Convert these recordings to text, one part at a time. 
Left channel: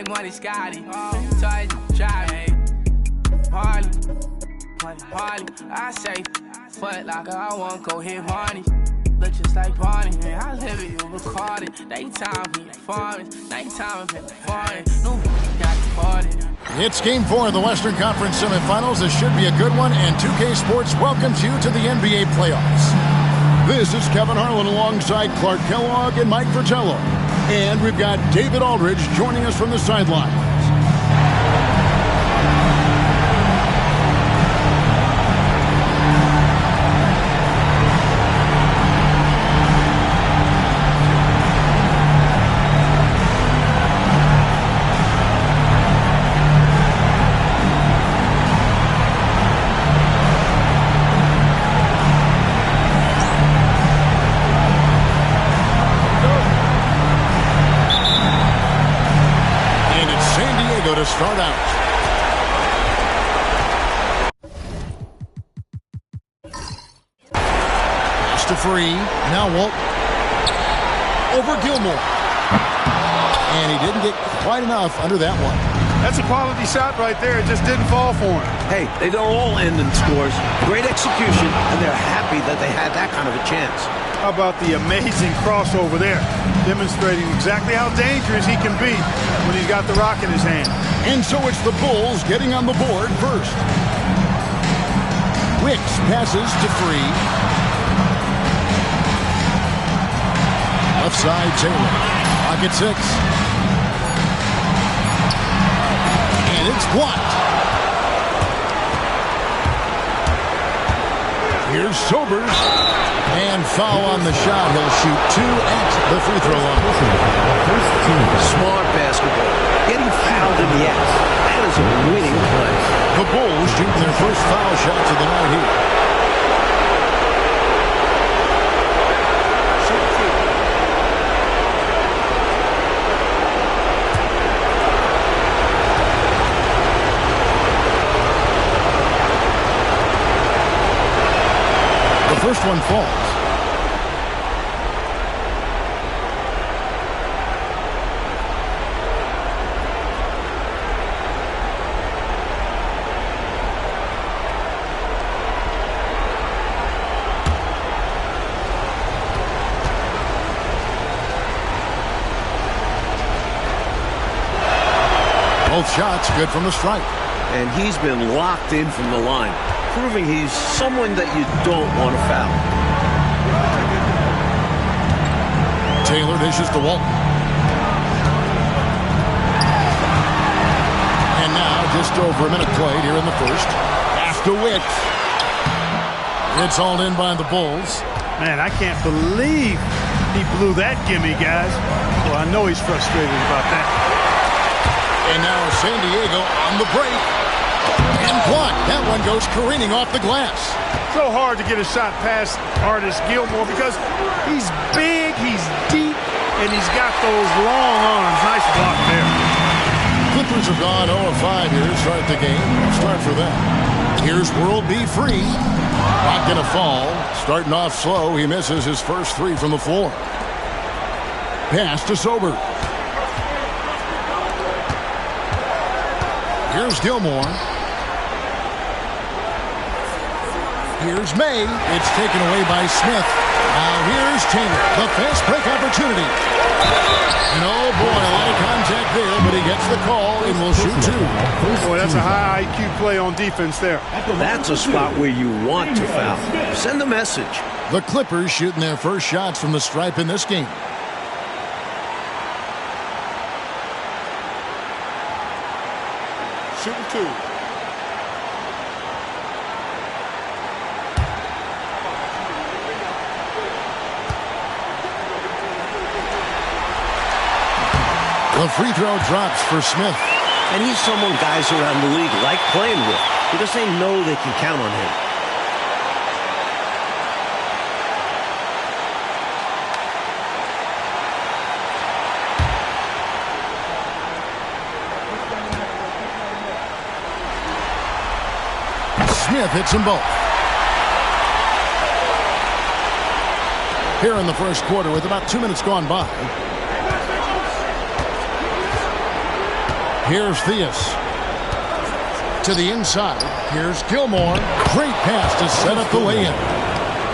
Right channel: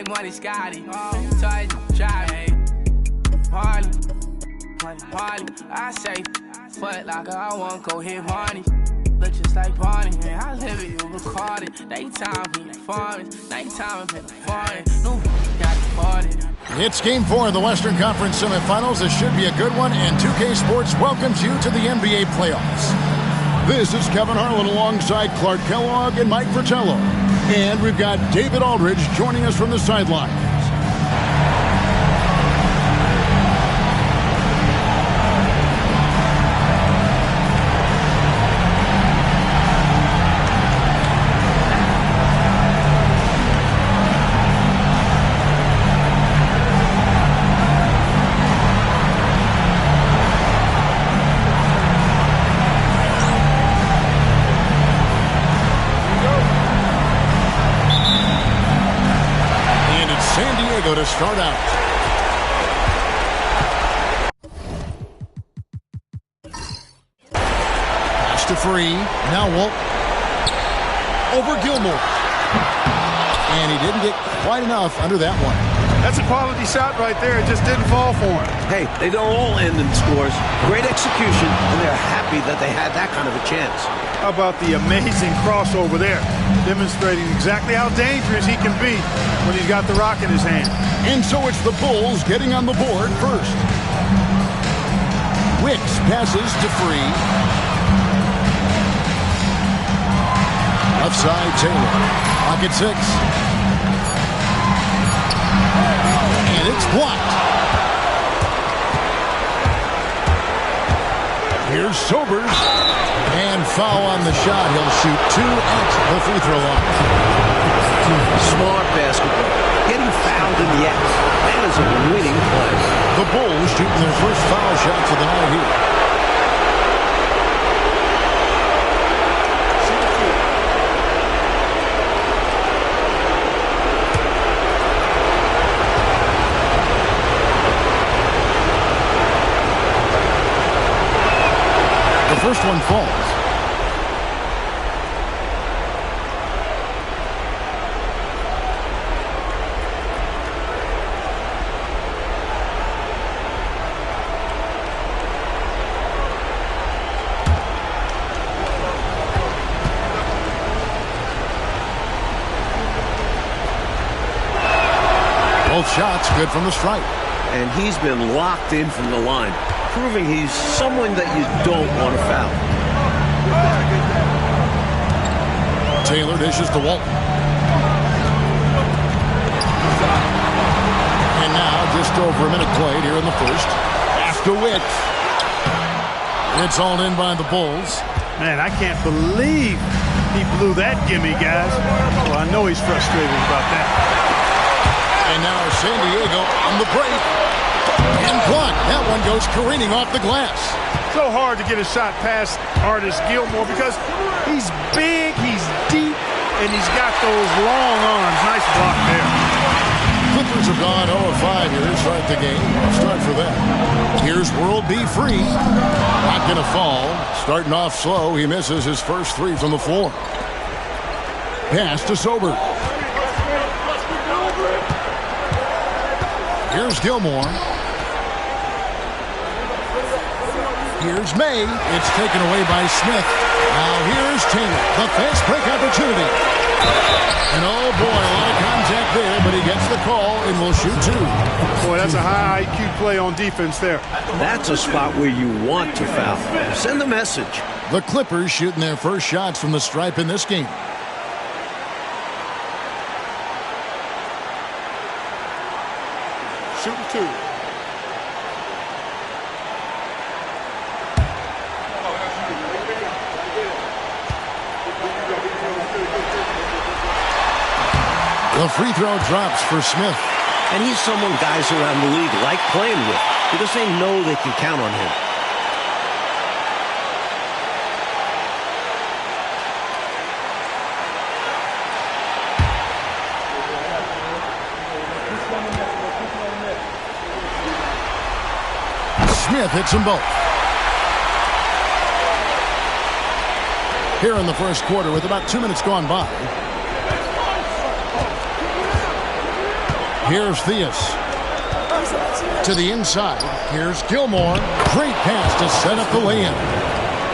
like money, Scotty. Toy drive, Harley. I say, fuck like I won't go hit Barney. Look just like Barney, man. I live it, you recorded. Daytime, we foreign. Nighttime, I'm in the foreign. No, got departed. It's Game 4 of the Western Conference semifinals. This should be a good one, and 2K Sports welcomes you to the NBA playoffs. This is Kevin Harlan alongside Clark Kellogg and Mike Fratello. And we've got David Aldridge joining us from the sidelines. To start out. Pass to Free. Now Walt. Over Gilmore. And he didn't get quite enough under that one. That's a quality shot right there. It just didn't fall for him. Hey, they don't all end in scores. Great execution, and they're happy that they had that kind of a chance. How about the amazing crossover there? Demonstrating exactly how dangerous he can be when he's got the rock in his hand. And so it's the Bulls getting on the board first. Wicks passes to Free. Left side, Taylor. Clock at 6. And it's blocked. Here's Sobers. And foul on the shot. He'll shoot 2 at the free throw line. Smart basketball. Getting fouled in the act. That is a winning play. The Bulls shooting their first foul shots of the night here. The first one falls. Both shots good from the stripe. And he's been locked in from the line, proving he's someone that you don't want to foul. Taylor dishes to Walton. And now just over a minute played here in the first. Pass to Wicks. It's hauled in by the Bulls. Man, I can't believe he blew that gimme, guys. Well, I know he's frustrated about that. And now San Diego on the break. And blocked. That one goes careening off the glass. So hard to get a shot past Artis Gilmore because he's big, he's deep, and he's got those long arms. Nice block there. Clippers have gone 0-5 here to start the game. Start for them. Here's World B Free. Not going to fall. Starting off slow. He misses his first 3 from the floor. Pass to Sober. Here's Gilmore. Here's May. It's taken away by Smith. Now here's Taylor. The fast break opportunity. And oh boy, a lot of contact there, but he gets the call and will shoot 2. Boy, that's a high IQ play on defense there. That's a spot where you want to foul. Send a message. The Clippers shooting their first shots from the stripe in this game. Shooting 2. The free throw drops for Smith. And he's someone guys around the league like playing with because they know they can count on him. Smith hits them both. Here in the first quarter with about 2 minutes gone by. Here's Theus. To the inside. Here's Gilmore. Great pass to set up the lay-in.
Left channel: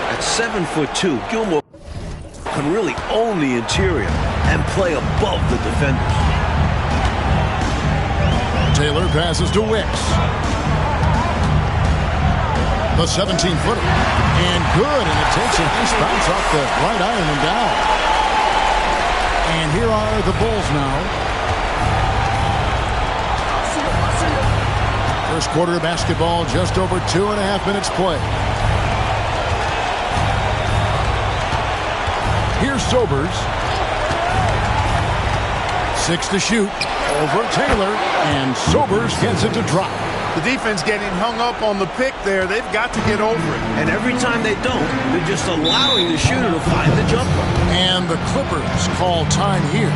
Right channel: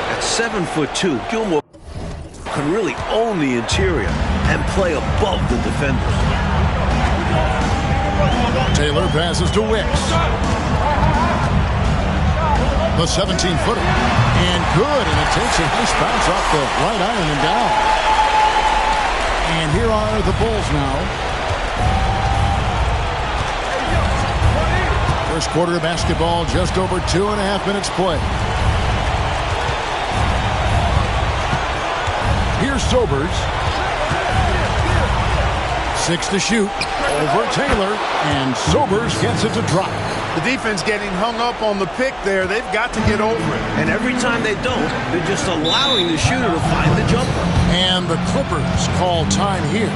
At 7'2", Gilmore can really own the interior and play above the defenders. Taylor passes to Wicks. The 17-footer. And good, and it takes a nice bounce off the right iron and down. And here are the Bulls now. First quarter of basketball, just over 2.5 minutes play. Here's Sobers. 6 to shoot. Over Taylor, and Sobers gets it to drop. The defense getting hung up on the pick there. They've got to get over it. And every time they don't, they're just allowing the shooter to find the jumper. And the Clippers call time here.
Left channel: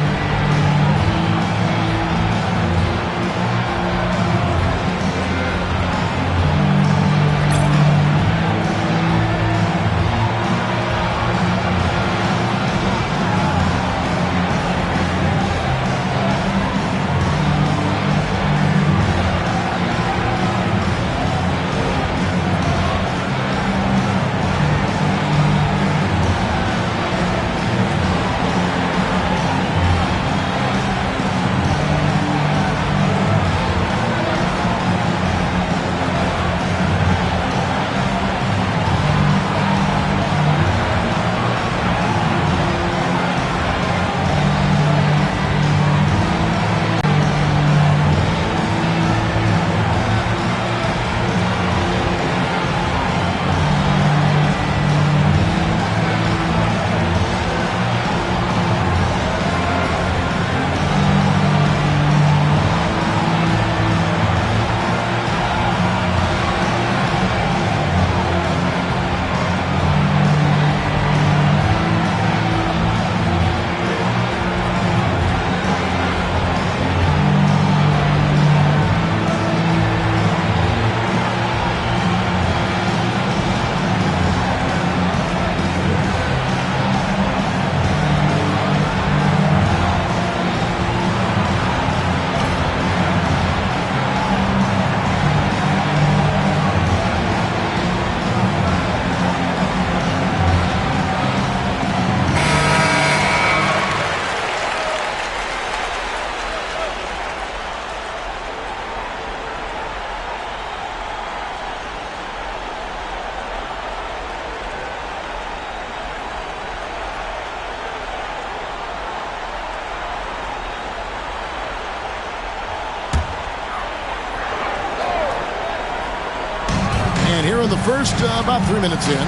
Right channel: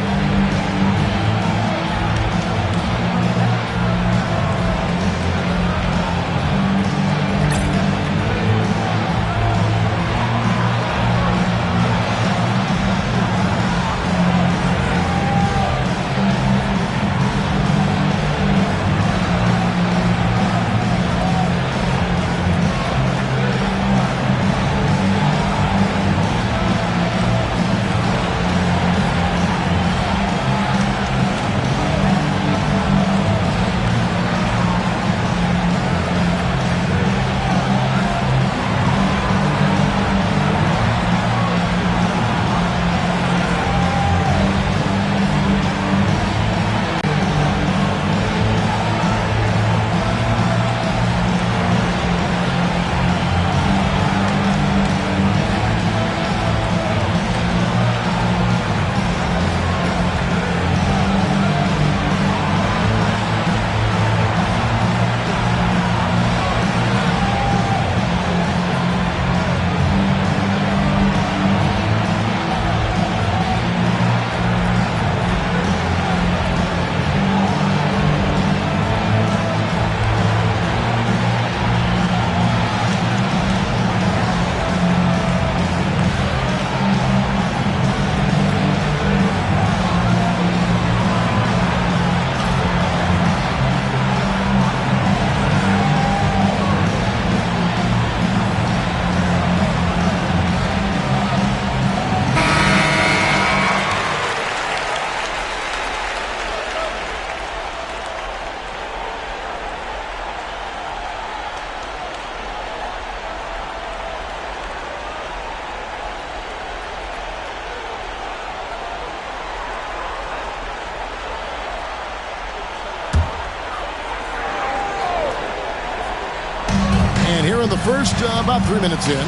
And here in the first, about 3 minutes in,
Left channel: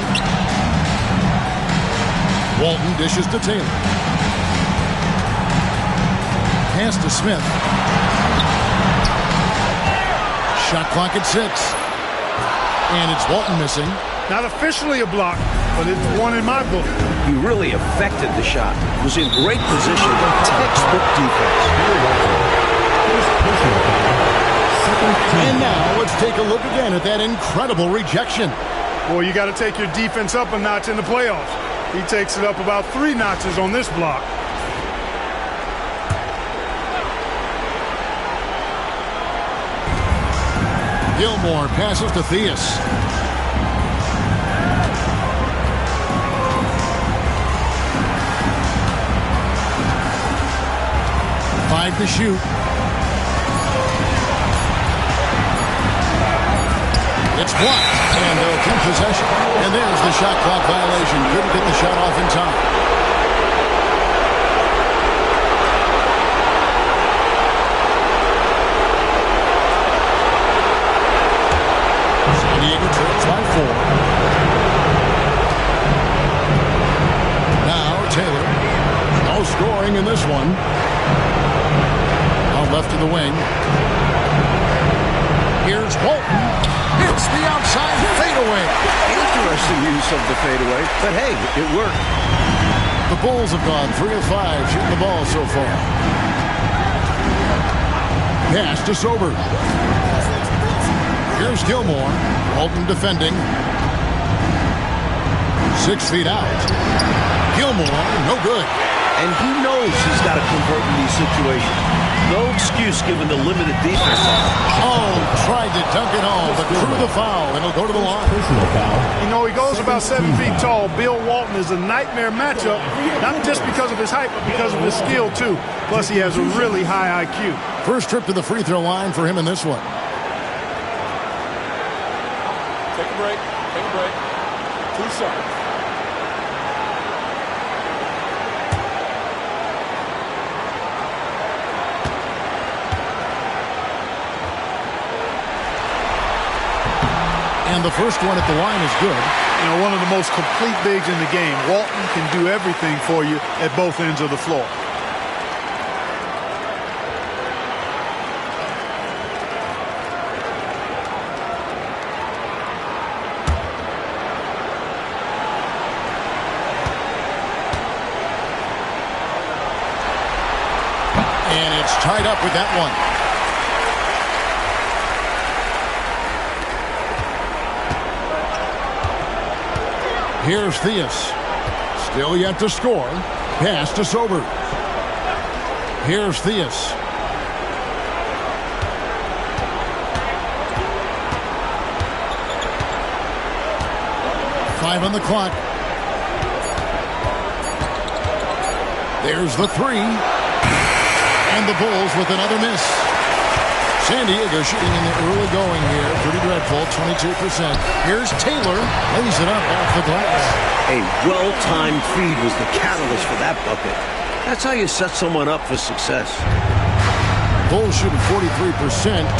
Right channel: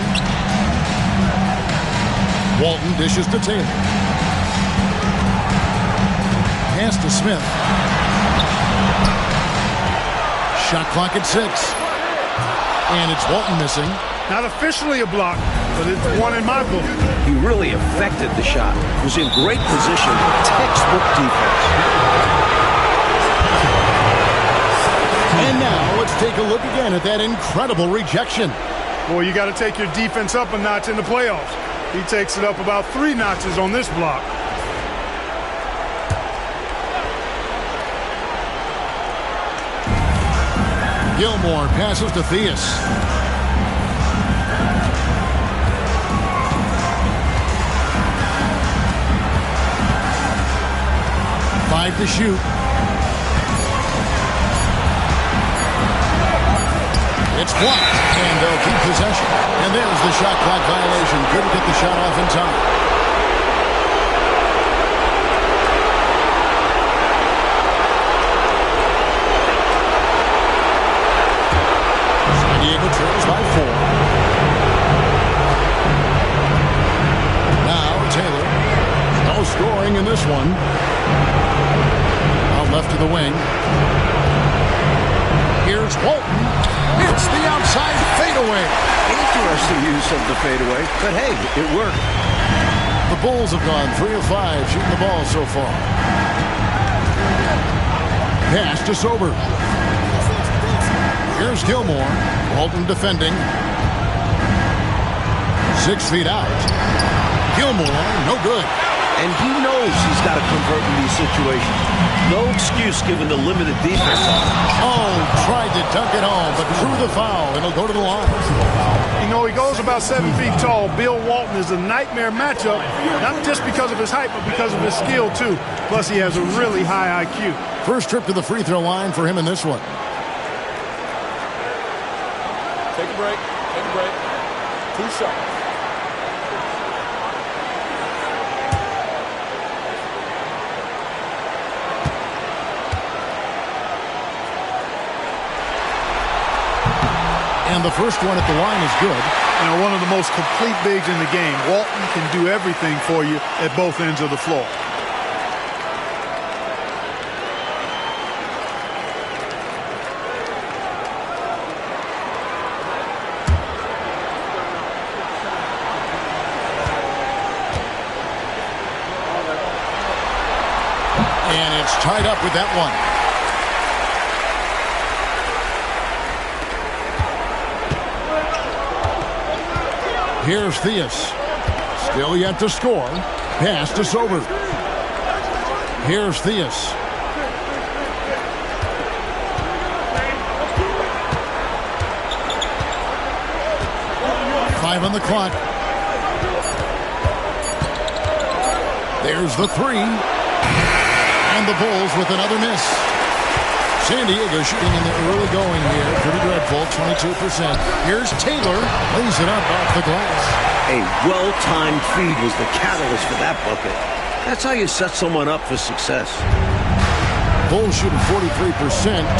Walton dishes to Taylor. Pass to Smith. Shot clock at 6. And it's Walton missing. Not officially a block, but it's one in my book. He really affected the shot. Was in great position. Textbook defense. And now let's take a look again at that incredible rejection. Boy, you got to take your defense up a notch in the playoffs. He takes it up about 3 notches on this block. Gilmore passes to Theus. Five to shoot. It's blocked, and they'll keep possession. And there's the shot clock violation. Couldn't get the shot off in time. San Diego trails by 4. Now Taylor. No scoring in this one. Out left to the wing. Here's Walton. It's the outside fadeaway. Interesting use of the fadeaway, but hey, it worked. The Bulls have gone 3 of 5 shooting the ball so far. Pass to Sober. Here's Gilmore. Walton defending. 6 feet out. Gilmore, no good. and he knows he's got to convert in these situations. No excuse given the limited defense. Oh, tried to dunk it home, but drew the foul, and it'll go to the line. Personal foul. You know, he goes about 7 feet tall. Bill Walton is a nightmare matchup, not just because of his height, but because of his skill, too. Plus, he has a really high IQ. First trip to the free throw line for him in this one. Take a break. Take a break. 2 shots. And the first one at the line is good. You know, one of the most complete bigs in the game. Walton can do everything for you at both ends of the floor. And it's tied up with that one. Here's Theus. Still yet to score. Pass to Sober. Here's Theus. Five on the clock. There's the three. And the Bulls with another miss. San Diego shooting in the early going here. Pretty dreadful, 22%. Here's Taylor. Lays it up off the glass. A well-timed feed was the catalyst for that bucket. That's how you set someone up for success. Bulls shooting 43%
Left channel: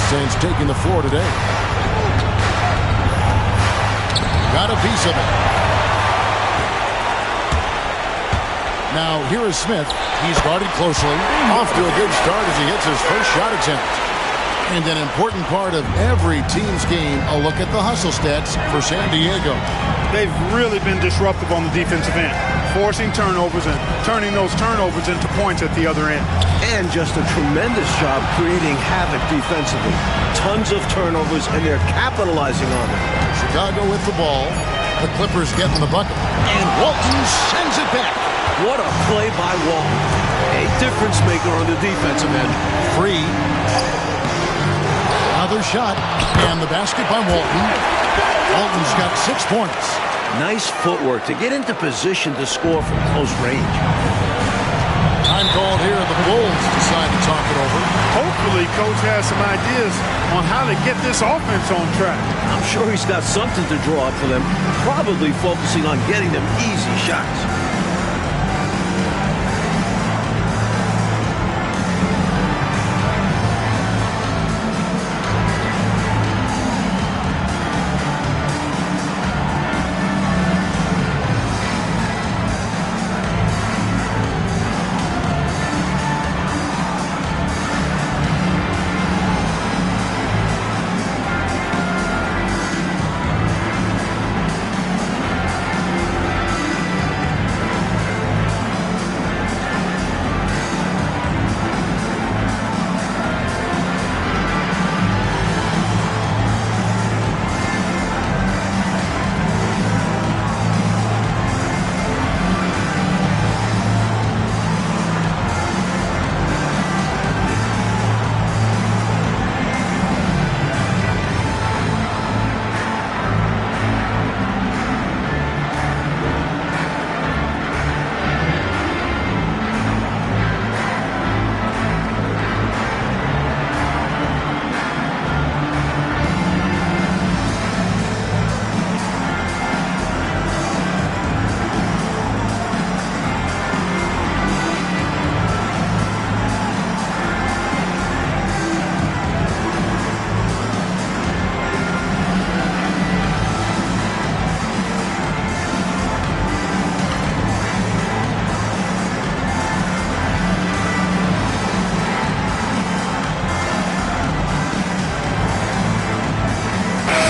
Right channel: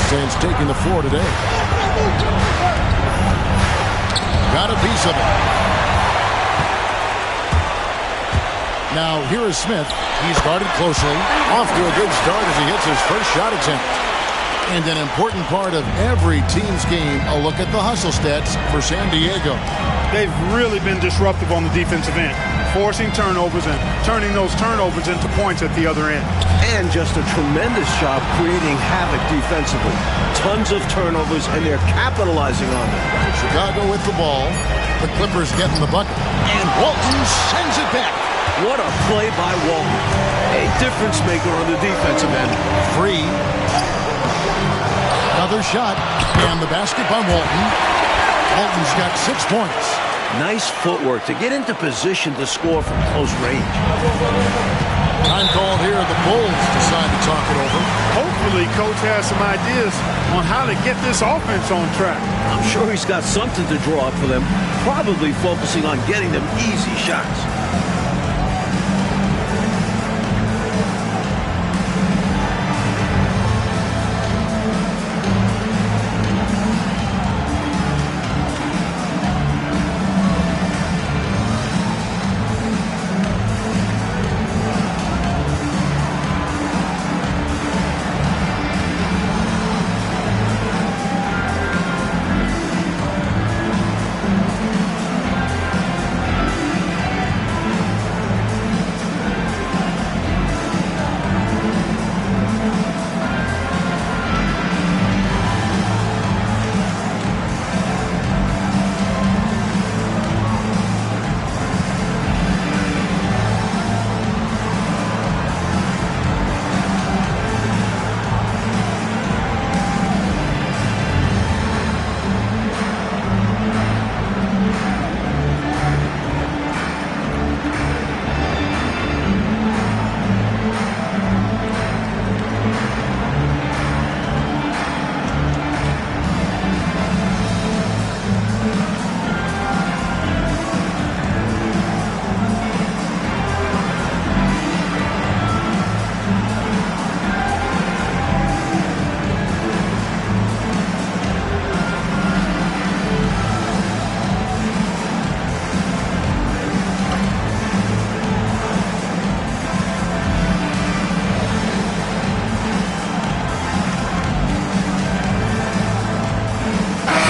since taking the floor today. Got a piece of it. Now here is Smith. He's guarded closely. Off to a good start as he hits his first shot attempt. And an important part of every team's game, a look at the hustle stats for San Diego. They've really been disruptive on the defensive end, forcing turnovers and turning those turnovers into points at the other end. And just a tremendous job creating havoc defensively. Tons of turnovers, and they're capitalizing on them. Chicago with the ball. The Clippers getting the bucket. And Walton sends it back. What a play by Walton. A difference maker on the defensive end. Free. Another shot. And the basket by Walton. Walton's got 6 points. Nice footwork to get into position to score from close range. Time called here. The Bulls decide to talk it over. Hopefully, Coach has some ideas on how to get this offense on track. I'm sure he's got something to draw up for them, probably focusing on getting them easy shots.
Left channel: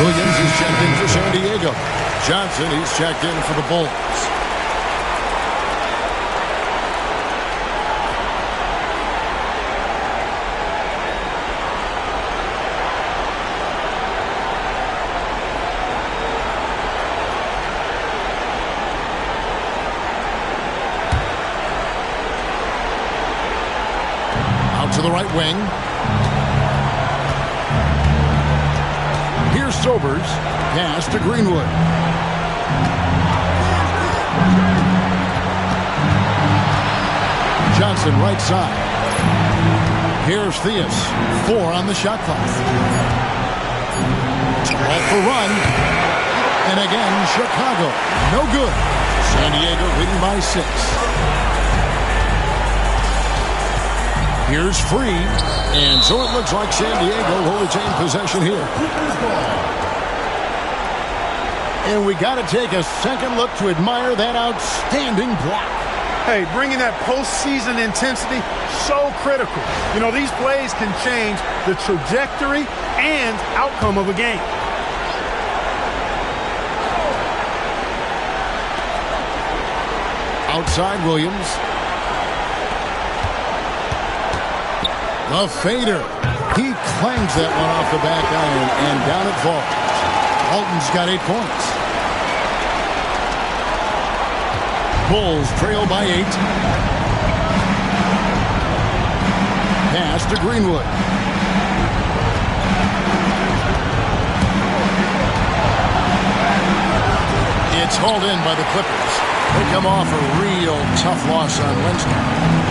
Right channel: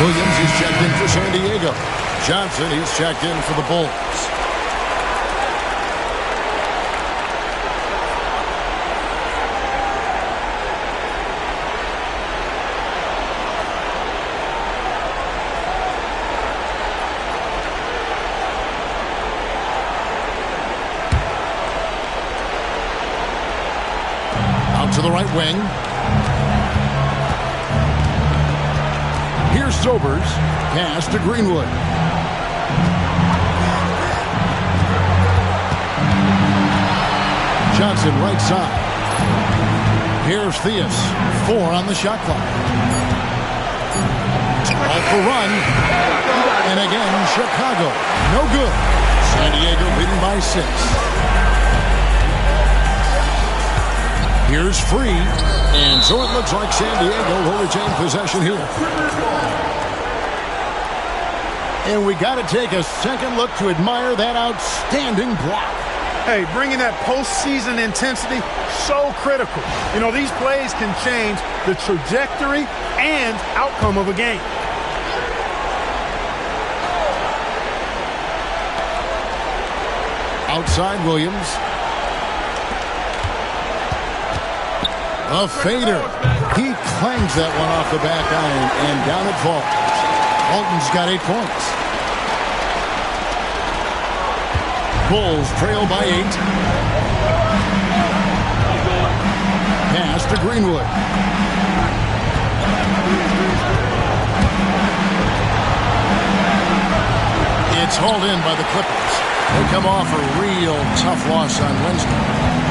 Williams is checked in for San Diego. Johnson, he's checked in for the Bulls. Out to the right wing. Here's Sobers. Pass to Greenwood. Johnson right side. Here's Theus. 4 on the shot clock. Ball for run. And again, Chicago. No good. San Diego leading by 6. Here's Free. And so it looks like San Diego will retain possession here. And we got to take a second look to admire that outstanding block. Hey, bringing that postseason intensity, so critical. You know, these plays can change the trajectory and outcome of a game. Outside Williams. The fader. He clangs that one off the back iron, and down it falls. Walton's got 8 points. Bulls trail by 8. Pass to Greenwood. It's hauled in by the Clippers. They come off a real tough loss on Wednesday.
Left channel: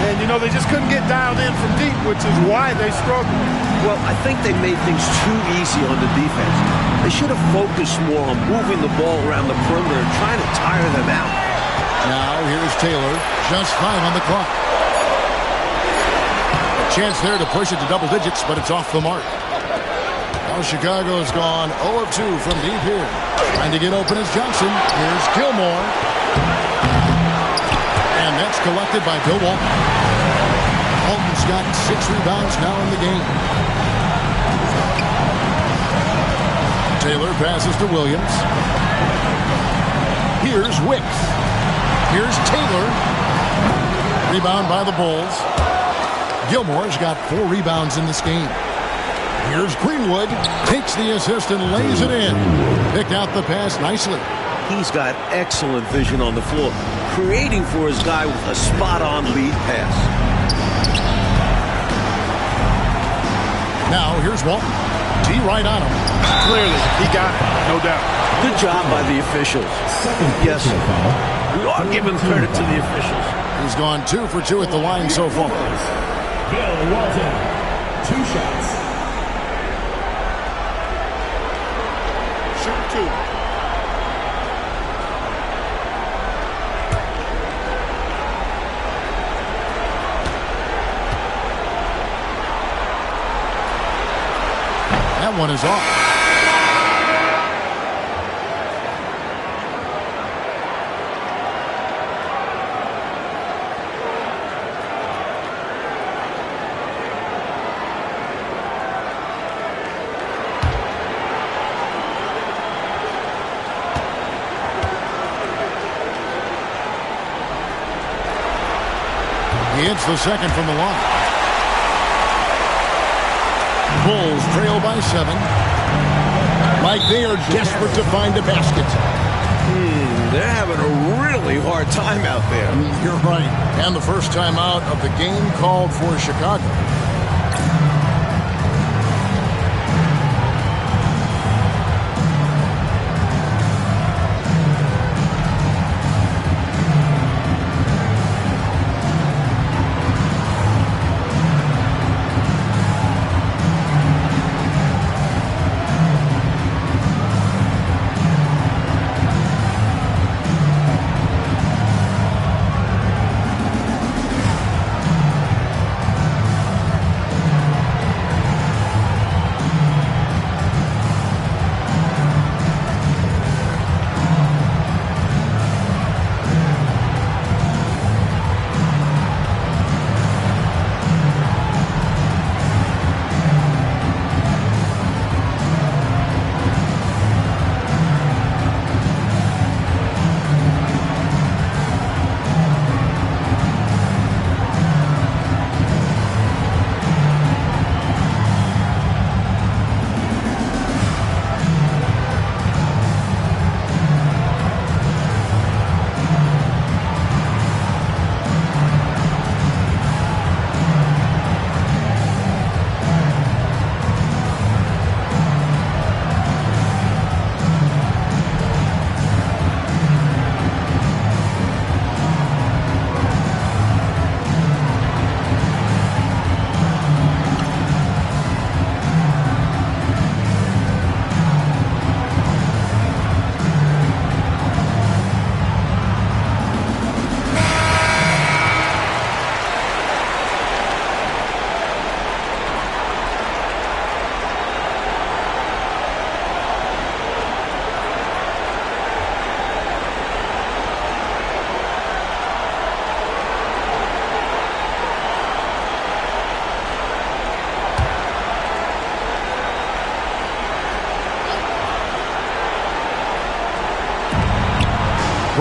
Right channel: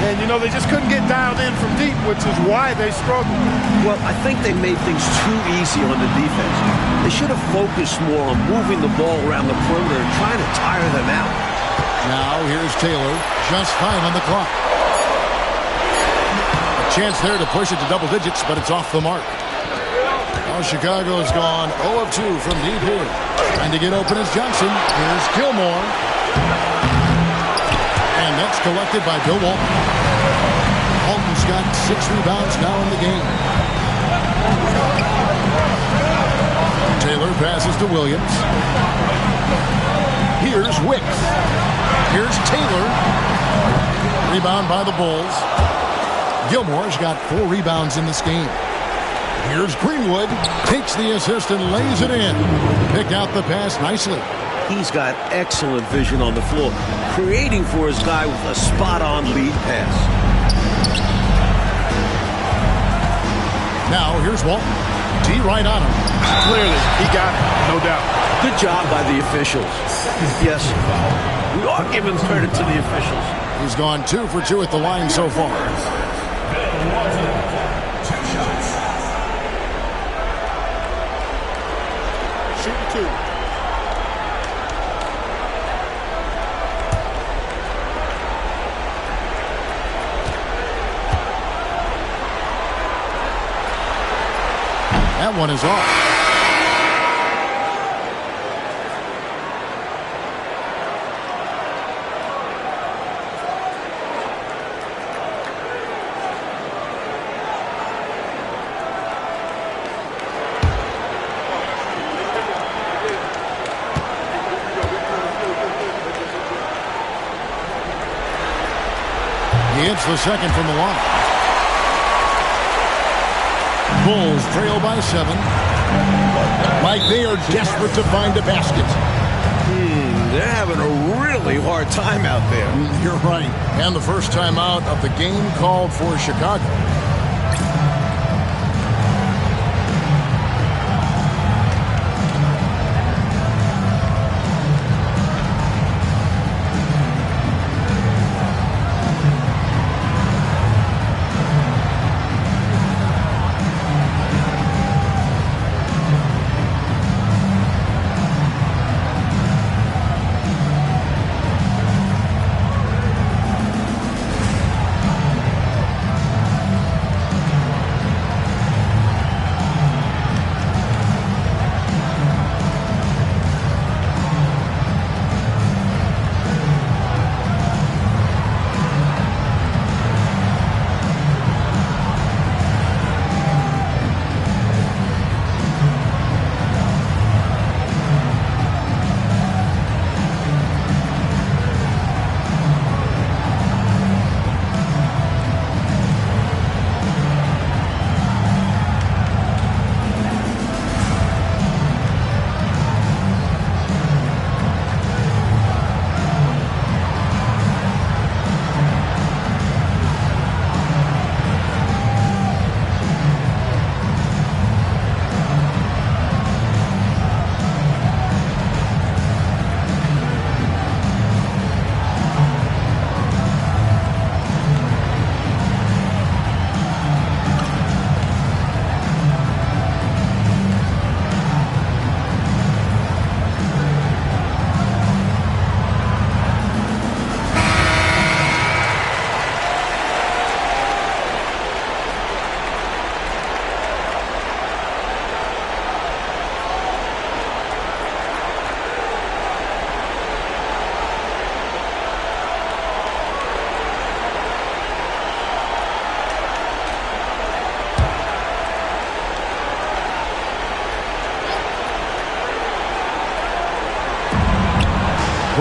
And, you know, they just couldn't get dialed in from deep, which is why they struggled. Well, I think they made things too easy on the defense. They should have focused more on moving the ball around the perimeter and trying to tire them out. Now here's Taylor, just 5 on the clock. A chance there to push it to double digits, but it's off the mark. Now Chicago's gone 0 of 2 from deep here. Trying to get open is Johnson. Here's Gilmore. And that's collected by Bill Walton. Walton's got 6 rebounds now in the game. Taylor passes to Williams. Here's Wicks. Here's Taylor. Rebound by the Bulls. Gilmore's got 4 rebounds in this game. Here's Greenwood. Takes the assist and lays it in. Picked out the pass nicely. He's got excellent vision on the floor, creating for his guy with a spot-on lead pass. Now here's Walton. D right on him. Clearly, he got it, no doubt. Good job by the officials. Yes, we are giving credit to the officials. He's gone 2 for 2 at the line so far. Bill Walton, 2 shots. Shooting 2. That one is off. He hits the second from the line. Bulls trail by 7. Like they are desperate to find a basket. They're having a really hard time out there. You're right. And the first time out of the game called for Chicago.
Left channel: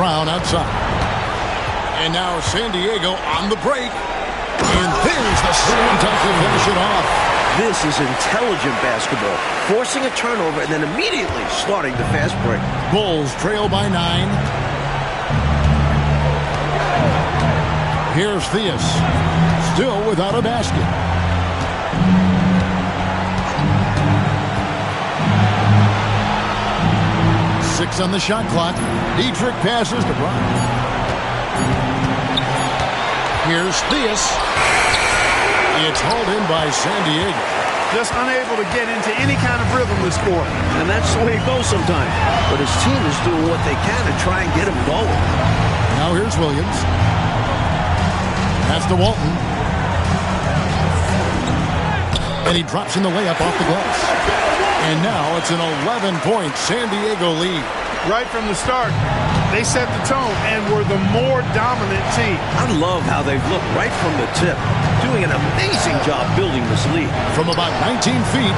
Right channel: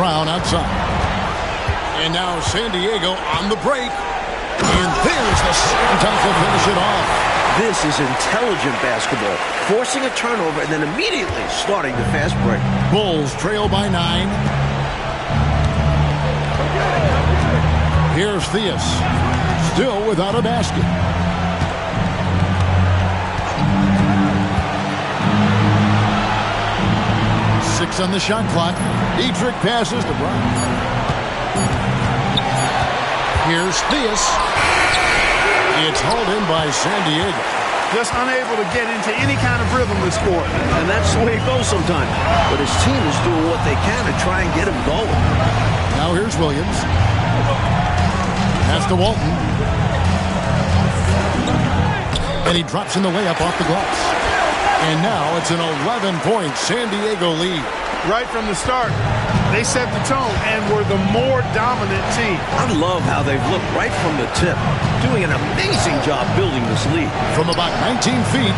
Brown outside. And now San Diego on the break. And there's the slam dunk to finish it off. This is intelligent basketball. Forcing a turnover and then immediately starting the fast break. Bulls trail by 9. Here's Theus. Still without a basket. Six on the shot clock. Dietrich passes to Bryant. Here's Theus. It's hauled in by San Diego. Just unable to get into any kind of rhythm this quarter. And that's the way it goes sometimes. But his team is doing what they can to try and get him going. Now here's Williams. That's to Walton. And he drops in the layup off the glass. And now it's an 11-point San Diego lead. Right from the start, they set the tone and were the more dominant team. I love how they've looked right from the tip, doing an amazing job building this lead. From about 19 feet,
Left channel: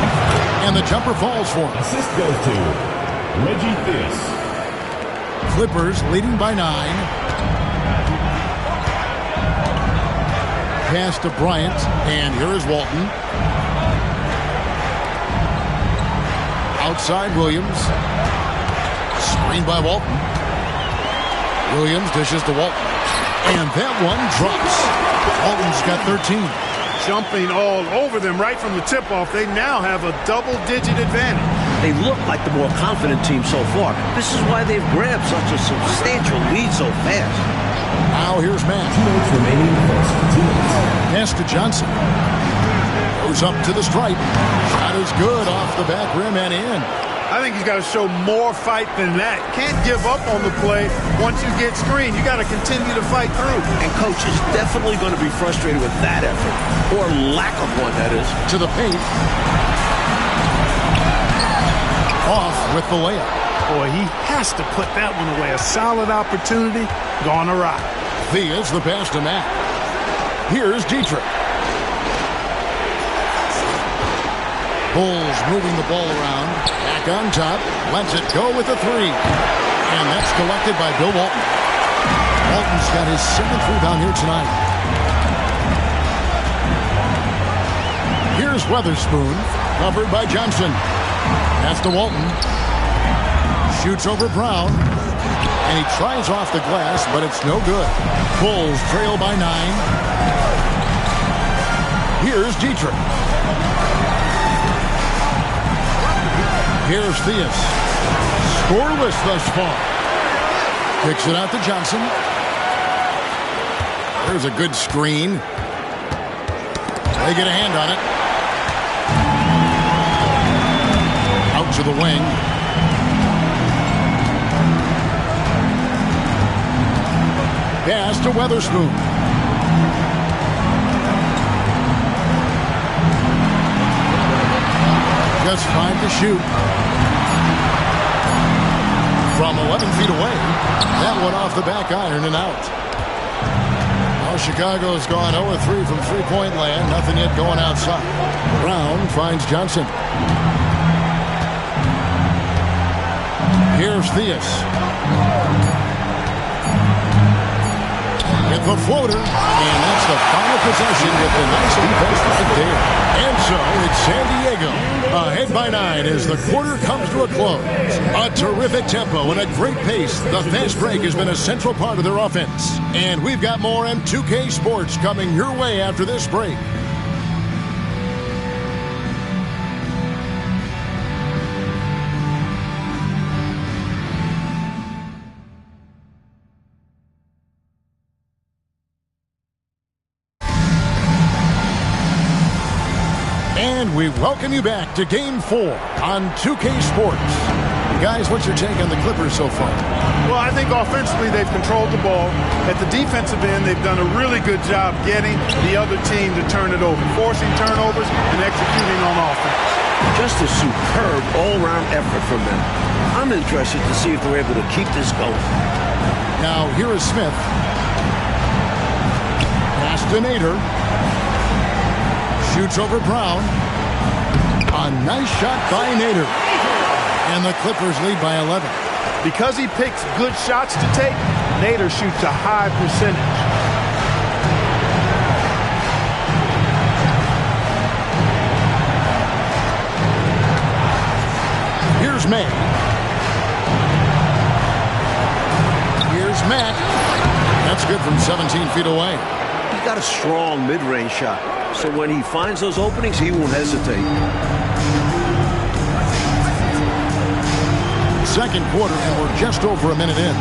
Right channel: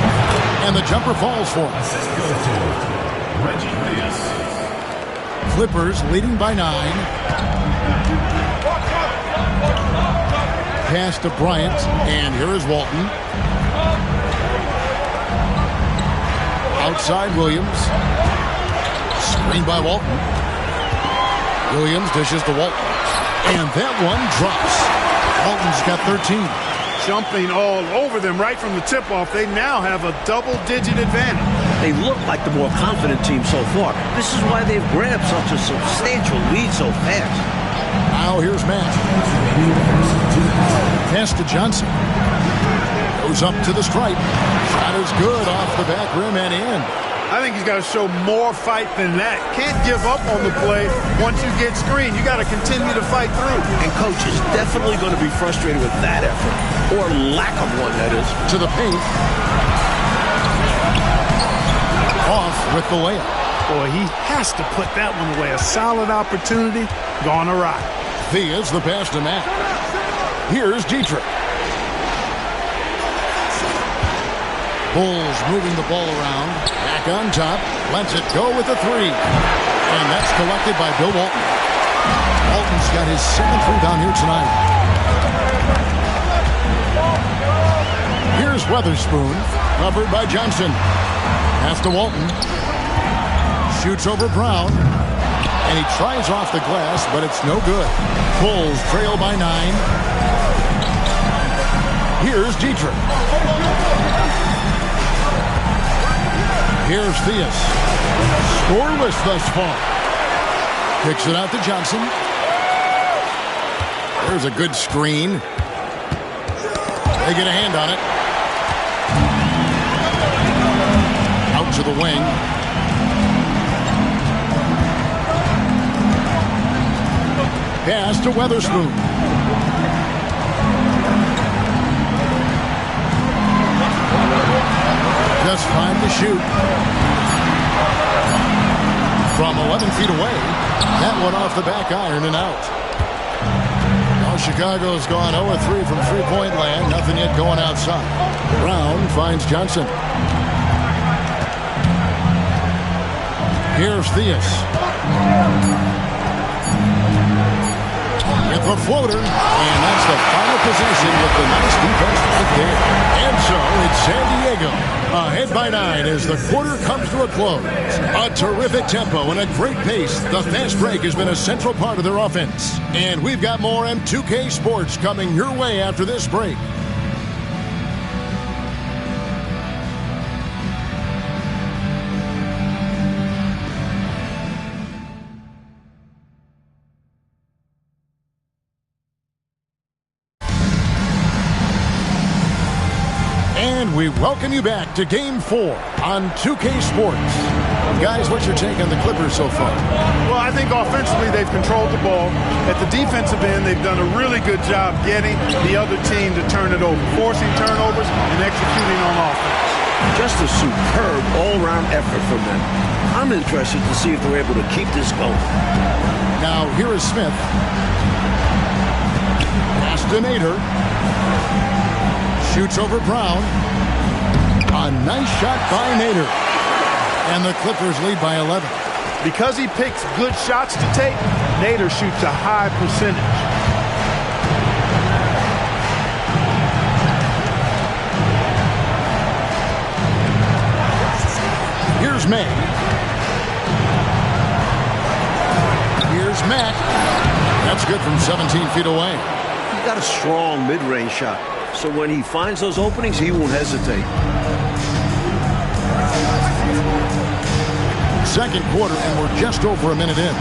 and the jumper falls for him. Assist goes to Reggie Theus. Clippers leading by 9. Pass to Bryant, and here is Walton. Outside Williams. Screen by Walton. Williams dishes to Walton. And that one drops. Walton's got 13. Jumping all over them right from the tip-off. They now have a double-digit advantage. They look like the more confident team so far. This is why they've grabbed such a substantial lead so fast. Now here's Matt. Pass to Johnson. Goes up to the stripe. Shot is good off the back rim and in. I think he's got to show more fight than that. Can't give up on the play once you get screened. You got to continue to fight through. And coach is definitely going to be frustrated with that effort. Or lack of one, that is. To the paint. Off with the layup. Boy, he has to put that one away. A solid opportunity gone awry. Theus the pass to Matt. Here's Dietrich. Bulls moving the ball around. Back on top. Lets it go with a 3. And that's collected by Bill Walton. Walton's got his 7th rebound here tonight. Here's Weatherspoon. Covered by Johnson. Pass to Walton. Shoots over Brown. And he tries off the glass, but it's no good. Bulls trail by 9. Here's Dietrich. Here's Theus. Scoreless thus far. Kicks it out to Johnson. There's a good screen. They get a hand on it. Out to the wing. Pass to Weatherspoon. Just 5 to shoot. From 11 feet away, that one off the back iron and out. Now Chicago's gone 0-3 from three-point land. Nothing yet going outside. Brown finds Johnson. Here's Theus. With the floater, and that's the final possession with the nice defense right there. And so it's San Diego ahead by 9 as the quarter comes to a close. A terrific tempo and a great pace. The fast break has been a central part of their offense. And we've got more M2K Sports coming your way after this break. And we welcome you back to Game 4 on 2K Sports. Guys, what's your take on the Clippers so far? Well, I think offensively they've controlled the ball. At the defensive end, they've done a really good job getting the other team to turn it over, forcing turnovers and executing on offense. Just a superb all-around effort from them. I'm interested to see if they're able to keep this going. Now, here is Smith. Pass to Nader. Shoots over Brown. A nice shot by Nader. And the Clippers lead by 11. Because he picks good shots to take, Nader shoots a high percentage. Here's May. Here's Mack. That's good from 17 feet away. He's got a strong mid-range shot, so when he finds those openings, he won't hesitate. Second quarter, and we're just over a minute in.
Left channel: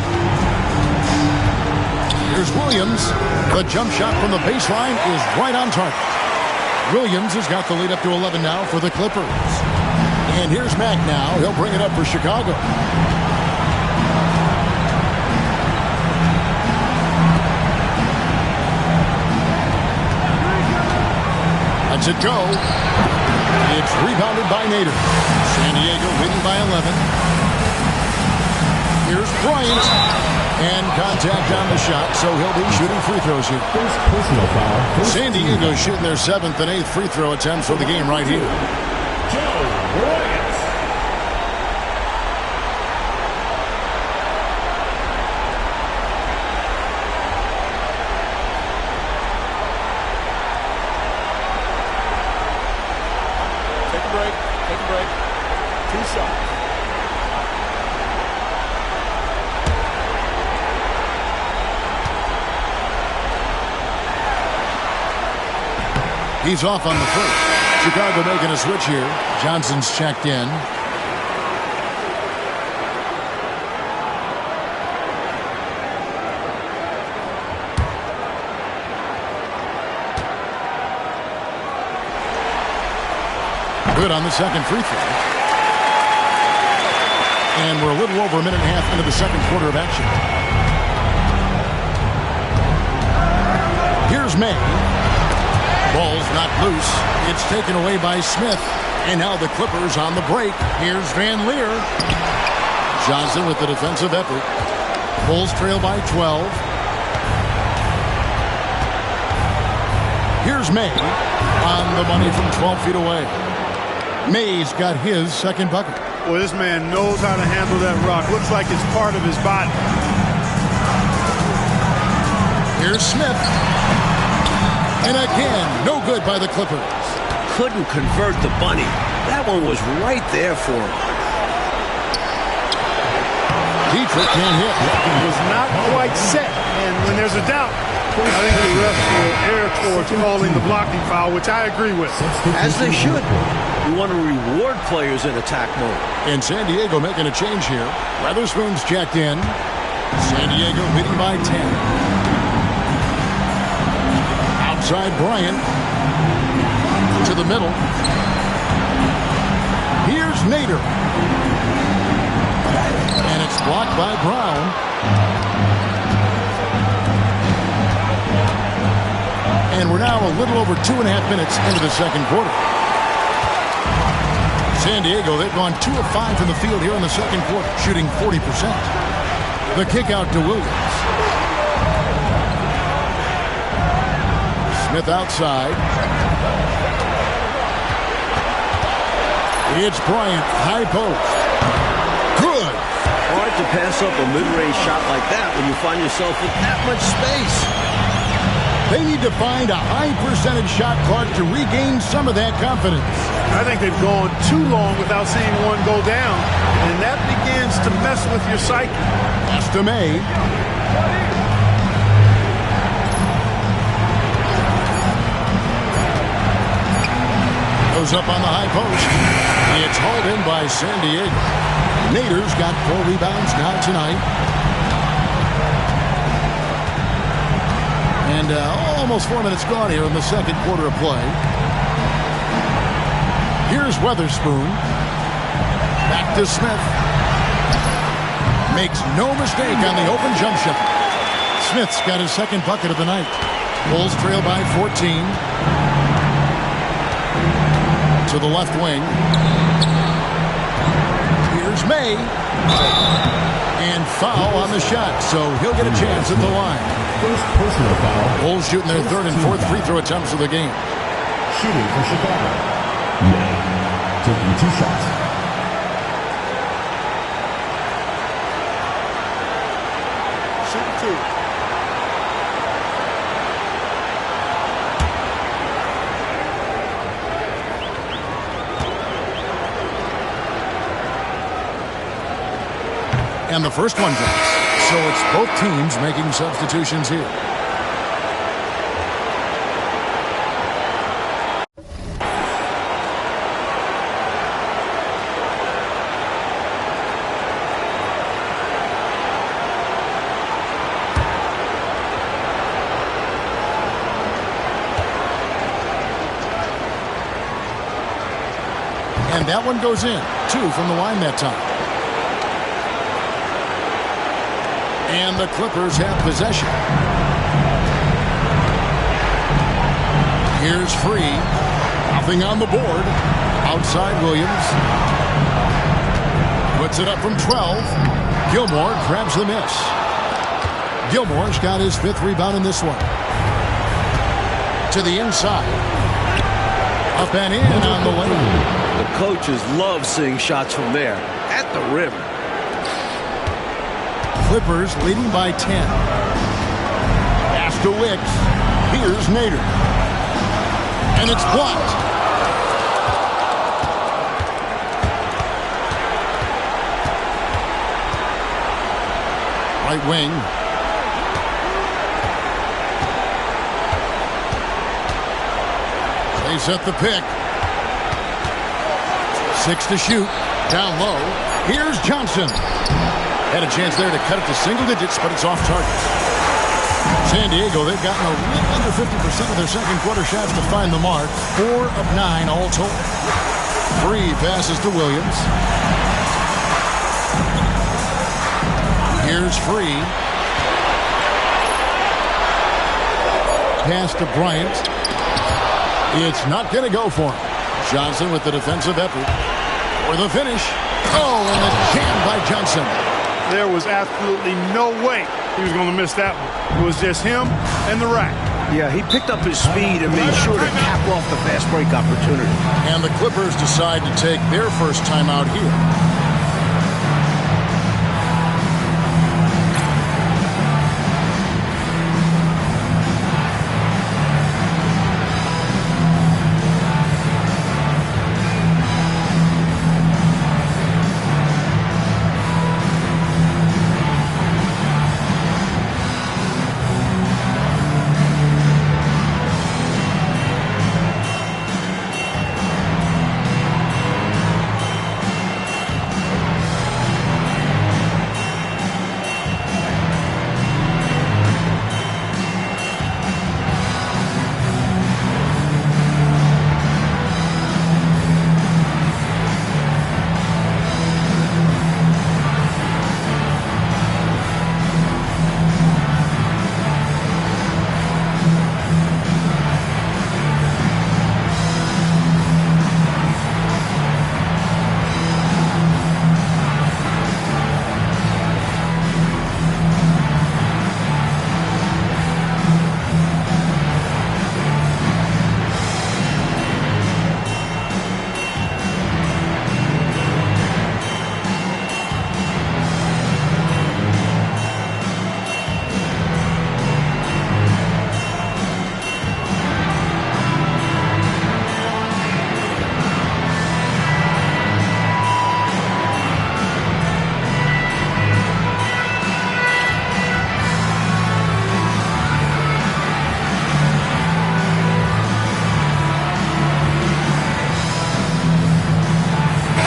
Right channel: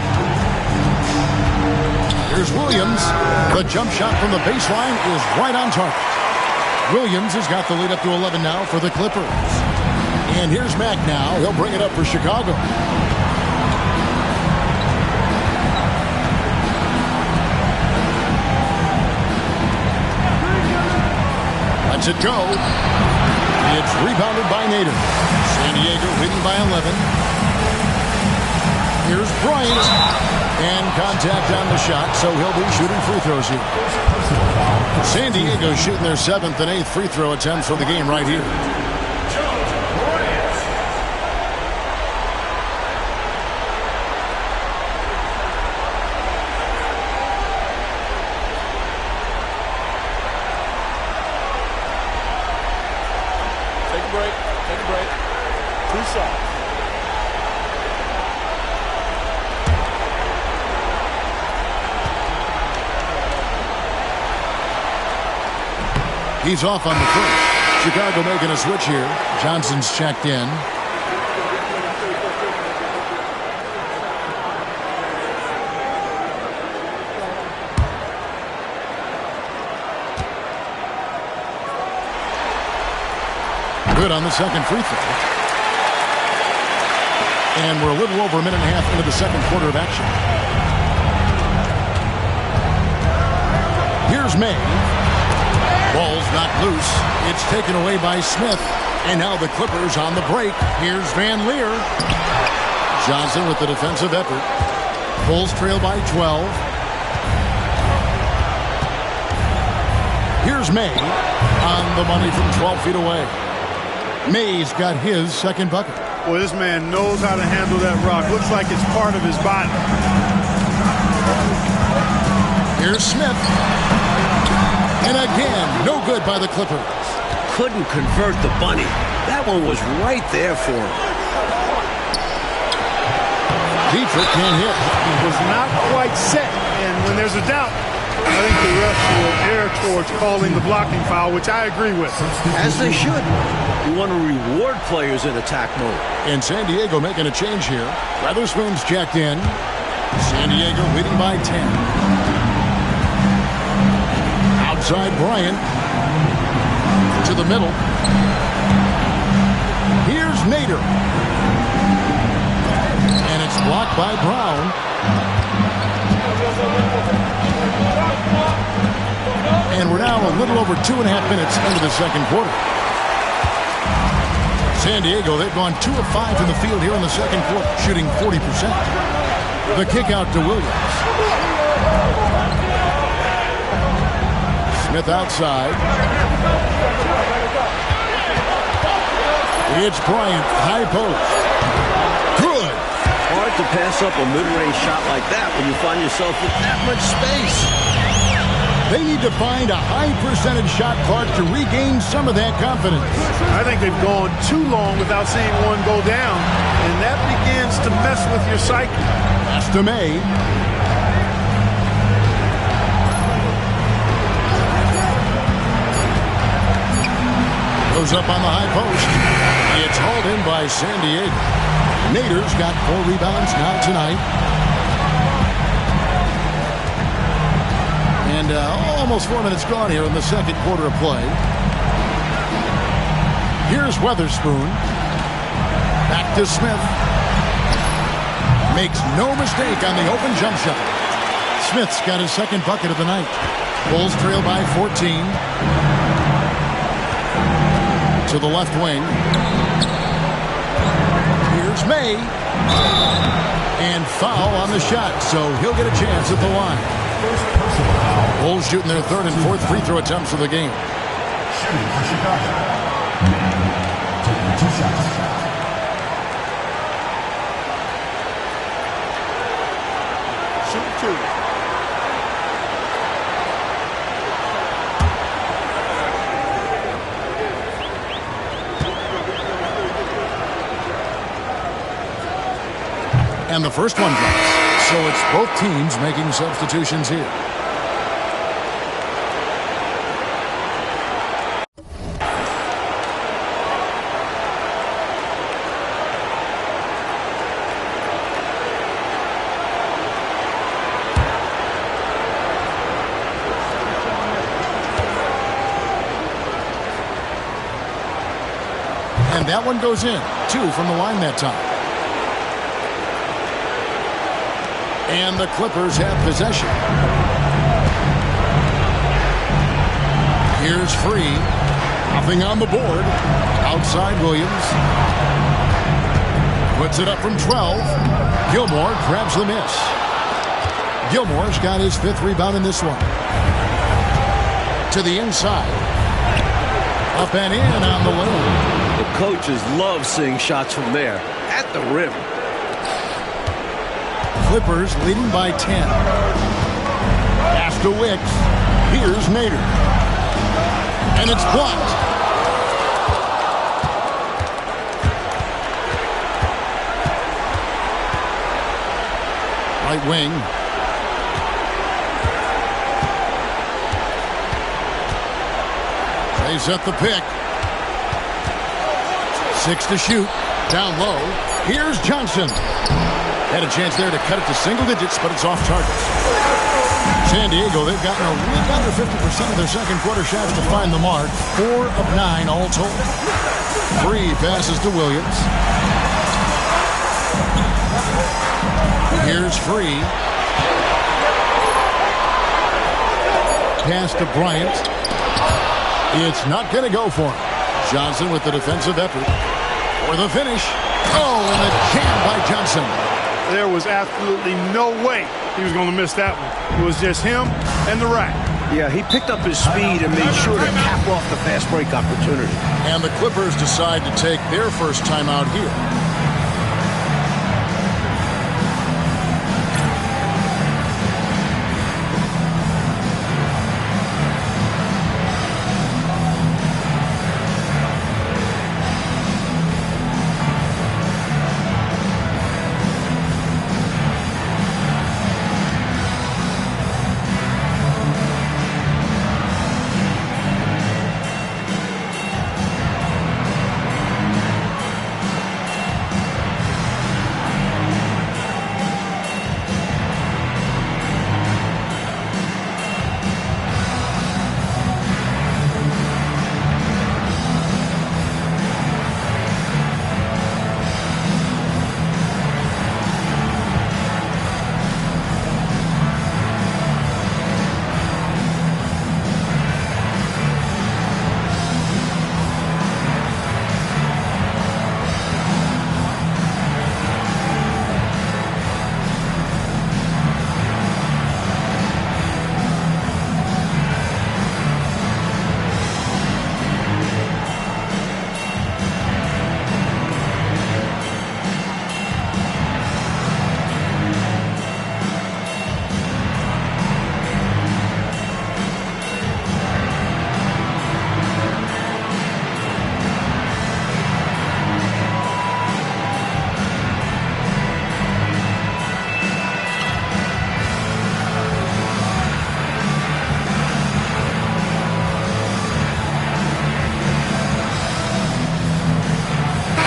Here's Williams. The jump shot from the baseline is right on target. Williams has got the lead up to 11 now for the Clippers. And here's Mack now. He'll bring it up for Chicago. Lets it go. It's rebounded by Nader. San Diego leading by 11. Here's Bryant. And contact on the shot, so he'll be shooting free throws here. San Diego shooting their 7th and 8th free throw attempts for the game right here. Take a break. Take a break. 2 shots. He's off on the first. Chicago making a switch here. Johnson's checked in. Good on the second free throw. And we're a little over a minute and a half into the second quarter of action. Here's May. Ball's knocked loose. It's taken away by Smith. And now the Clippers on the break. Here's Van Leer. Johnson with the defensive effort. Bulls trail by 12. Here's May on the money from 12 feet away. May's got his second bucket. Boy, this man knows how to handle that rock. Looks like it's part of his body. Here's Smith. And again, no good by the Clippers. Couldn't convert the bunny. That one was right there for him. Dietrich can't hit. Was not quite set. And when there's a doubt, I think the refs will err towards calling the blocking foul, which I agree with. As they should. You want to reward players in attack mode. And San Diego making a change here. Weatherspoon's checked in. San Diego leading by 10. Outside Bryant. To the middle. Here's Nader. And it's blocked by Brown. And we're now a little over 2.5 minutes into the second quarter. San Diego, they've gone 2 of 5 from the field here in the second quarter, shooting 40%. The kick out to Williams. Smith outside. It's Bryant, high post. Good. Hard to pass up a mid-range shot like that when you find yourself with that much space. They need to find a high percentage shot, Clark, to regain some of that confidence. I think they've gone too long without seeing one go down, and that begins to mess with your psyche. Pass to May. Goes up on the high post. It's hauled in by San Diego. Nader's got 4 rebounds now tonight. And almost 4 minutes gone here in the second quarter of play. Here's Weatherspoon. Back to Smith. Makes no mistake on the open jump shot. Smith's got his second bucket of the night. Bulls trail by 14. To the left wing. Here's May. And foul on the shot, so he'll get a chance at the line. First personal foul. Bulls shooting their 3rd and 4th free throw attempts of the game. Shooting for Chicago. May taking 2 shots. shooting 2. And the first one drops. So it's both teams making substitutions here. And that one goes in. 2 from the line that time. And the Clippers have possession. Here's Free. Nothing on the board. Outside Williams. Puts it up from 12. Gilmore grabs the miss. Gilmore's got his 5th rebound in this one. To the inside. Up and in on the layup. The coaches love seeing shots from there. At the rim. Clippers leading by 10. Pass to Wicks. Here's Nader. And it's blocked. Right wing. They set the pick. 6 to shoot. Down low. Here's Johnson. Had a chance there to cut it to single digits, but it's off target. San Diego, they've gotten a little under 50% of their second quarter shots to find the mark. 4 of 9 all told. Free passes to Williams. Here's Free. Pass to Bryant. It's not going to go for him. Johnson with the defensive effort. For the finish. Oh, and the jam by Johnson. There was absolutely no way he was going to miss that one. It was just him and the rack. Yeah, he picked up his speed and made sure to cap off the fast break opportunity. And the Clippers decide to take their first timeout here.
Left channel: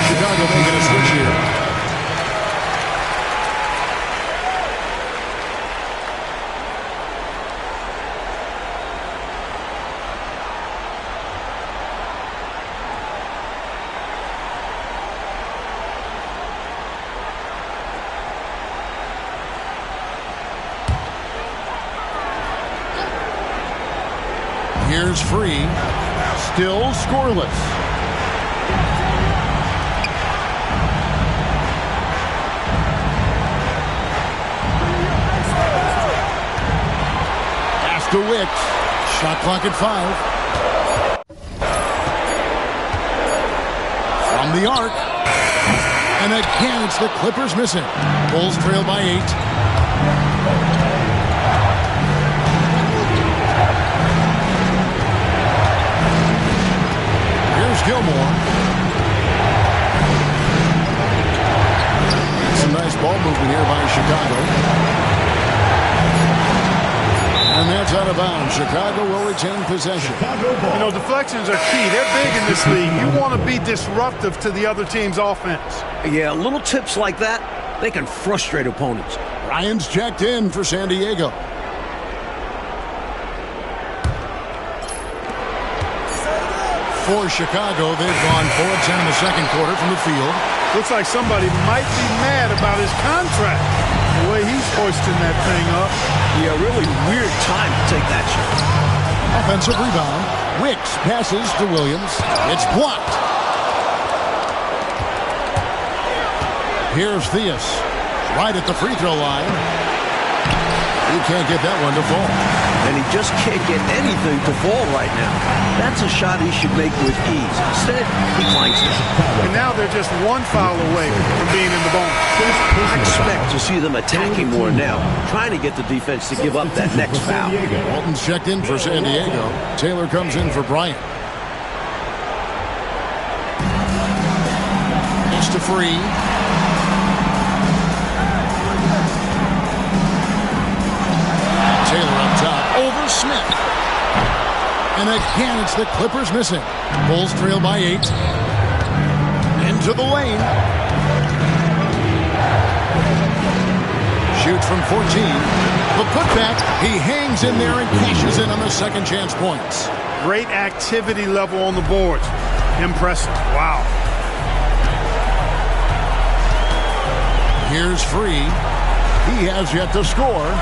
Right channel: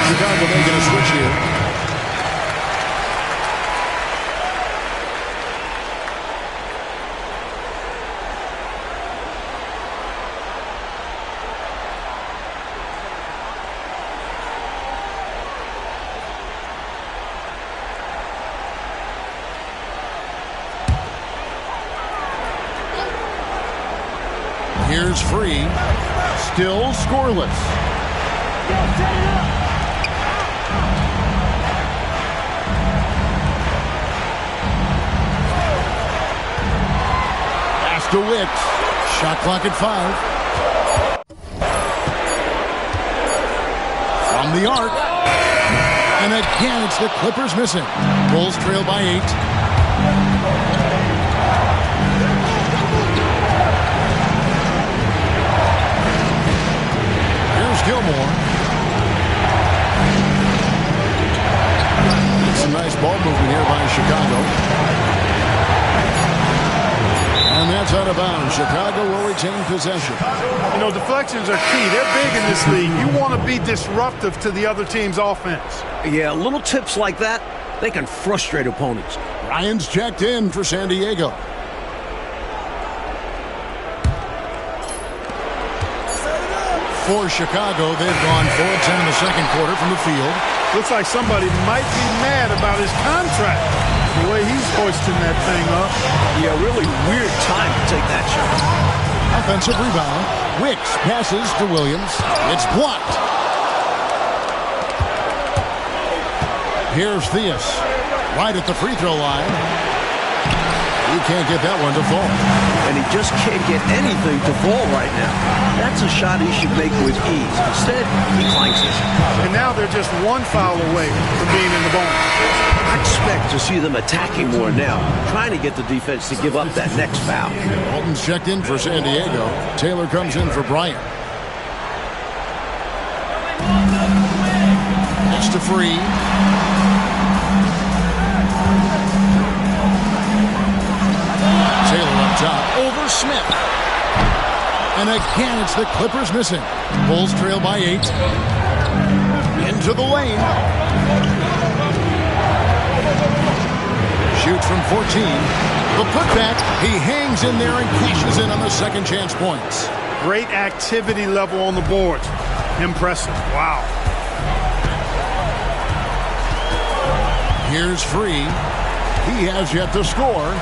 Chicago making a switch here. Here's Free. Still scoreless. Pass to Wicks. Shot clock at 5. From the arc. And again, it's the Clippers missing. Bulls trail by 8. Here's Gilmore. Some nice ball movement here by Chicago. And that's out of bounds. Chicago will retain possession. You know, deflections are key. They're big in this league. You want to be disruptive to the other team's offense. Yeah, little tips like that, they can frustrate opponents. Ryan's checked in for San Diego. For Chicago, they've gone 4 of 10 in the second quarter from the field. Looks like somebody might be mad about his contract. The way he's hoisting that thing up. Yeah, really weird time to take that shot. Offensive rebound. Wicks passes to Williams. It's blocked. Here's Theus. Right at the free throw line. He can't get that one to fall. And he just can't get anything to fall right now. That's a shot he should make with ease. Instead, he clanks it. And now they're just one foul away from being in the bonus. I expect to see them attacking more now, trying to get the defense to give up that next foul. Walton's checked in for San Diego. Taylor comes in for Bryant. Just to free. Taylor up top over Smith. And again, it's the Clippers missing. Bulls trail by 8. Into the lane. Shoots from 14. The putback. He hangs in there and cashes in on the second chance points. Great activity level on the boards. Impressive. Wow. Here's Free. He has yet to score.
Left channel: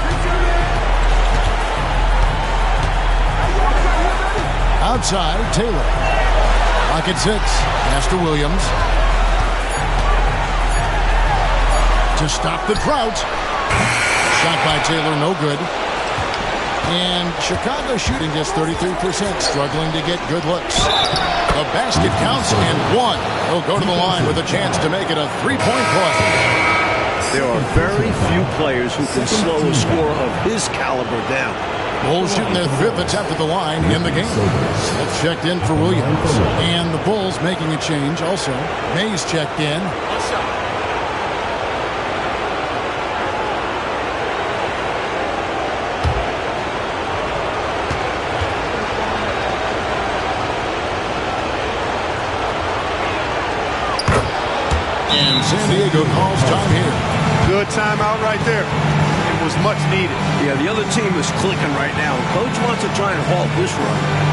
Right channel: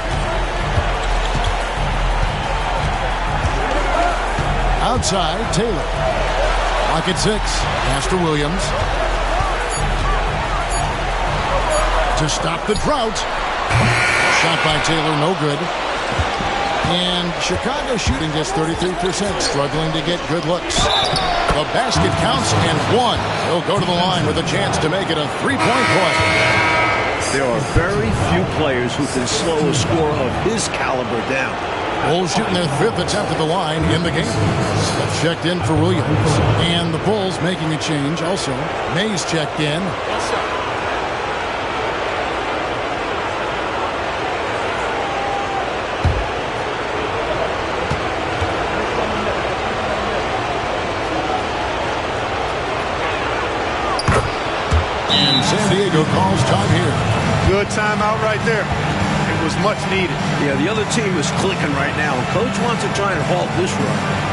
Outside, Taylor. Lock at 6. Pass to Williams. To stop the drought. Shot by Taylor, no good. And Chicago shooting just 33%, struggling to get good looks. The basket counts and 1. He'll go to the line with a chance to make it a 3-point play. There are very few players who can slow a scorer of his caliber down. Bulls shooting their 5th attempt at the line in the game. Smith checked in for Williams. And the Bulls making a change also. Mays checked in. And San Diego calls time here. Good timeout right there. It was much needed. Yeah, the other team is clicking right now. Coach wants to try and halt this run.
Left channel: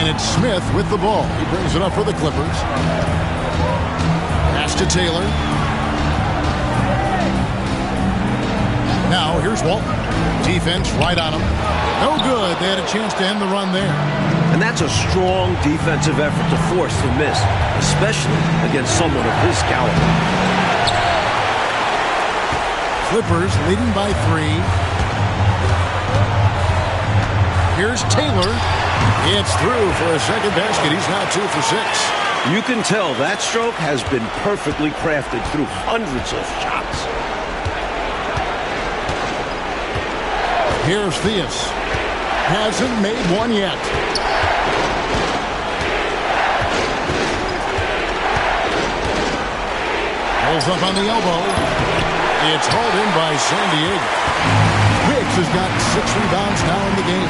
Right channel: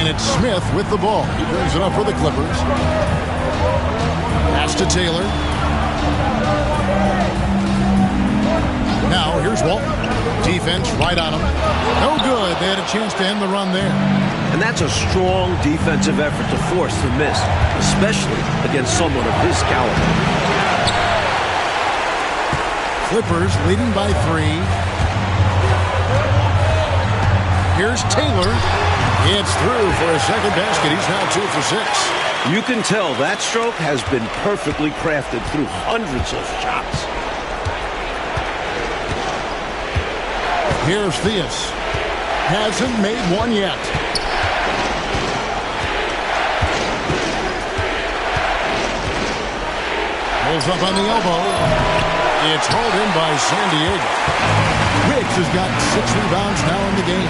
And it's Smith with the ball. He brings it up for the Clippers. Pass to Taylor. Now here's Walton. Defense right on him. No good. They had a chance to end the run there. And that's a strong defensive effort to force the miss, especially against someone of his caliber. Clippers leading by 3. Here's Taylor. It's through for a second basket. He's now 2 for 6. You can tell that stroke has been perfectly crafted through hundreds of shots. Here's Theus. Hasn't made one yet. Pulls up on the elbow. It's hauled in by San Diego. Wicks has got 6 rebounds now in the game.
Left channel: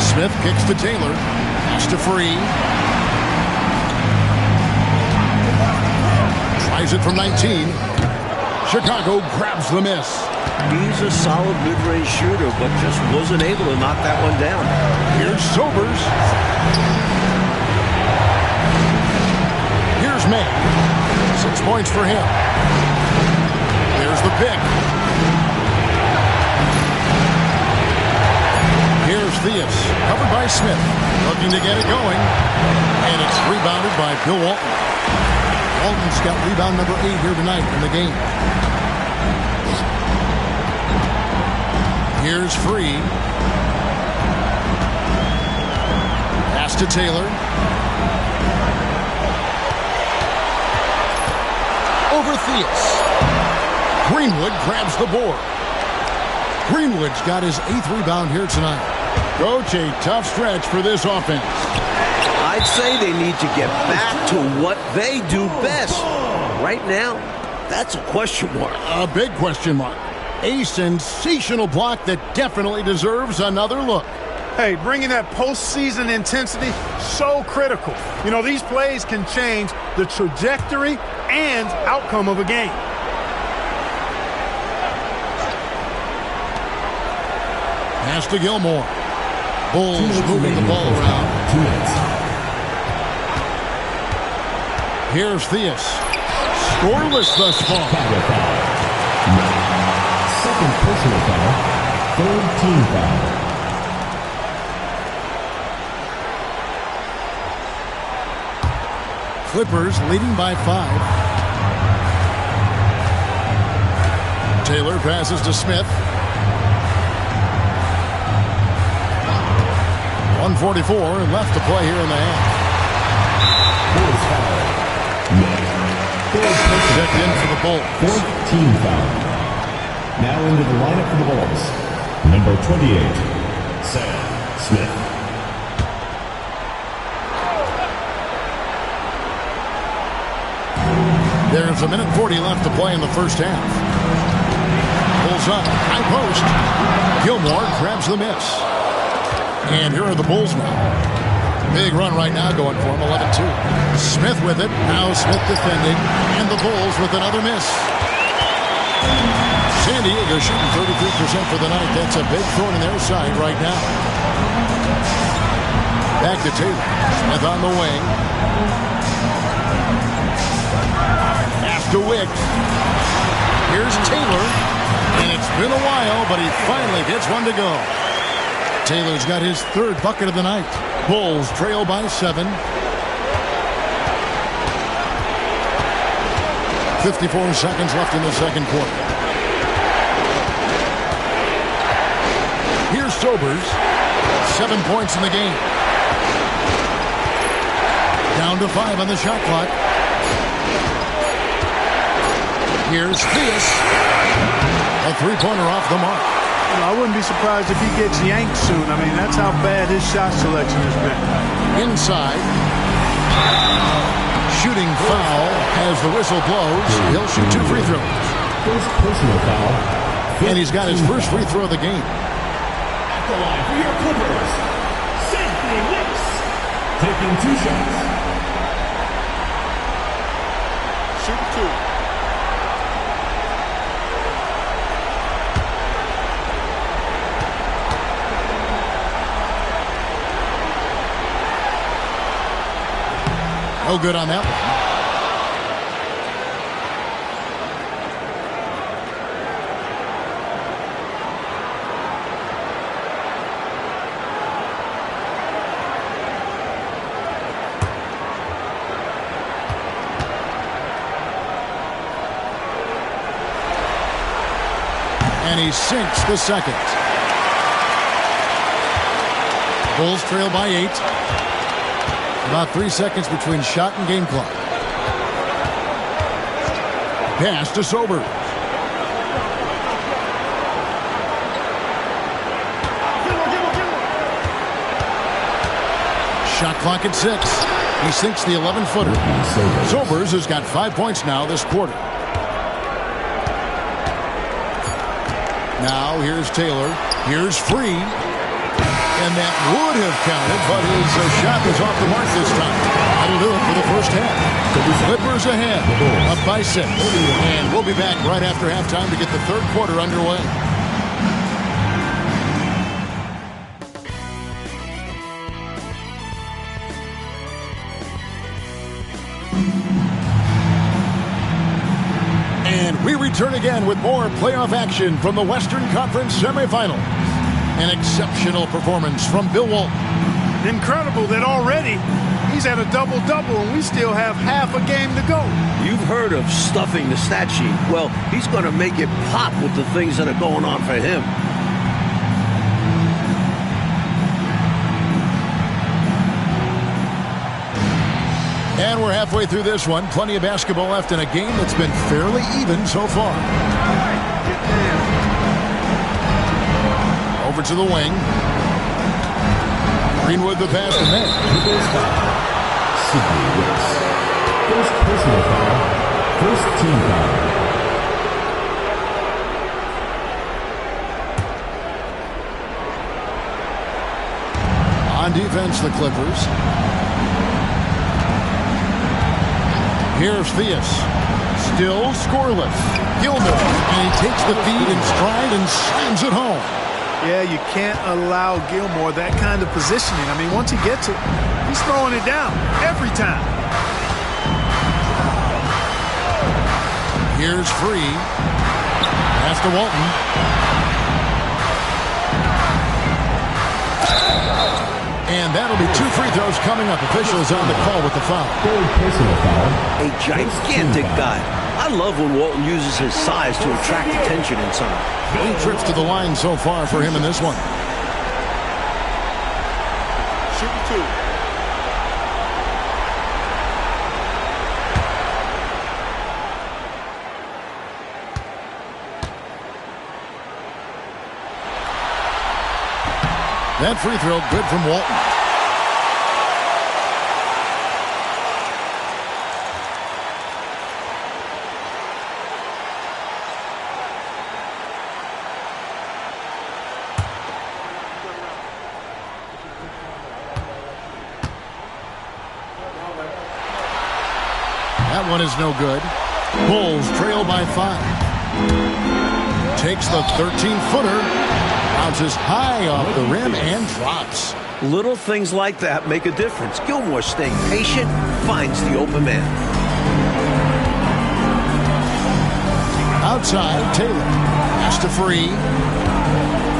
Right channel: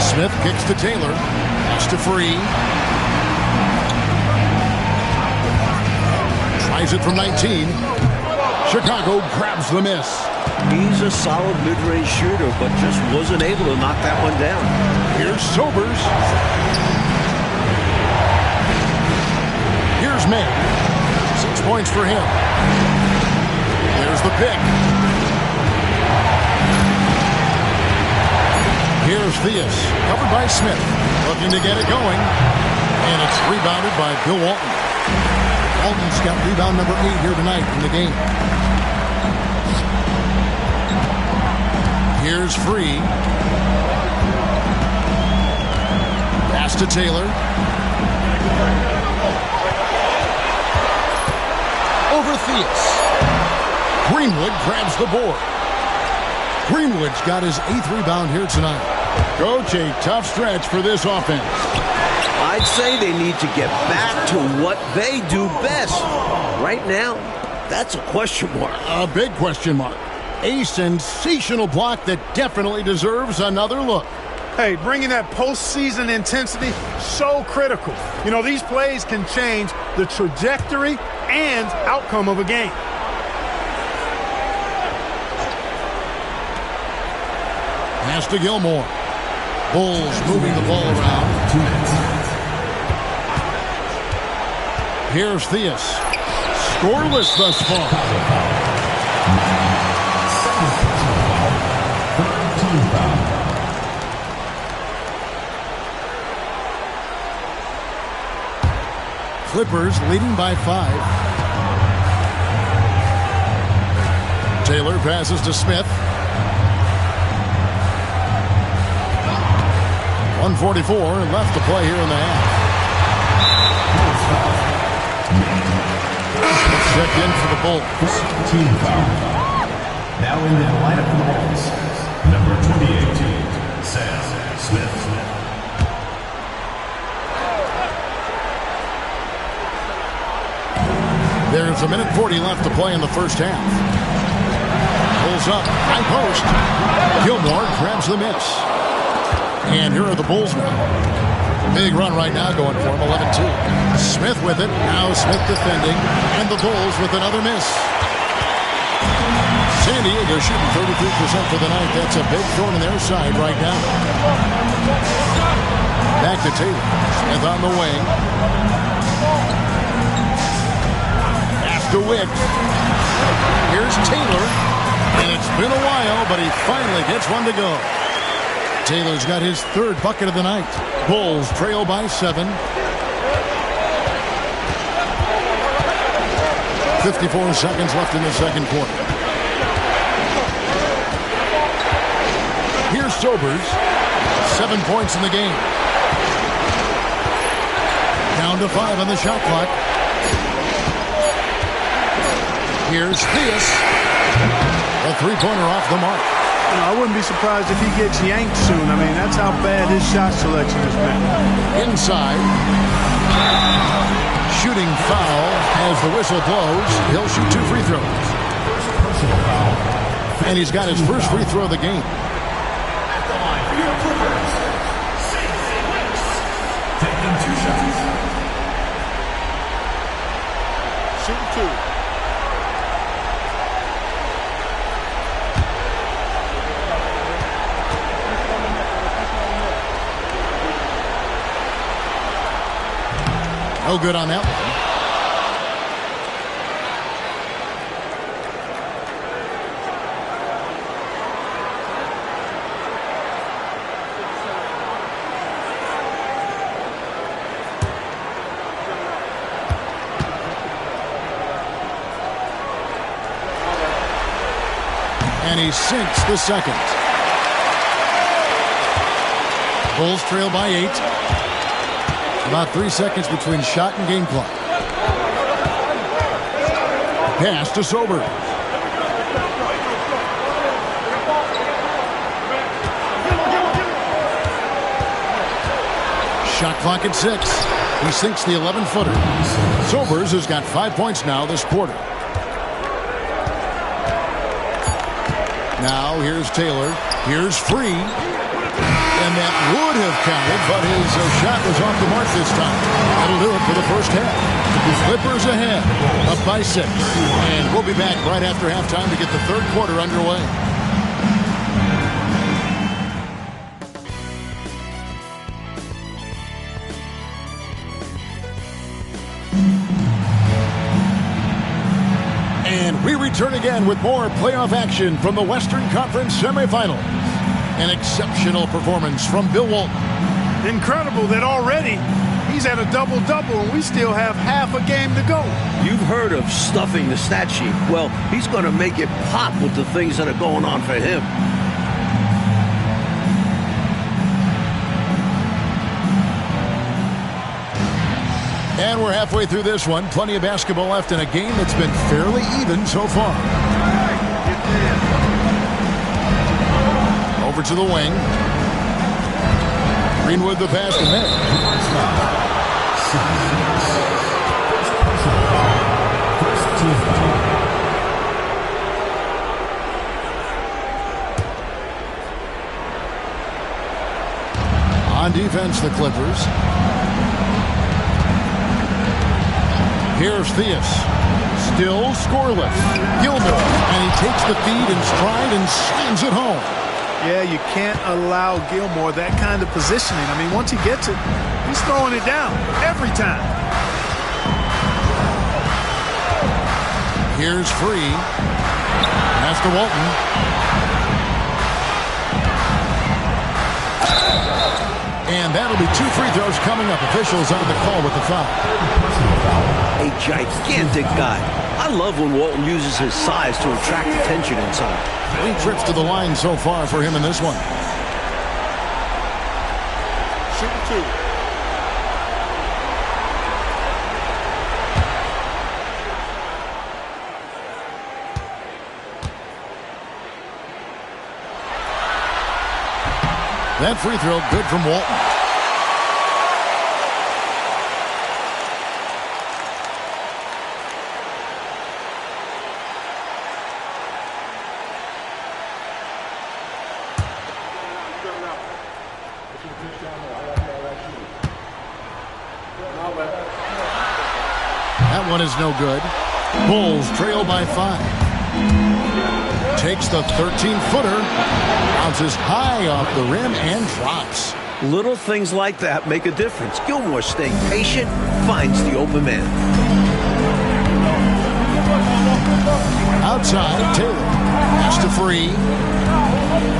Smith kicks to Taylor. Pass to Free. Tries it from 19. Chicago grabs the miss. He's a solid mid-range shooter, but just wasn't able to knock that one down. Here's Sobers. Here's May. 6 points for him. There's the pick. Here's Theus. Covered by Smith. Looking to get it going. And it's rebounded by Bill Walton. Walton's got rebound number 8 here tonight in the game. Here's Free. Pass to Taylor. Over Theus. Greenwood grabs the board. Greenwood's got his 8th rebound here tonight. Coach, a tough stretch for this offense. I'd say they need to get back to what they do best. Right now, that's a question mark. A big question mark. A sensational block that definitely deserves another look. Hey, bringing that postseason intensity, so critical. You know, these plays can change the trajectory and outcome of a game. Pass to Gilmore. Bulls moving the ball around. 2 minutes. Here's Theus. Scoreless thus far. Second personal foul. 3rd team foul. Clippers leading by 5. Taylor passes to Smith. 1:44 left to play here in the half. Checked in for the Bulls. 4th team foul. Now into the lineup for the Bulls. Number 28, Sam Smith. There's 1:40 left to play in the first half. Pulls up, high post. Gilmore grabs the miss. And here are the Bulls now. Big run right now going for him, 11-2. Smith with it. Now Smith defending. And the Bulls with another miss. San Diego shooting 33% for the night. That's a big throw in their side right now. Back to Taylor. Smith on the wing. Pass to Wicks. Here's Taylor. And it's been a while, but he finally gets one to go. Taylor's got his 3rd bucket of the night. Bulls trail by 7. 54 seconds left in the second quarter. Here's Sobers. 7 points in the game. Down to 5 on the shot clock. Here's Theus. A 3-pointer off the mark. You know, I wouldn't be surprised if he gets yanked soon. I mean, that's how bad his shot selection has been. Inside. Shooting foul as the whistle blows. He'll shoot 2 free throws. First personal foul. And he's got his first free throw of the game. At the line for your Clippers, Safety Wicks. Taking 2 shots. Shooting 2. No good on that one. And he sinks the second. Bulls trail by 8. About 3 seconds between shot and game clock. Pass to Sober. Shot clock at 6. He sinks the 11-footer. Sobers has got 5 points now this quarter. Now here's Taylor. Here's Free. And that would have counted, but his shot was off the mark this time. That'll do it for the first half. Clippers ahead, up by 6. And we'll be back right after halftime to get the third quarter underway. And we return again with more playoff action from the Western Conference semifinals. An exceptional performance from Bill Walton. Incredible that already he's at a double-double and we still have half a game to go. You've heard of stuffing the stat sheet. Well, he's going to make it pop with the things that are going on for him. And we're halfway through this one. Plenty of basketball left in a game that's been fairly even so far. Over to the wing. Greenwood the pass to May. First personal foul. First team foul. On defense, the Clippers. Here's Theus. Still scoreless. Gilmore. And he takes the feed in stride and slams it home. Yeah, you can't allow Gilmore that kind of positioning. I mean, once he gets it, he's throwing it down every time. Here's Free. Pass to Walton. And that'll be 2 free throws coming up. Officials on the call with the foul. Personal foul. A gigantic guy. I love when Walton uses his size to attract attention inside. 3 trips to the line so far for him in this one. Shooting 2. That free throw good from Walton. That one is no good. Bulls trail by 5. Takes the 13-footer. Bounces high off the rim and drops. Little things like that make a difference. Gilmore staying patient, finds the open man. Outside, Taylor. Pass to Free.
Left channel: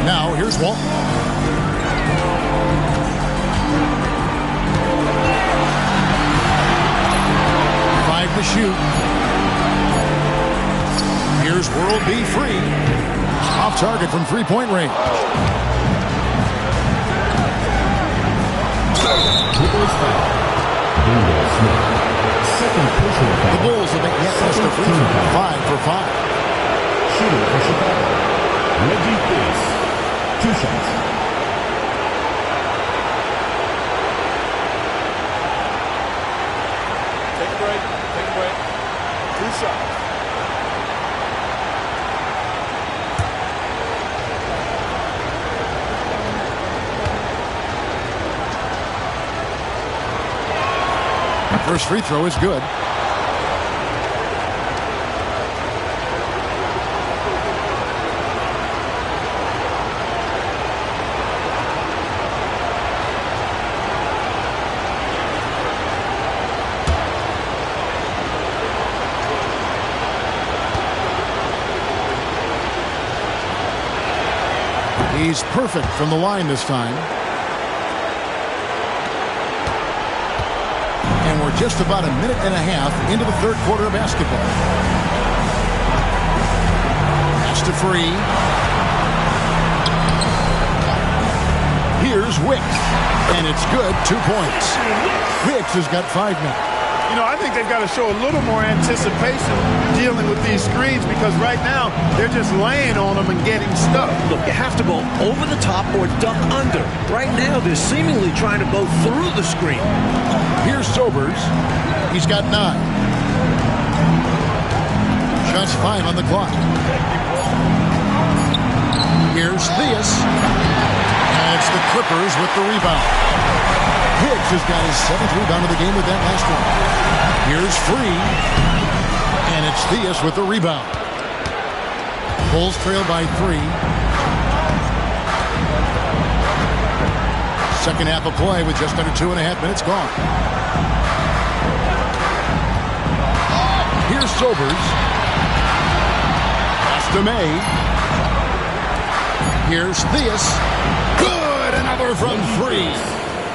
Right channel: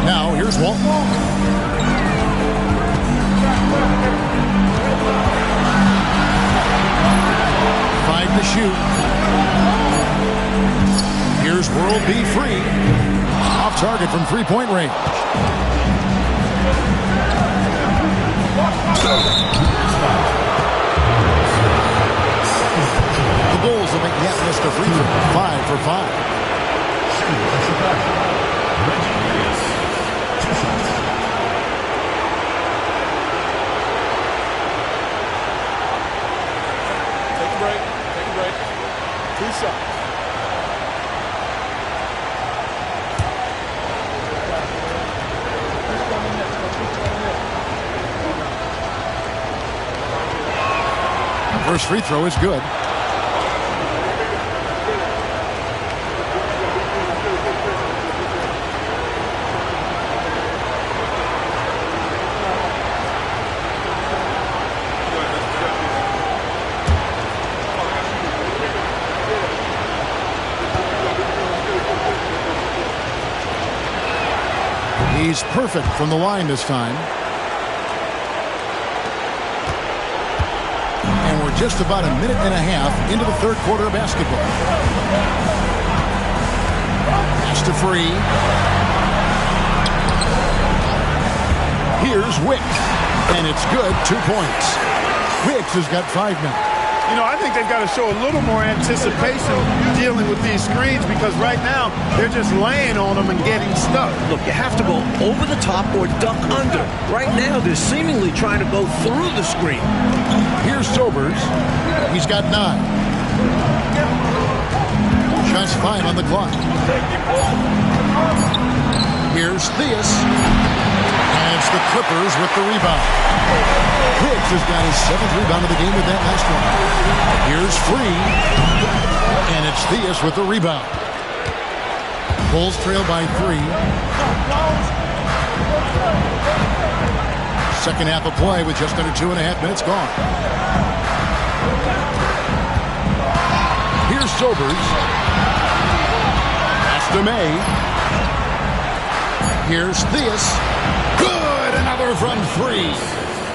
Now here's Walton. Five to shoot. Here's World B Free. Off target from three-point range. The Bulls have yet missed a free throw. 5 for 5. Shooter for Chicago. Reggie Theus. 2 shots. Take a break. Take a break. 2 shots. First free throw is good. He's perfect from the line this time. And we're just about a minute and a half into the third quarter of basketball. Pass to Free. Here's Wicks. And it's good. 2 points. Wicks has got 5 now. You know, I think they've got to show a little more anticipation dealing with these screens because right now they're just laying on them and getting stuck. Look, you have to go over the top or duck under. Right now, they're seemingly trying to go through the screen. Here's Sobers. He's got 9. Shots 5 on the clock. Here's Theus. And it's the Clippers with the rebound. Wicks has got his 7th rebound of the game with that last one. Here's Free. And it's Theus with the rebound. Bulls trail by 3. Second half of play with just under 2.5 minutes gone. Here's Sobers. Pass to May. Here's Theus. Good! Another from 3.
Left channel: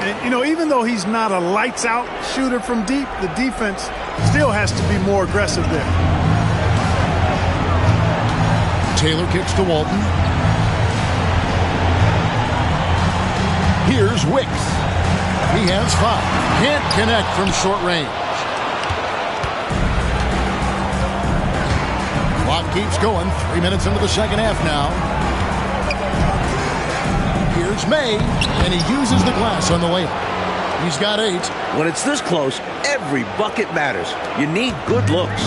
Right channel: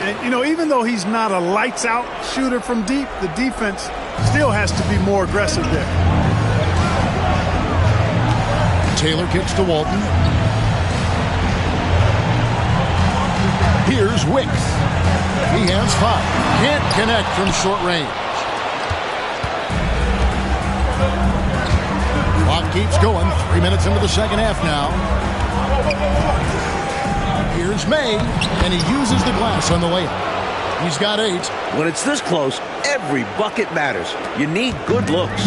And, you know, even though he's not a lights-out shooter from deep, the defense still has to be more aggressive there. Taylor kicks to Walton. Here's Wicks. He has 5. Can't connect from short range. Clock keeps going. 3 minutes into the second half now. Here's May, and he uses the glass on the layup. He's got 8. When it's this close, every bucket matters. You need good looks.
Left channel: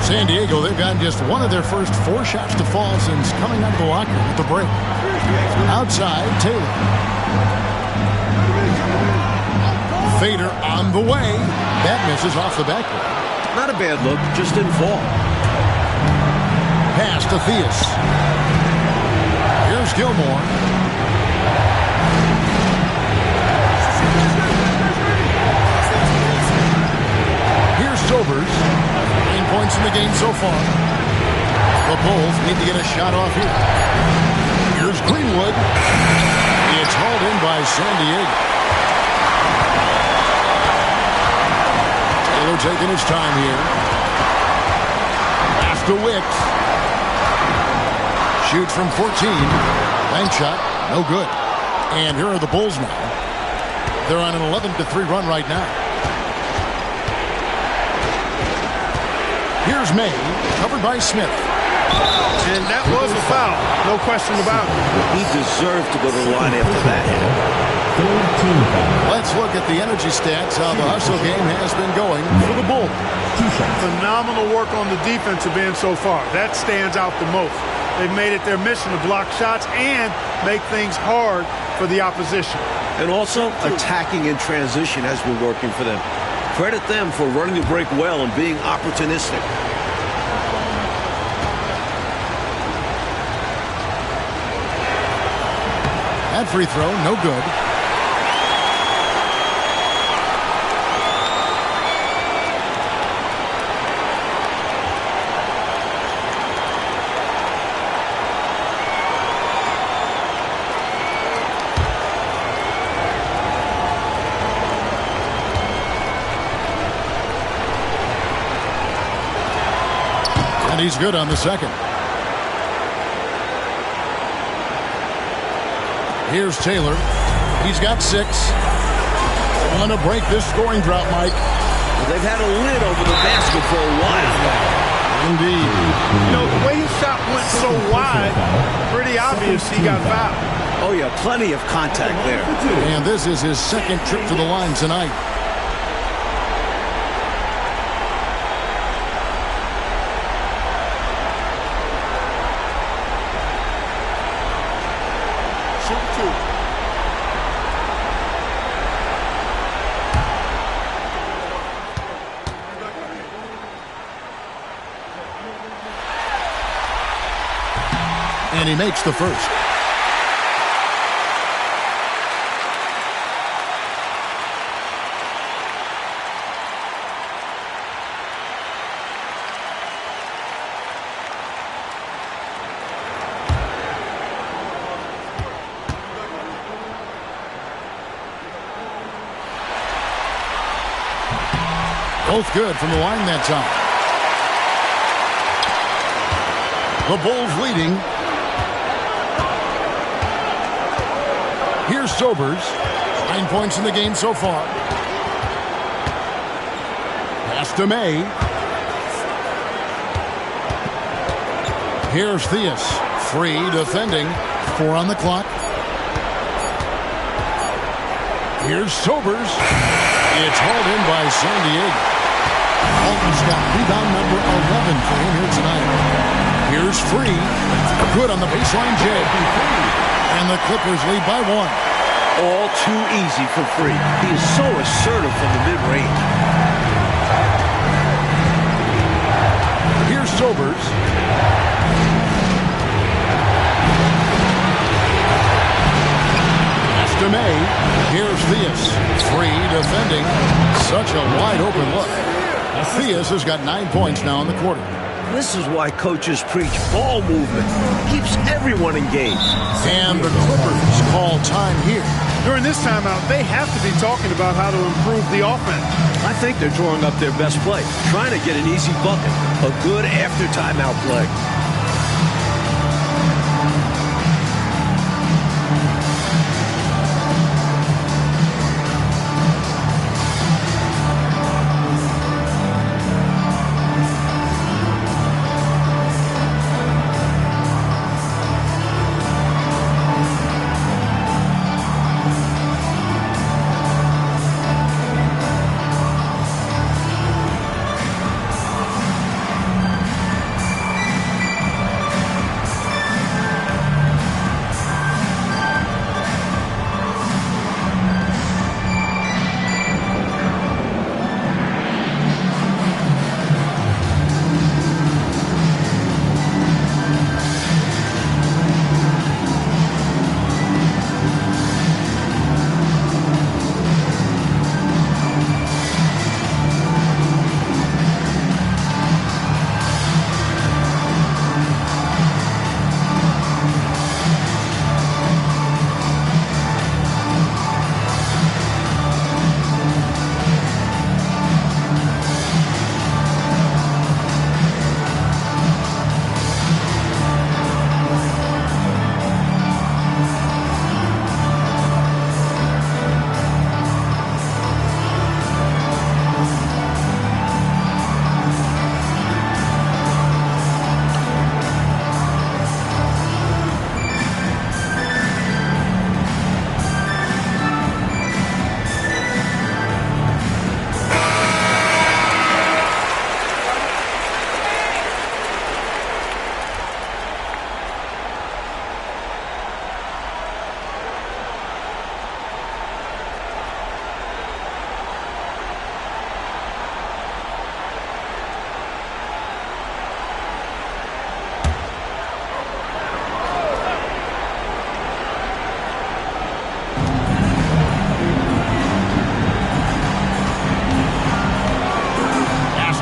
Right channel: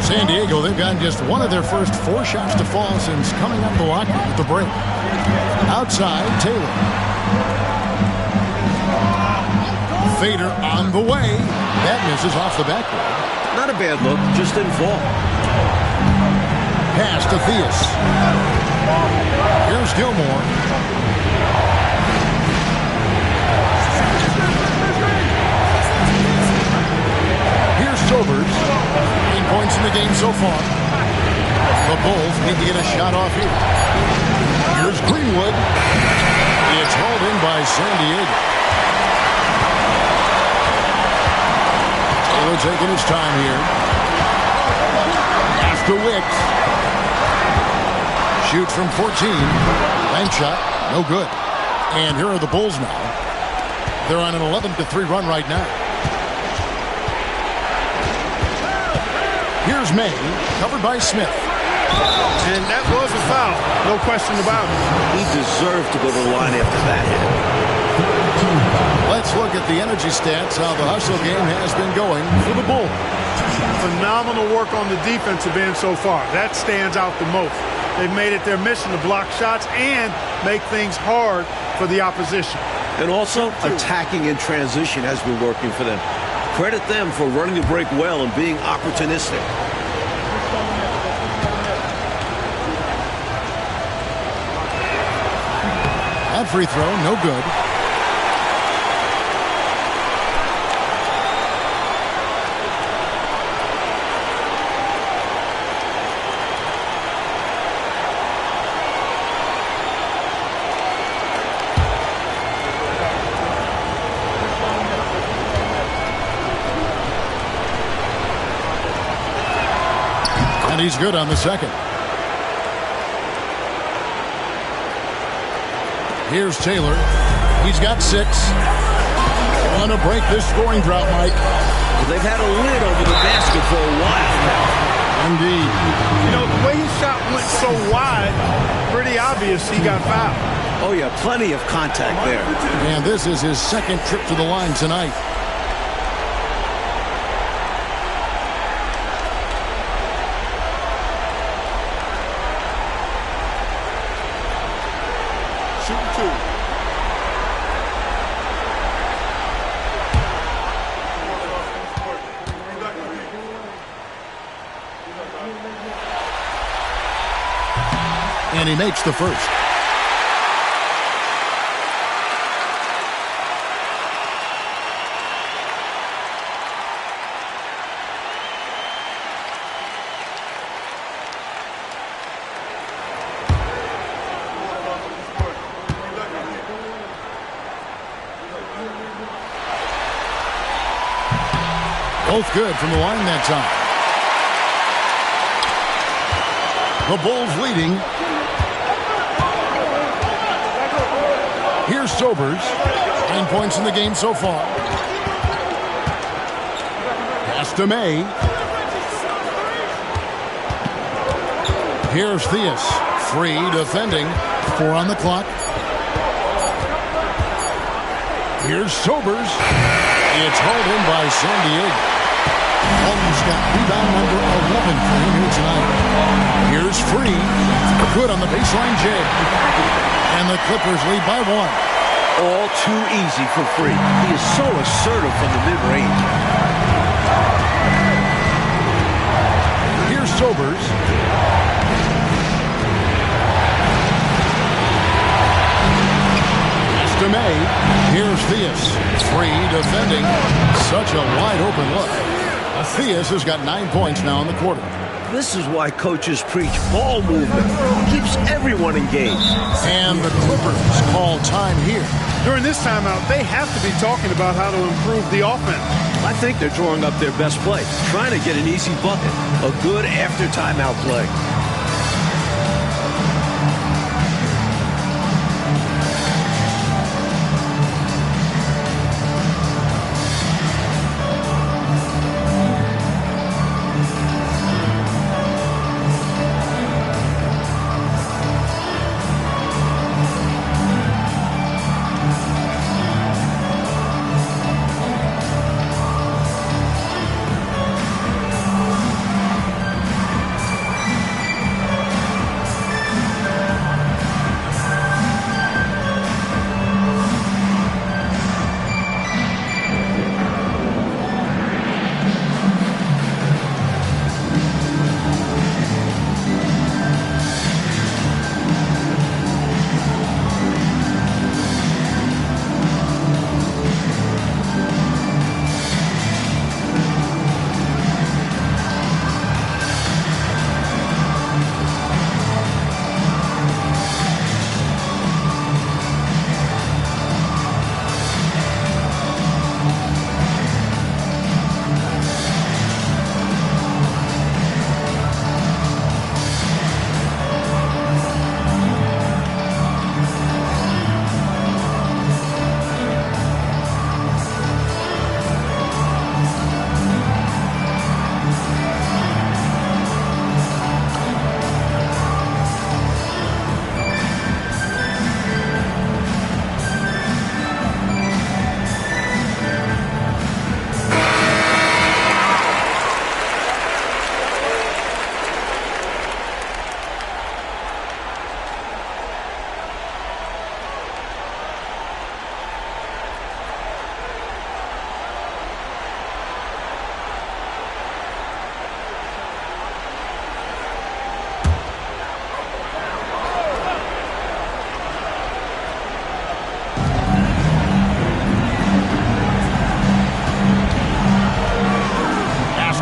San Diego, they've gotten just one of their first 4 shots to fall since coming out of the locker room with the break. Outside, Taylor. Fader on the way. That misses off the backboard. Not a bad look, just didn't fall. Pass to Theus. Here's Gilmore. Here's Sobers. 9 points in the game so far. The Bulls need to get a shot off here. Here's Greenwood. It's hauled in by San Diego. Taylor taking his time here. Pass to Wicks. Shoots from 14. Bank shot. No good. And here are the Bulls now. They're on an 11-3 run right now. Here's May, covered by Smith. And that was a foul. No question about it. He deserved to go to the line after that hit. Let's look at the energy stats, how the hustle game has been going for the Bulls. Phenomenal work on the defensive end so far. That stands out the most. They've made it their mission to block shots and make things hard for the opposition. And also, attacking in transition has been working for them. Credit them for running the break well and being opportunistic. That free throw, no good. And he's good on the second. Here's Taylor. He's got 6. Want to break this scoring drought, Mike. Well, they've had a lid over the basket for a while now. Indeed. You know, the way his shot went so wide, pretty obvious he got fouled. Oh, yeah, plenty of contact there. And this is his second trip to the line tonight. And he makes the first. Both good from the line that time. The Bulls leading. Here's Sobers. 9 points in the game so far. Pass to May. Here's Theus. Free defending. 4 on the clock. Here's Sobers. It's hauled in by San Diego. Walton's got rebound number 11 for him here tonight. Here's Free. Good on the baseline J. And the Clippers lead by 1. All too easy for Free. He is so assertive from the mid-range. Here's Sobers. Pass to May. Here's Theus. Free defending. Such a wide open look. Theus has got 9 points now in the quarter. This is why coaches preach ball movement. It keeps everyone engaged. And the Clippers call time here. During this timeout, they have to be talking about how to improve the offense. I think they're drawing up their best play, trying to get an easy bucket. A good after timeout play.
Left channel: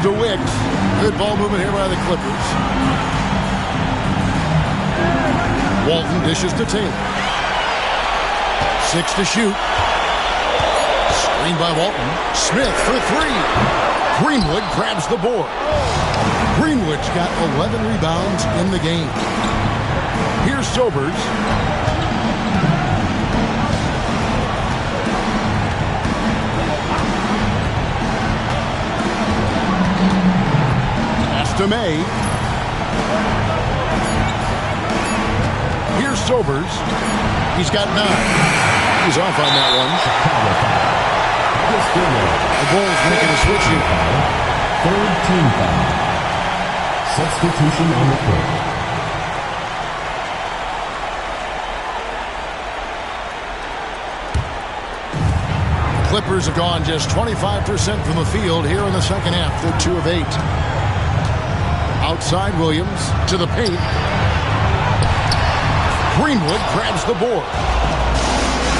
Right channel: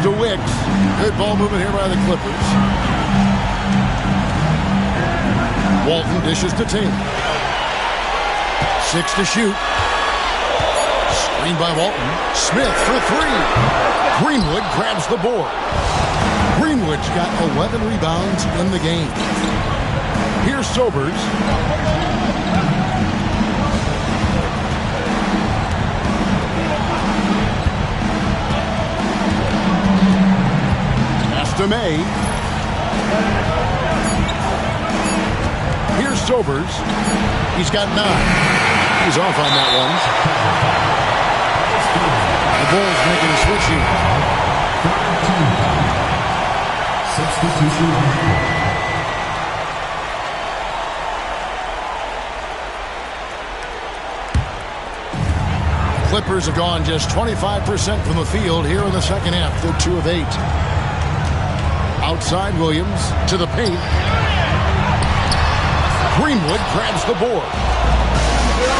To Wicks. Good ball movement here by the Clippers. Walton dishes to Taylor. 6 to shoot. Screen by Walton. Smith for 3. Greenwood grabs the board. Greenwood's got 11 rebounds in the game. Here's Sobers. To May. Here's Sobers. He's got 9. He's off on that one. The Bulls making a switch here. Third team foul. Substitution on the court. Clippers have gone just 25% from the field here in the second half. They're 2 of 8. Outside Williams to the paint. Greenwood grabs the board.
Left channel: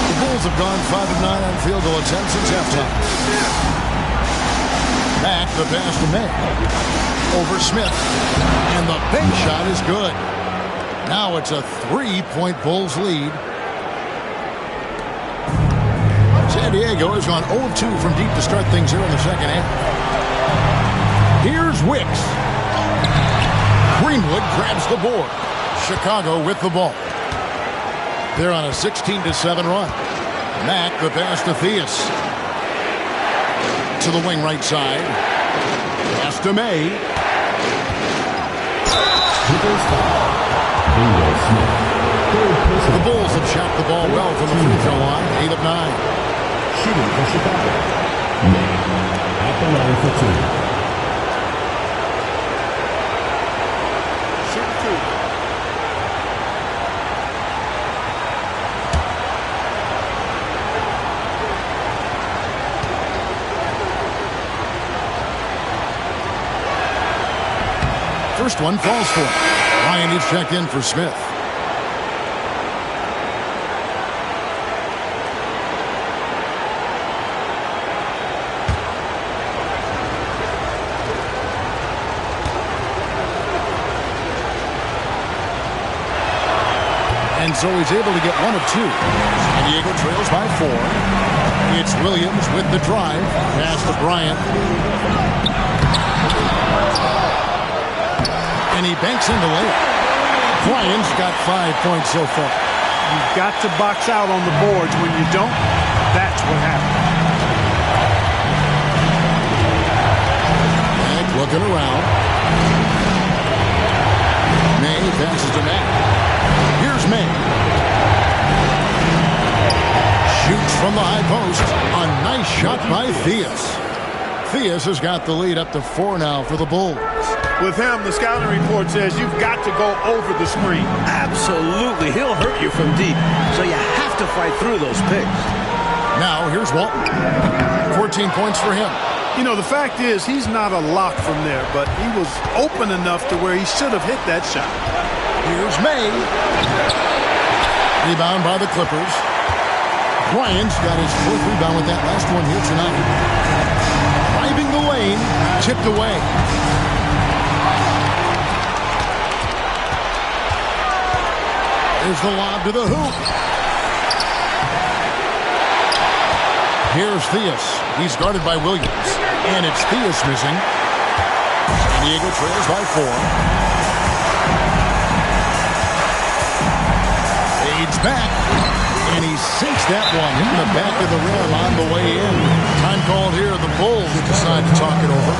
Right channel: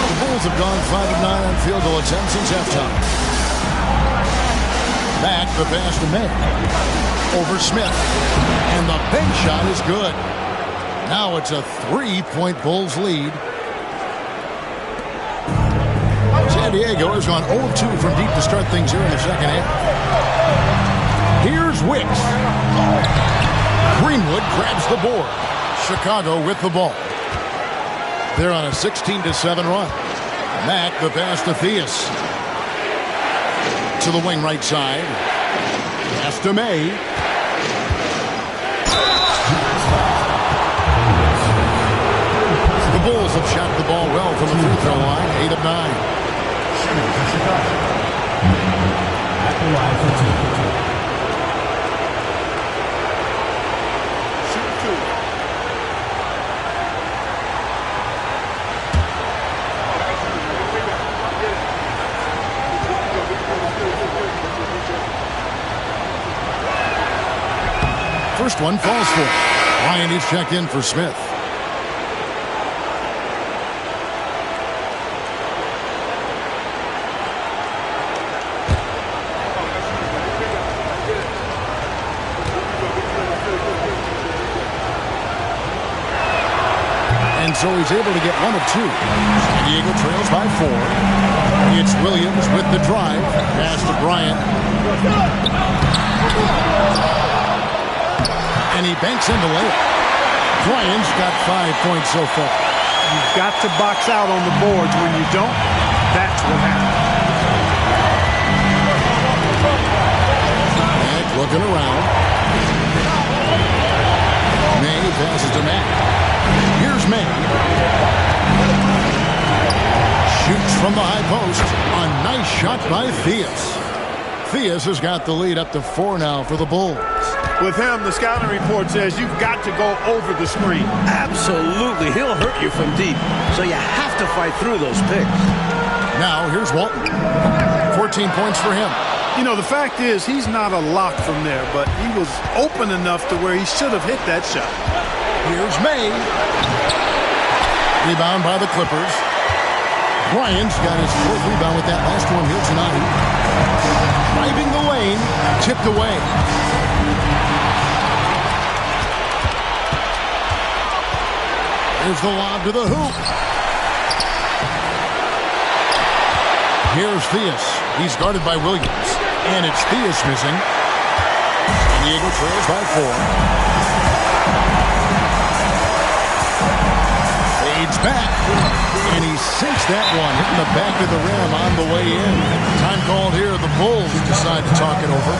The Bulls have gone 5 of 9 on field goal attempts since halftime. Back the pass to May. Over Smith. And the bank shot is good. Now it's a 3-point Bulls lead. San Diego has gone 0-2 from deep to start things here in the second half. Here's Wicks. Greenwood grabs the board. Chicago with the ball. They're on a 16-7 run. Mack, the pass to Theus. To the wing right side. Pass to May. The Bulls have shot the ball well from the free throw line. 8 of 9. Shooting for Chicago. May at the line for 2. Shooting 2. First one falls for him. Ryan is checked in for Smith. And so he's able to get 1 of 2. San Diego trails by 4. It's Williams with the drive. Pass to Bryant. And he banks in the layup. Bryant's got 5 points so far. You've got to box out on the boards. When you don't, that's what happens. Mack looking around. May passes to Mack. Here's May. Shoots from the high post. A nice shot by Theus. Theus has got the lead up to 4 now for the Bulls. With him, the scouting report says you've got to go over the screen. Absolutely. He'll hurt you from deep, so you have to fight through those picks. Now, here's Walton. 14 points for him. You know, the fact is he's not a lock from there, but he was open enough to where he should have hit that shot. Here's May. Rebound by the Clippers. Bryant's got his 4th rebound with that last one here tonight. Driving the lane, tipped away. There's the lob to the hoop. Here's Theus. He's guarded by Williams. And it's Theus missing. San Diego trails by 4. Fades back. And he sinks that one, hitting the back of the rim on the way in. Time called here. The Bulls decide to talk it over.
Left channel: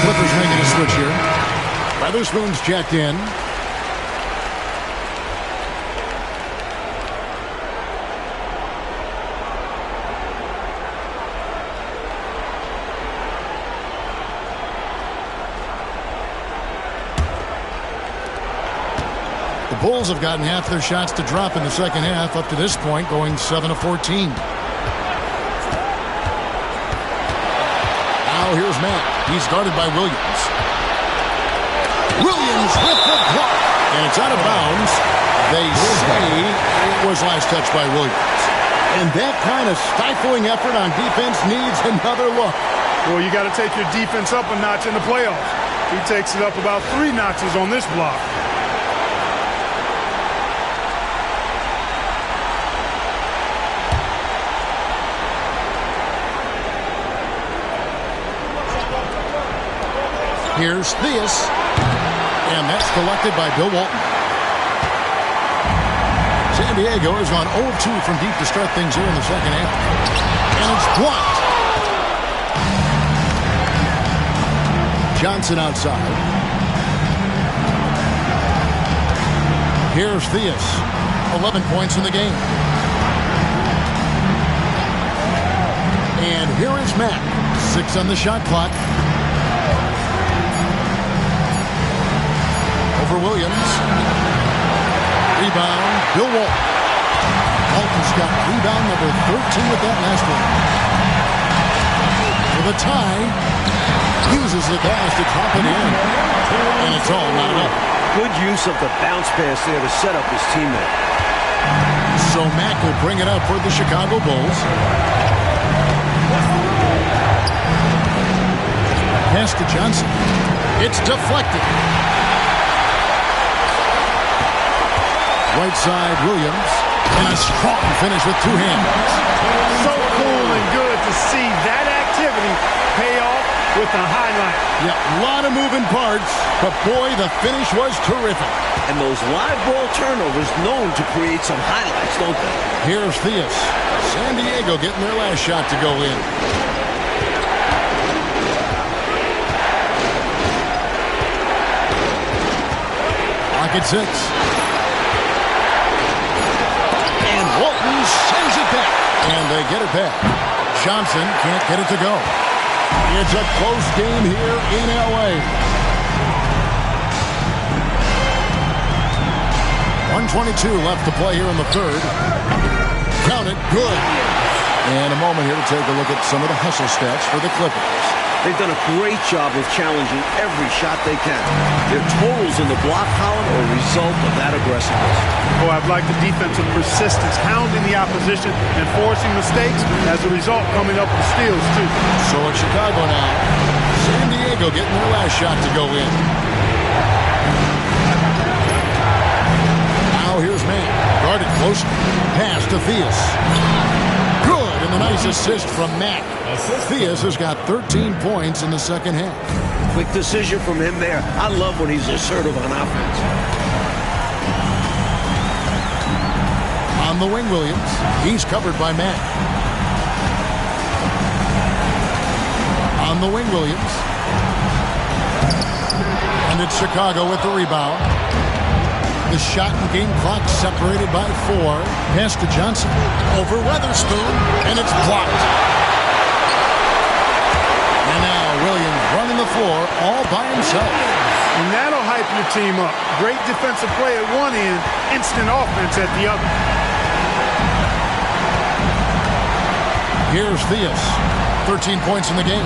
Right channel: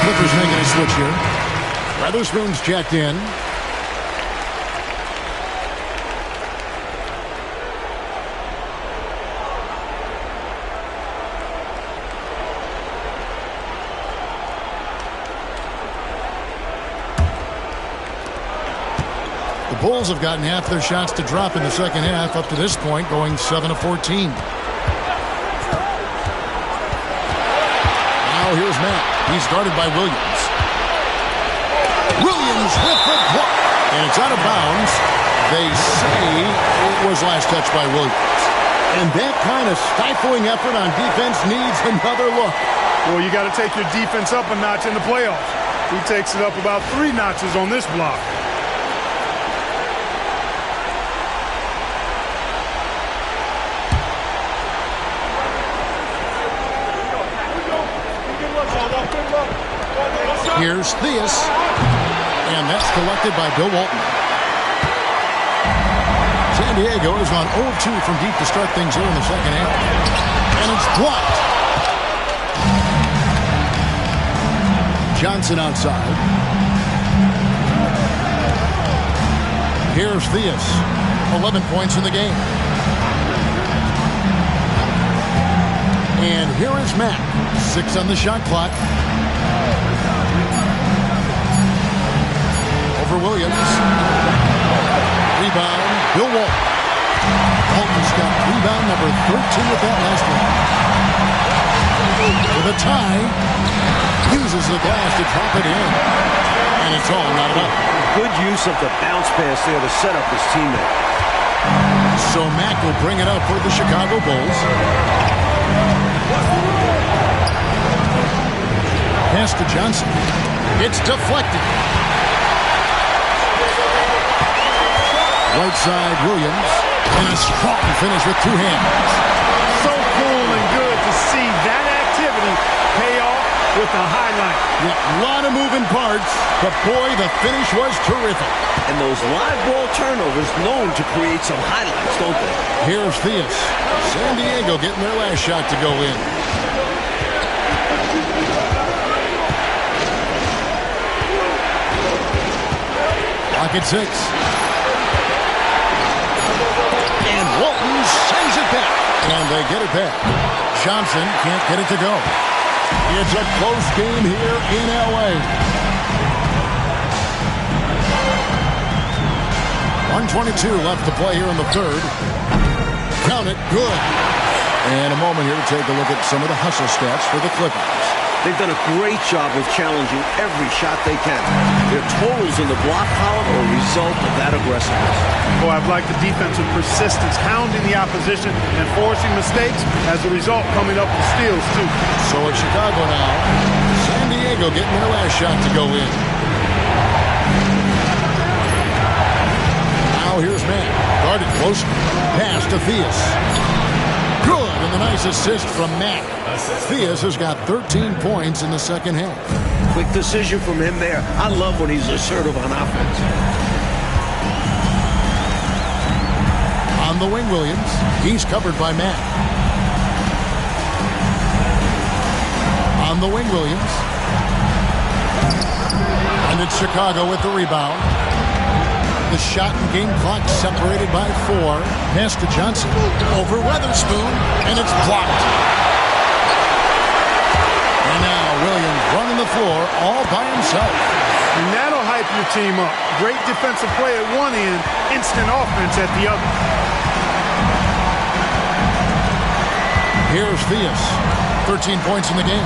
Clippers making a switch here. Weatherspoon's checked in. The Bulls have gotten half their shots to drop in the second half up to this point, going 7 of 14. Now Now here's Matt. He's guarded by Williams. Williams with the block. And it's out of bounds. They say it was last touched by Williams. And that kind of stifling effort on defense needs another look. Well, you got to take your defense up a notch in the playoffs. He takes it up about 3 notches on this block. Here's Theus. And that's collected by Bill Walton. San Diego has gone 0-2 from deep to start things here in the second half. And it's blocked. Johnson outside. Here's Theus. 11 points in the game. And here is Mack. 6 on the shot clock. Over Williams. Rebound, Bill Walton. Walton's got rebound number 13 with that last one. With a tie, uses the glass to drop it in. And it's all knotted up. Good use of the bounce pass there to set up his teammate. So Mack will bring it up for the Chicago Bulls. Pass to Johnson. It's deflected. Right side, Williams. And a strong finish with 2 hands. So cool and good to see that activity pay off with the highlight. Yeah, a lot of moving parts, but boy, the finish was terrific. And those live ball turnovers known to create some highlights, don't they? Here's Theus. San Diego getting their last shot to go in. Lock at 6. And Walton sends it back. And they get it back. Johnson can't get it to go. It's a close game here in L.A. 1:22 left to play here in the third. Count it, good. And a moment here to take a look at some of the hustle stats for the Clippers. They've done a great job of challenging every shot they can. Their totals in the block column are a result of that aggressiveness. Boy, I've liked the defensive persistence, hounding the opposition and forcing mistakes. As a result, coming up with steals, too. So it's Chicago now. San Diego getting their last shot to go in. Now here's Matt. Guarded close. Pass to Theus. Good, and the nice assist from Mack. Theus has got 13 points in the second half. Quick decision from him there. I love when he's assertive on offense. On the wing, Williams. He's covered by Mack. On the wing, Williams. And it's Chicago with the rebound. The shot and game clock separated by 4. Pass to Johnson. Over Weatherspoon. And it's blocked. And now Williams running the floor all by himself. And that'll hype your team up. Great defensive play at one end, instant offense at the other. Here's Theus. 13 points in the game.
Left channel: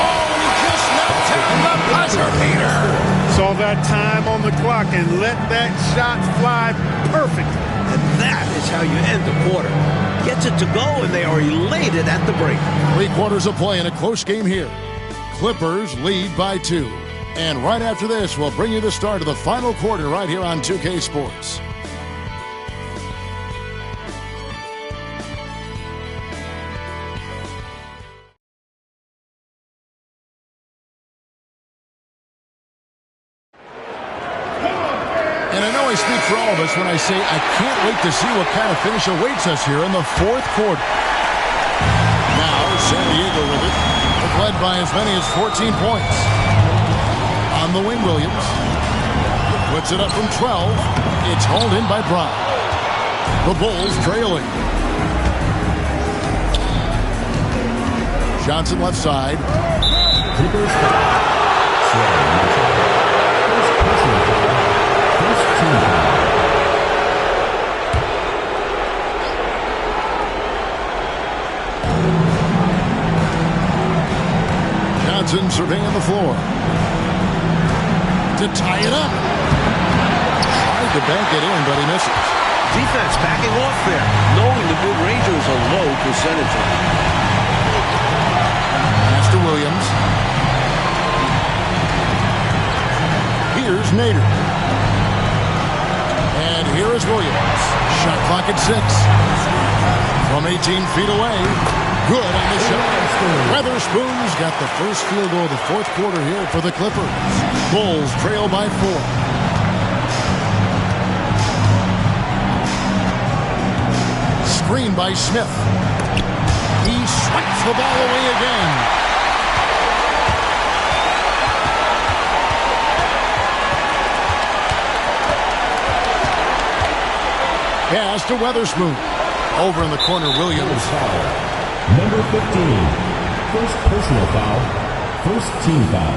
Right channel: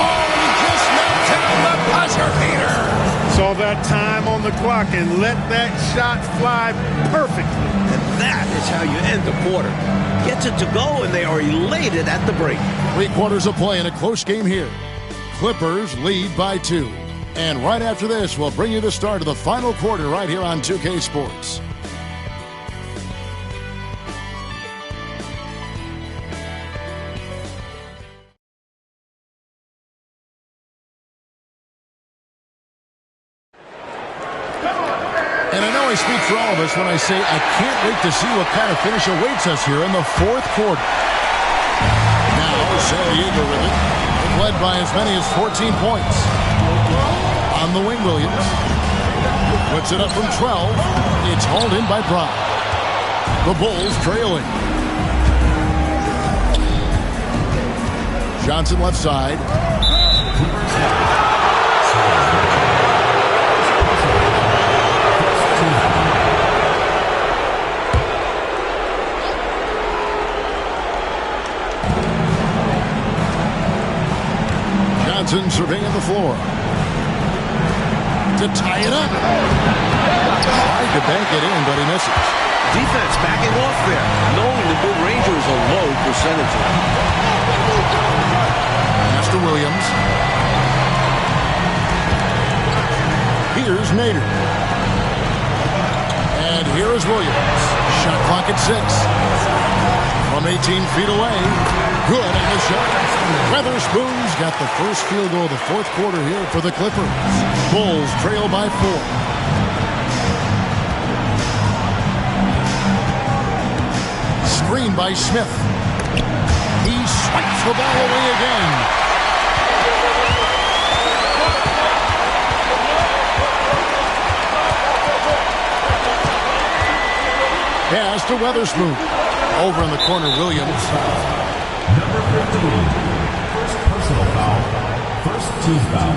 Oh, and he just knocked down the buzzer beater. Saw that time on the clock and let that shot fly perfectly. And that is how you end the quarter. Gets it to go, and they are elated at the break. 3 quarters of play in a close game here. Clippers lead by 2. And right after this, we'll bring you the start of the final quarter right here on 2K Sports. And I know I speak for all of us when I say I can't wait to see what kind of finish awaits us here in the fourth quarter. Now, San Diego with it. They've led by as many as 14 points. On the wing, Williams. Puts it up from 12. It's hauled in by Brown. The Bulls trailing. Johnson left side. Johnson surveying the floor. To tie it up. Tried to bank it in, but he misses. Defense backing off there, knowing the mid-ranger is a low percentage one. Master Williams. Here's Nader. And here is Williams. Shot clock at 6. From 18 feet away. Good on the shot. Weatherspoon's got the first field goal of the fourth quarter here for the Clippers. Bulls trail by 4. Screen by Smith. He swipes the ball away again. Pass to Weatherspoon. Over in the corner, Williams. Number 15. First personal foul. First team foul.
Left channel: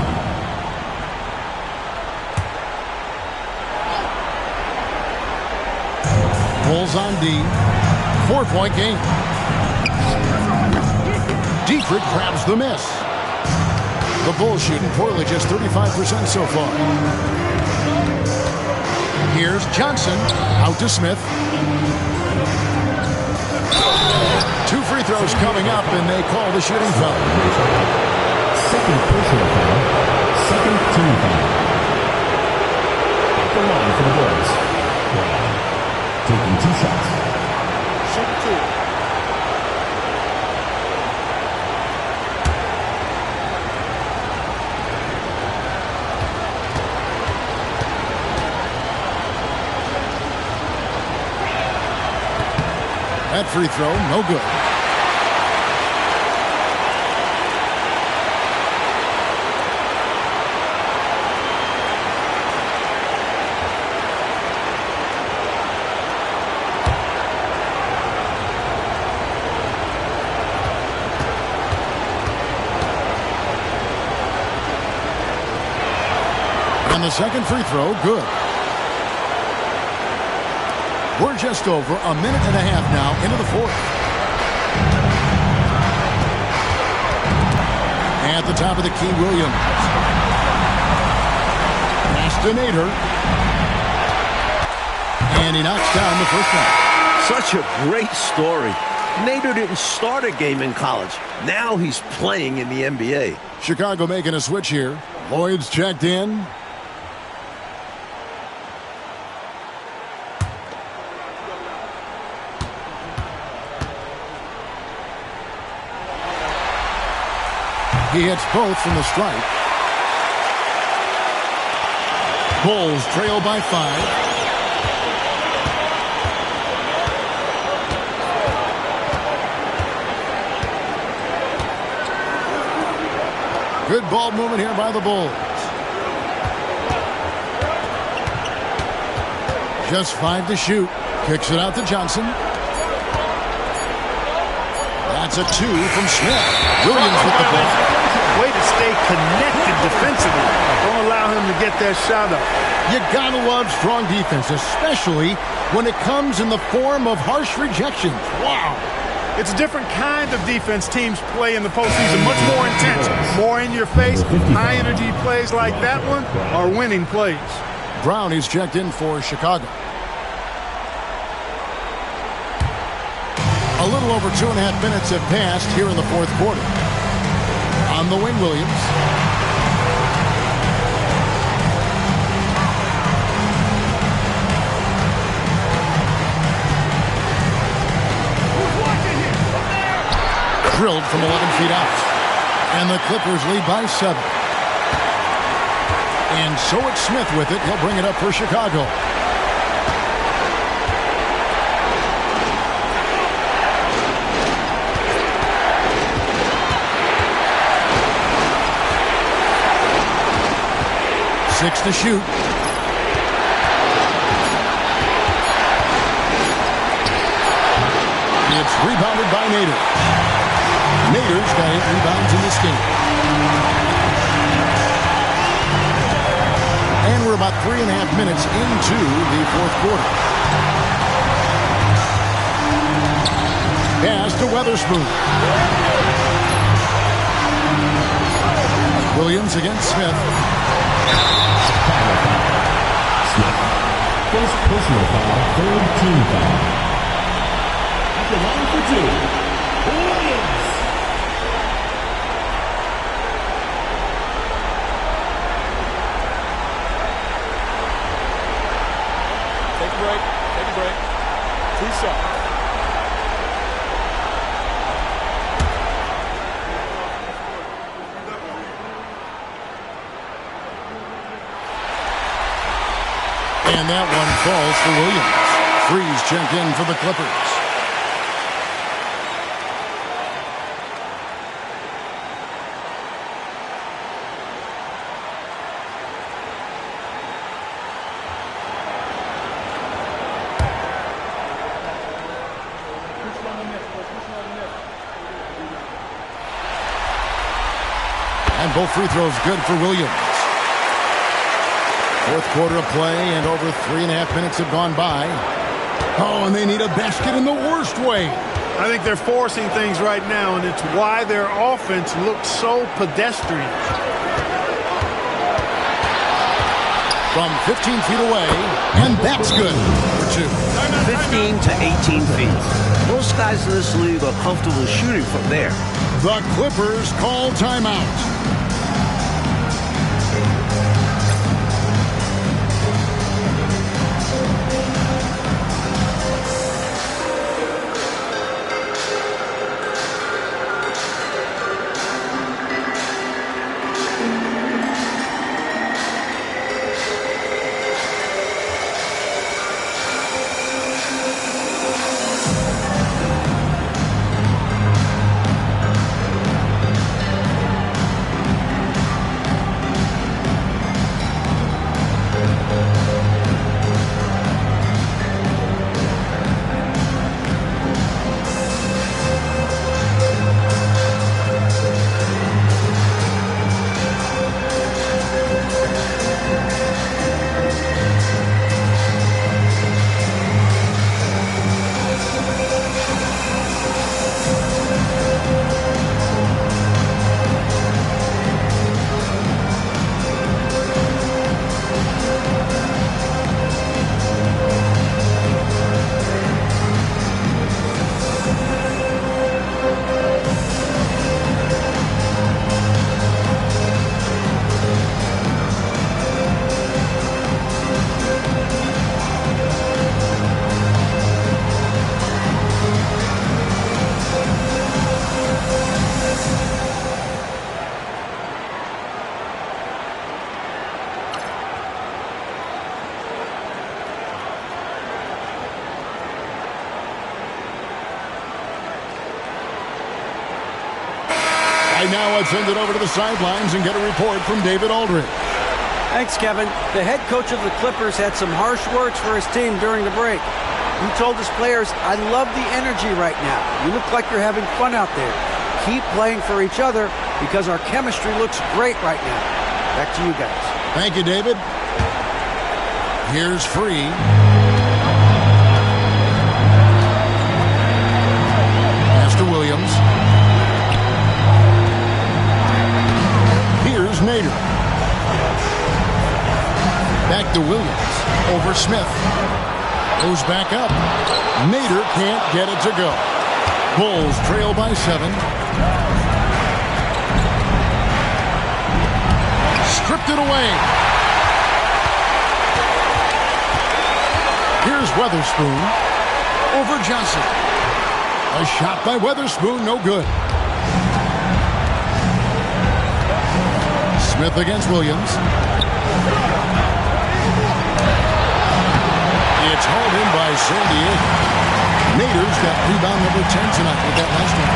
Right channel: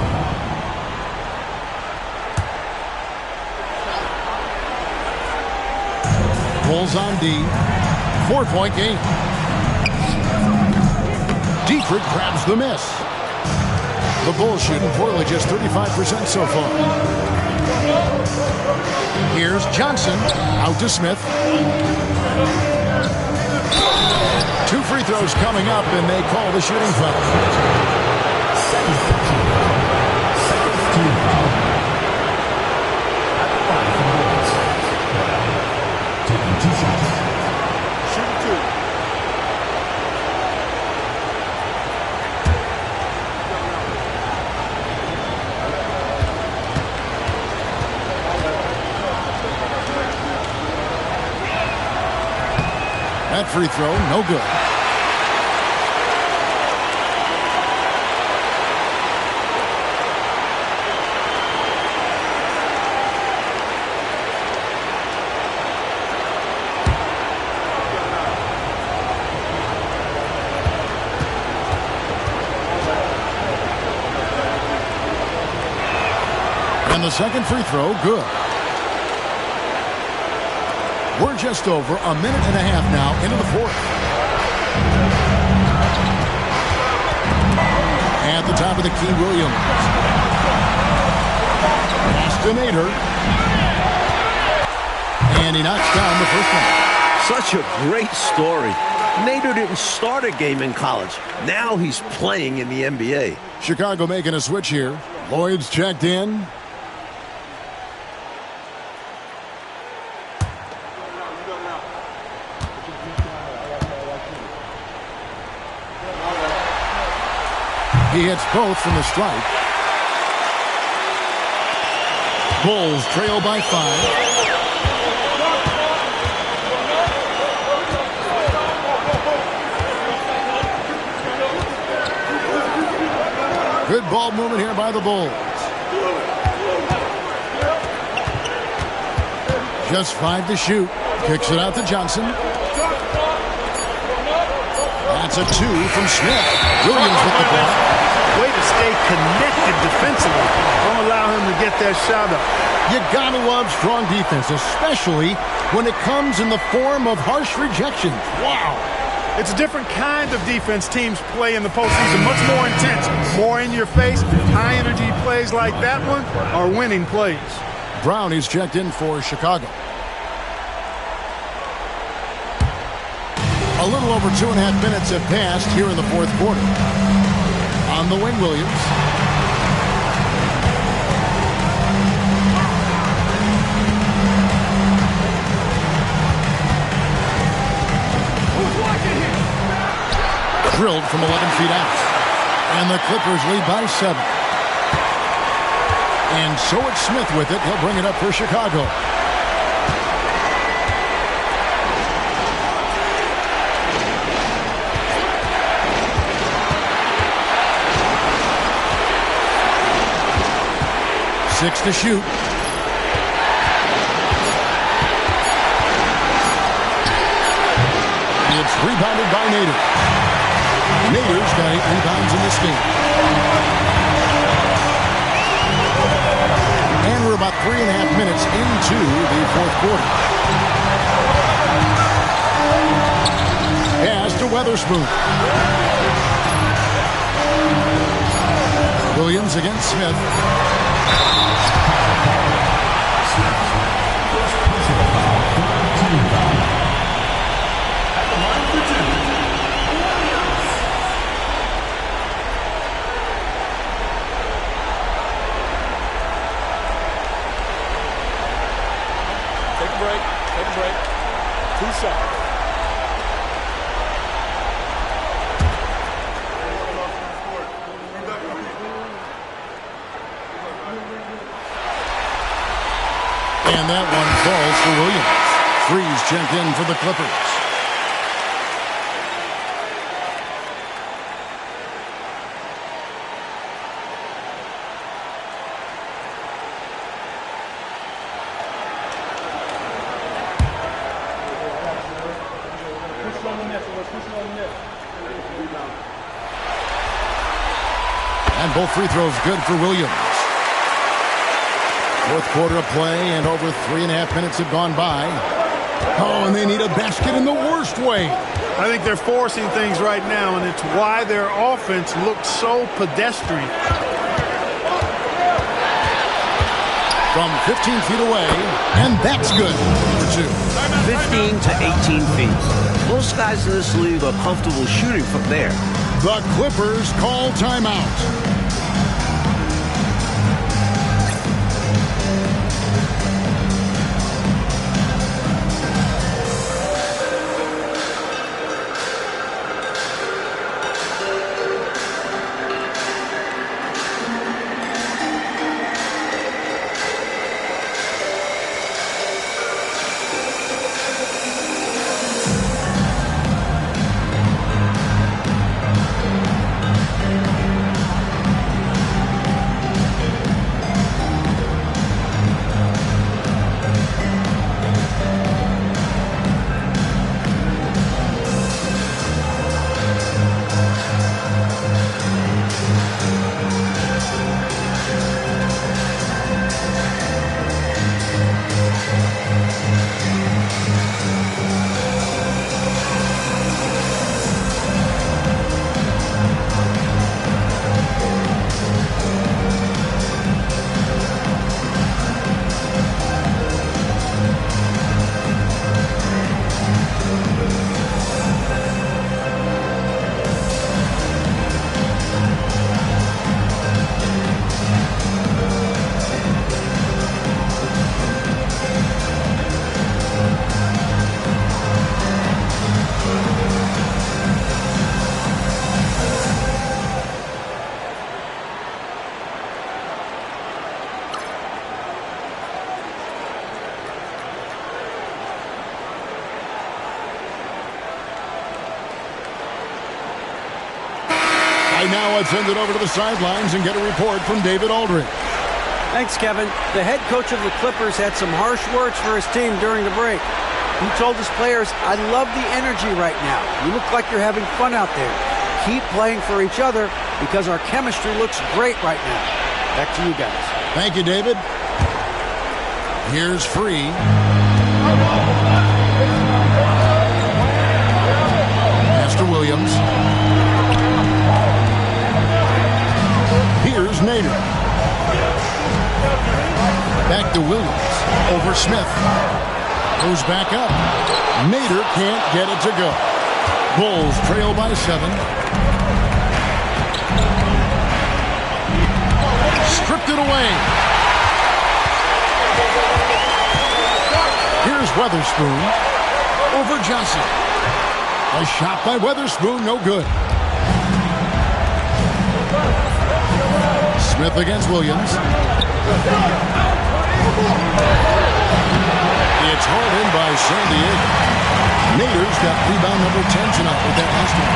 Bulls on D. 4-point game. Dietrich grabs the miss. The Bulls shooting poorly, just 35% so far. Here's Johnson. Out to Smith. 2 free throws coming up, and they call the shooting foul. Second personal foul. Second team foul. At the line for the Bulls. Taking 2 shots. Shooting 2. That free throw, no good. And the second free throw, good. We're just over a minute and a half now into the fourth. At the top of the key, Williams. Pass to Nader. And he knocks down the first one. Such a great story. Nader didn't start a game in college. Now he's playing in the NBA. Chicago making a switch here. Lloyd's checked in. He hits both from the stripe. Bulls trail by 5. Good ball movement here by the Bulls. Just 5 to shoot. Kicks it out to Johnson. That's a 2 from Smith. Williams with the block. Way to stay connected defensively. Don't allow him to get that shot up. You gotta love strong defense, especially when it comes in the form of harsh rejections. Wow. It's a different kind of defense teams play in the postseason. Much more intense, more in your face. High energy plays like that one are winning plays. Brown is checked in for Chicago. A little over 2.5 minutes have passed here in the fourth quarter. On the wing, Williams. Who's watching here? Drilled from 11 feet out. And the Clippers lead by 7. And so it's Smith with it. He'll bring it up for Chicago. Six to shoot. It's rebounded by Nader. Nader's got 8 rebounds in this game. And we're about 3.5 minutes into the fourth quarter. Pass to Weatherspoon. Williams against Smith. Smith. First personal foul, third team foul. At the line for two, Williams. Take a break. Take a break. 2 shots. And that one falls for Williams. Freeze check in for the Clippers. And both free throws good for Williams. Fourth quarter of play, and over 3.5 minutes have gone by. Oh, and they need a basket in the worst way. I think they're forcing things right now, and it's why their offense looks so pedestrian. From 15 feet away, and that's good for 2. 15 to 18 feet. Most guys in this league are comfortable shooting from there. The Clippers call timeout. Right now, let's send it over to the sidelines and get a report from David Aldridge. Thanks, Kevin. The head coach of the Clippers had some harsh words for his team during the break. He told his players, "I love the energy right now. You look like you're having fun out there. Keep playing for each other because our chemistry looks great right now." Back to you guys. Thank you, David. Here's Free. Pass to Williams. Here's Nader. Back to Williams. Over Smith. Goes back up. Nader can't get it to go. Bulls trail by 7. Stripped it away. Here's Weatherspoon. Over Johnson. A shot by Weatherspoon, no good. Smith against Williams. It's hauled in by San Diego. Nader's got rebound number 10 tonight with that last one.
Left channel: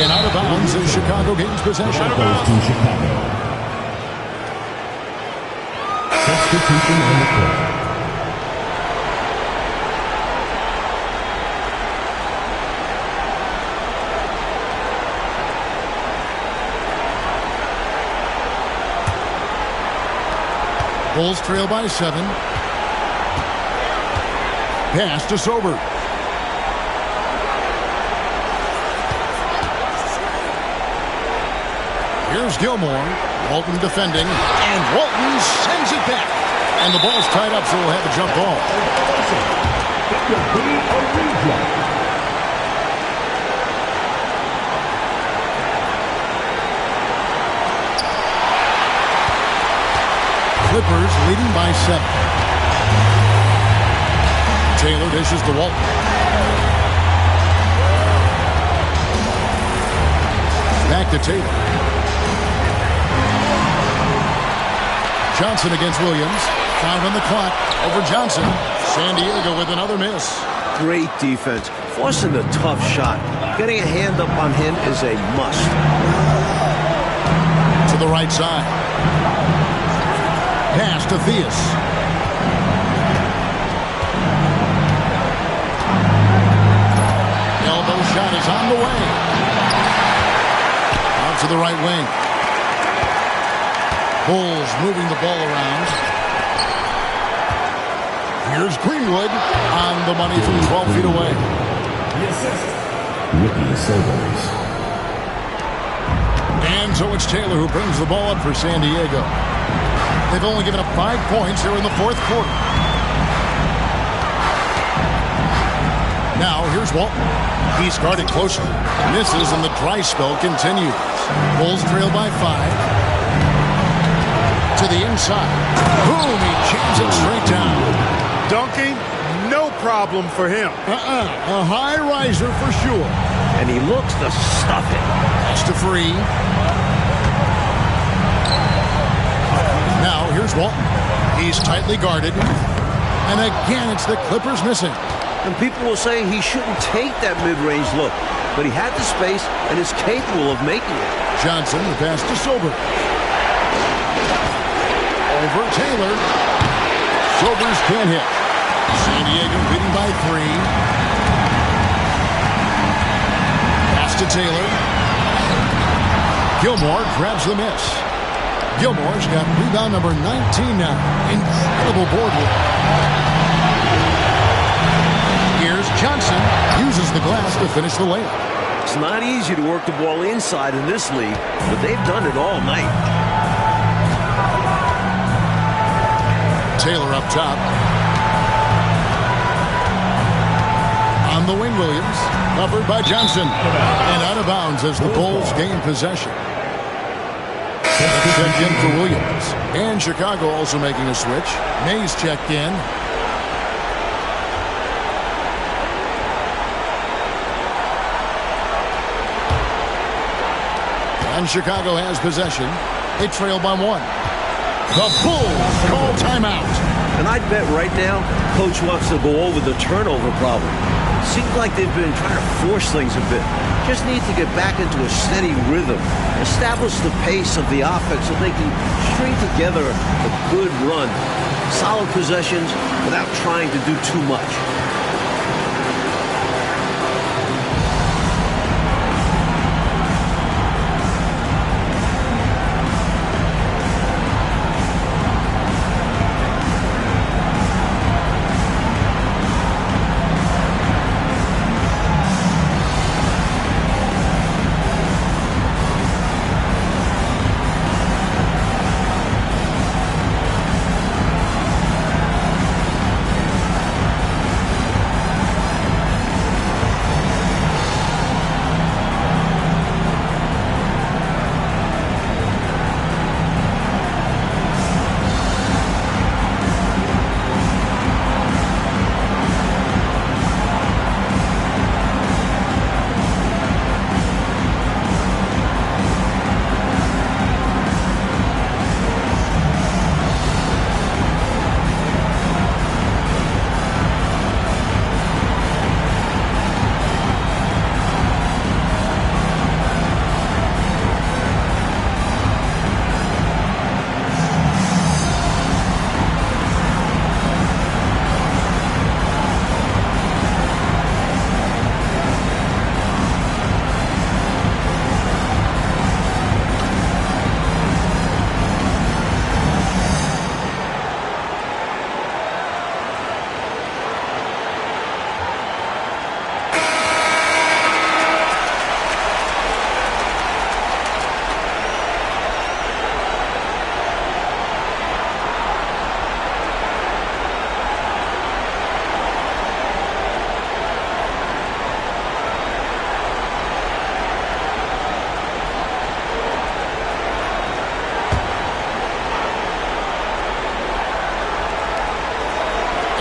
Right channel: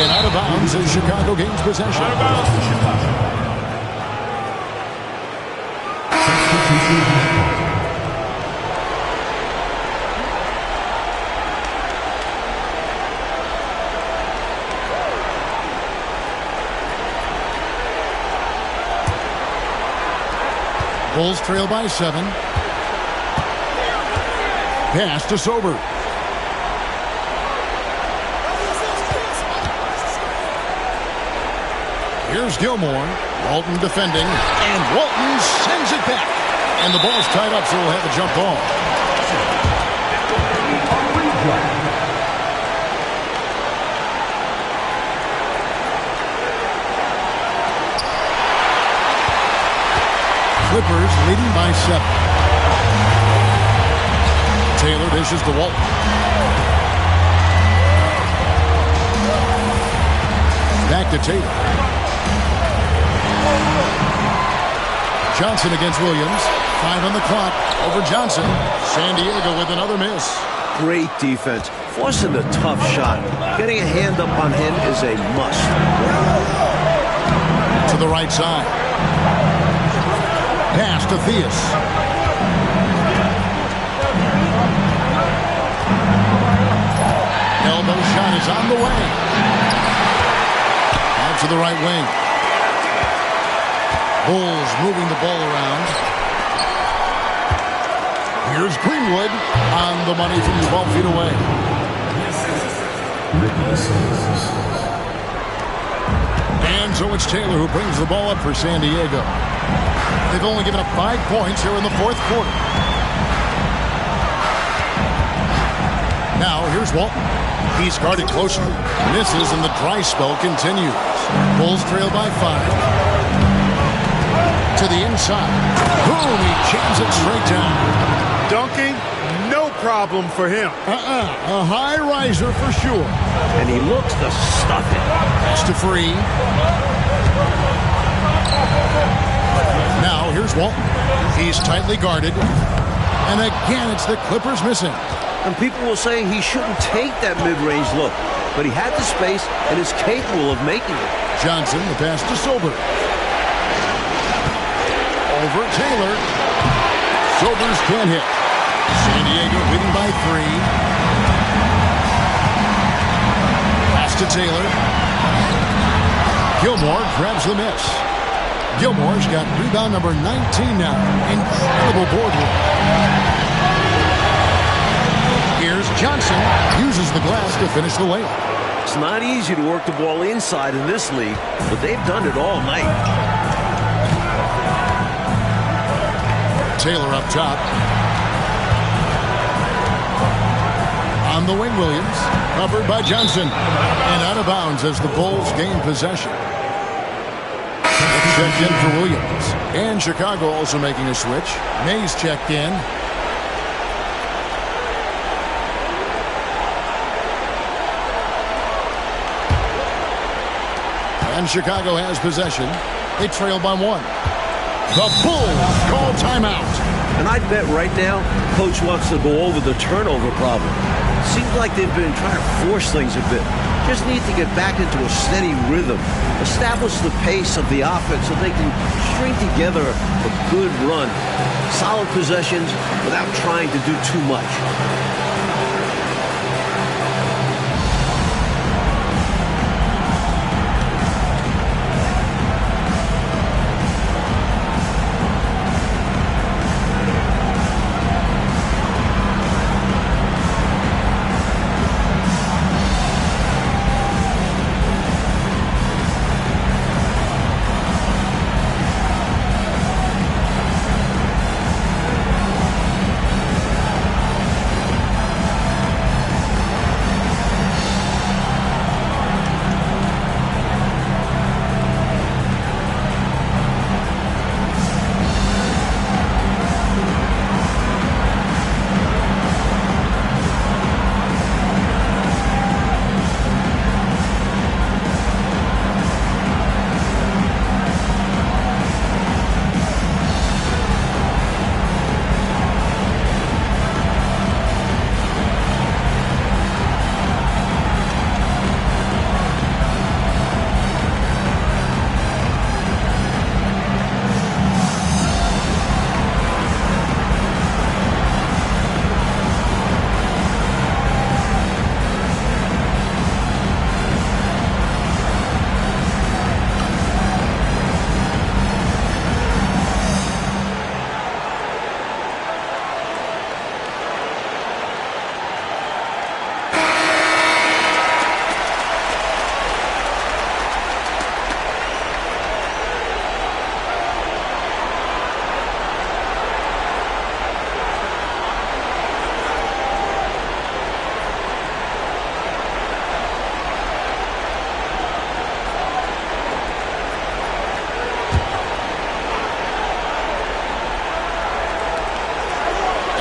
And out of bounds as Chicago gains possession. Out of bounds to Chicago. Substitution on the court. Bulls trail by 7. Pass to Sober. Here's Gilmore. Walton defending, and Walton sends it back. And the ball's tied up, so we'll have a jump ball. It will be a replay. Clippers leading by 7. Taylor dishes to Walton. Back to Taylor. Johnson against Williams. 5 on the clock. Over Johnson. San Diego with another miss. Great defense. Forcing a tough shot. Getting a hand up on him is a must. To the right side. Pass to Theus. Elbow shot is on the way. Out to the right wing. Bulls moving the ball around. Here's Greenwood on the money from 12 feet away. Ricky Silvers. And so it's Taylor who brings the ball up for San Diego. They've only given up 5 points here in the fourth quarter. Now here's Walton. He's guarded closely. Misses and the dry spell continues. Bulls trail by 5. To the inside. Boom! He jams it straight down. Dunking, no problem for him. A high riser for sure. And he looks to stuff it. That's to Free. Now here's Walton. He's tightly guarded. And again, it's the Clippers missing. And people will say he shouldn't take that mid-range look. But he had the space and is capable of making it. Johnson, the pass to Sober. Over Taylor. Sobers can't hit. San Diego leading by 3. Pass to Taylor. Gilmore grabs the miss. Gilmore's got rebound number 19 now. Incredible board work. Here's Johnson. Uses the glass to finish the layup. It's not easy to work the ball inside in this league, but they've done it all night. Taylor up top. On the wing, Williams. Covered by Johnson. And out of bounds as the Bulls gain possession. Checked in for Williams. And Chicago also making a switch. Mays checked in. And Chicago has possession. They trail by 1. The Bulls call timeout. And I'd bet right now, Coach wants to go over the turnover problem. Seems like they've been trying to force things a bit. Just need to get back into a steady rhythm. Establish the pace of the offense so they can string together a good run. Solid possessions without trying to do too much.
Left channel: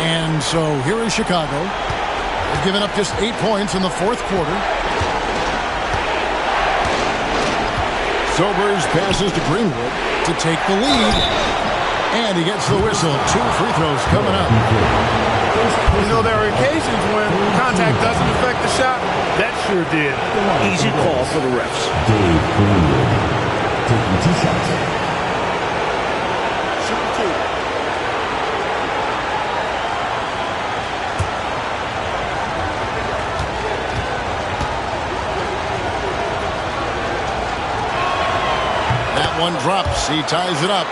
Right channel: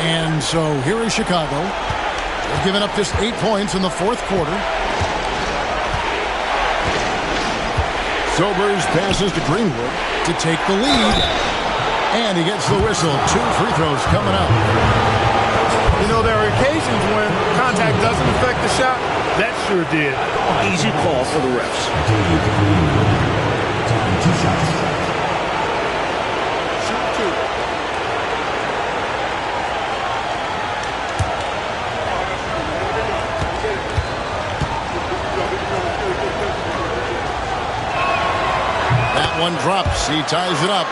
And so here is Chicago. They've given up just 8 points in the fourth quarter. Sobers passes to Greenwood to take the lead. And he gets the whistle. 2 free throws coming up. You know, there are occasions when contact doesn't affect the shot. That sure did. Easy call for the refs. Dave Greenwood taking 2 shots. Shoot 2. That one drops. He ties it up.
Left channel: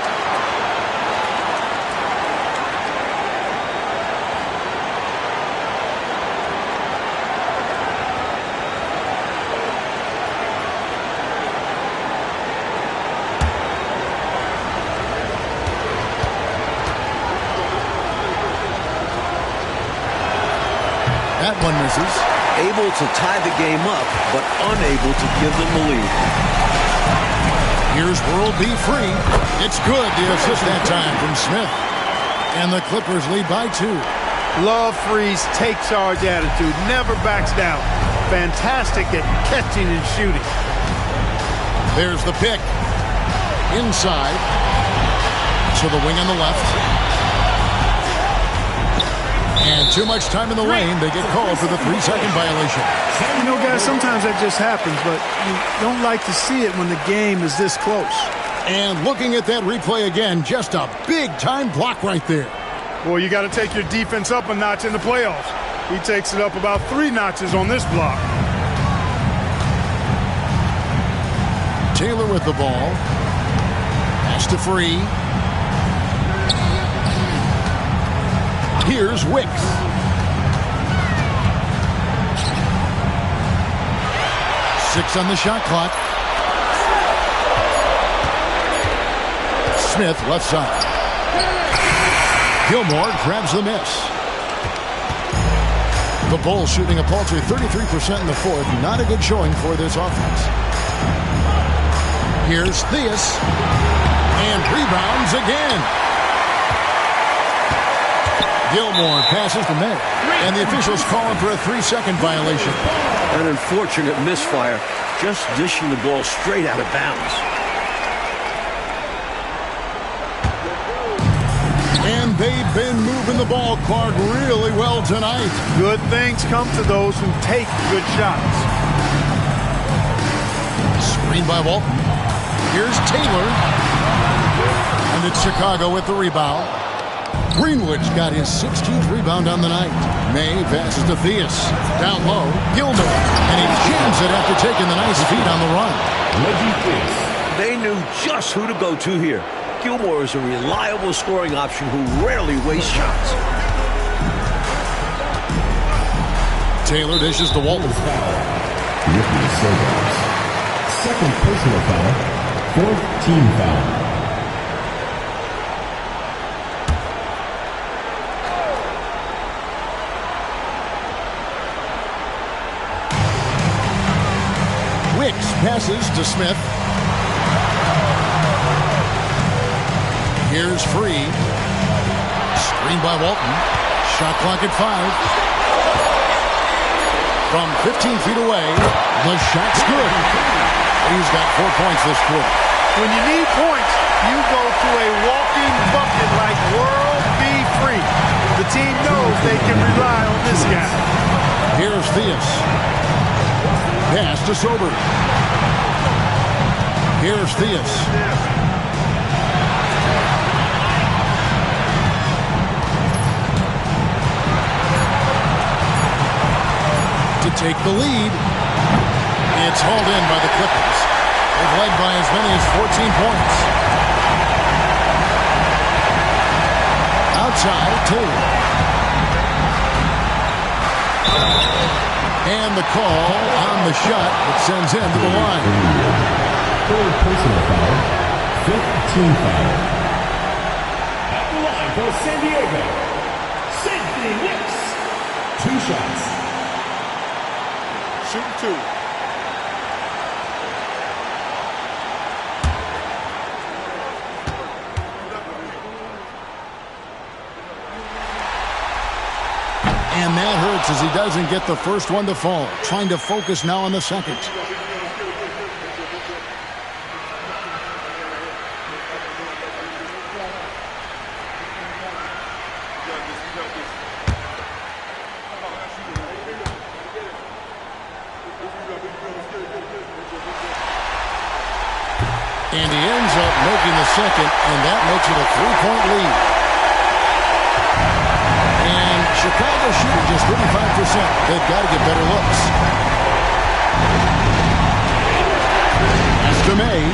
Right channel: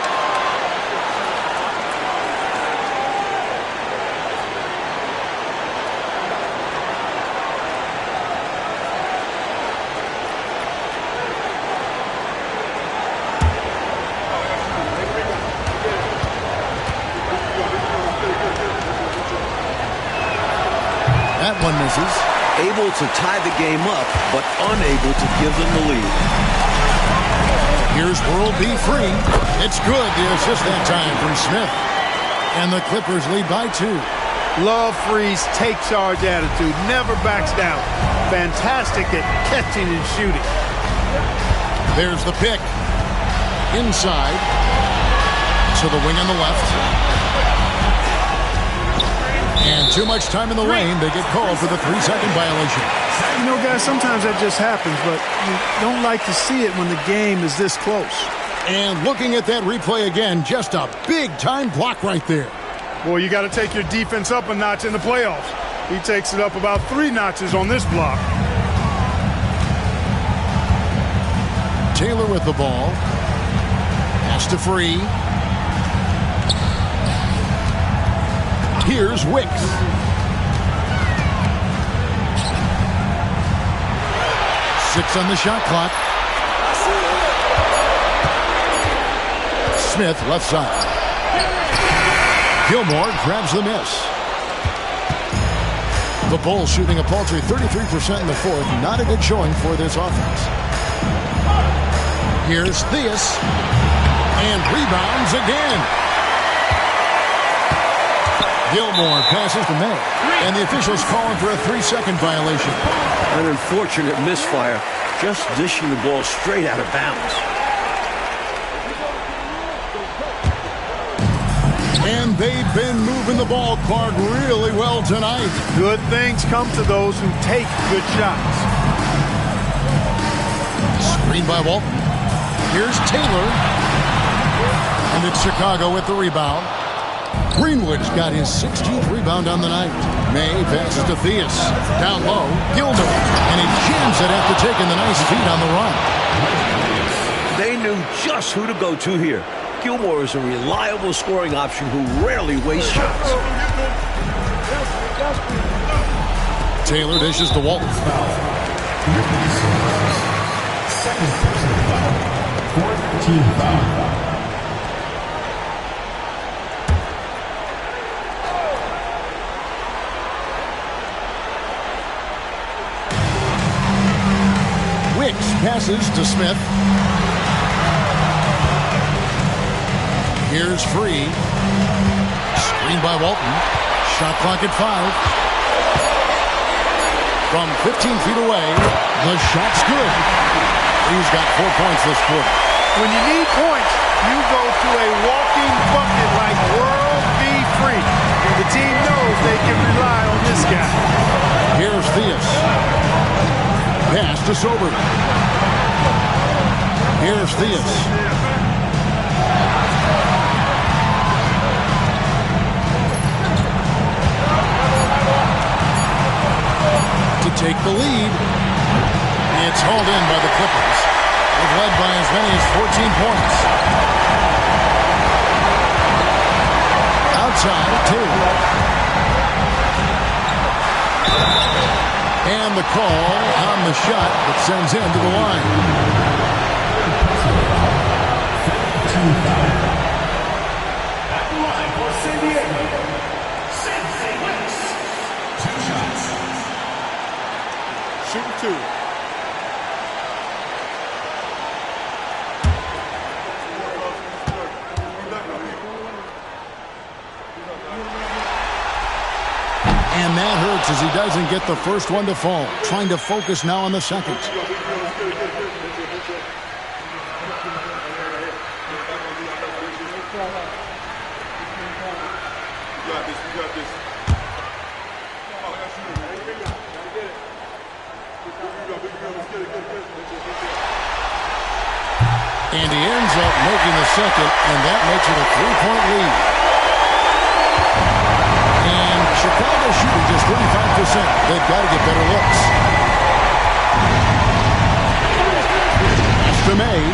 That one misses. Able to tie the game up, but unable to give them the lead. Here's World B free. It's good. The assist that time from Smith. And the Clippers lead by 2. Love Free's take charge attitude. Never backs down. Fantastic at catching and shooting. There's the pick. Inside. To the wing on the left. And too much time in the lane. They get called for the 3-second violation. You know, guys, sometimes that just happens, but you don't like to see it when the game is this close. And looking at that replay again, just a big-time block right there. Boy, you got to take your defense up a notch in the playoffs. He takes it up about 3 notches on this block. Taylor with the ball. Pass to Free. Here's Wicks. Six on the shot clock. Smith left side. Gilmore grabs the miss. The Bulls shooting a paltry 33% in the fourth. Not a good showing for this offense. Here's Theus. And rebounds again. Gilmore passes to May. And the officials calling for a 3-second violation. An unfortunate misfire. Just dishing the ball straight out of bounds. And they've been moving the ball, Clark, really well tonight. Good things come to those who take good shots. Screen by Walton. Here's Taylor. And it's Chicago with the rebound. Greenwood's got his 16th rebound on the night. May passes to Theus. Down low, Gilmore. And he jams it after taking the nice feed on the run. They knew just who to go to here. Gilmore is a reliable scoring option who rarely wastes shots. Taylor dishes to Walton. Ricky Sobers. Second personal foul. Fourth team foul. Wicks passes to Smith. Here's Free. Screen by Walton. Shot clock at 5. From 15 feet away, the shot's good. Free's got 4 points this quarter. When you need points, you go to a walking bucket like World B Free. The team knows they can rely on this guy. Here's Theus. Pass to Sober. Here's Theus. To take the lead. It's hauled in by the Clippers. They've led by as many as 14 points. Outside, Taylor. And the call on the shot that sends him to the line. Third personal foul. Fifth team foul. At the line for San Diego, Sidney Wicks. 2 shots. Shooting 2. And that hurts as he doesn't get the first one to fall. Trying to focus now on the second. And he ends up making the second, and that makes it a 3-point lead. And Chicago shooting just 35%. They've got to get better looks. Pass to May.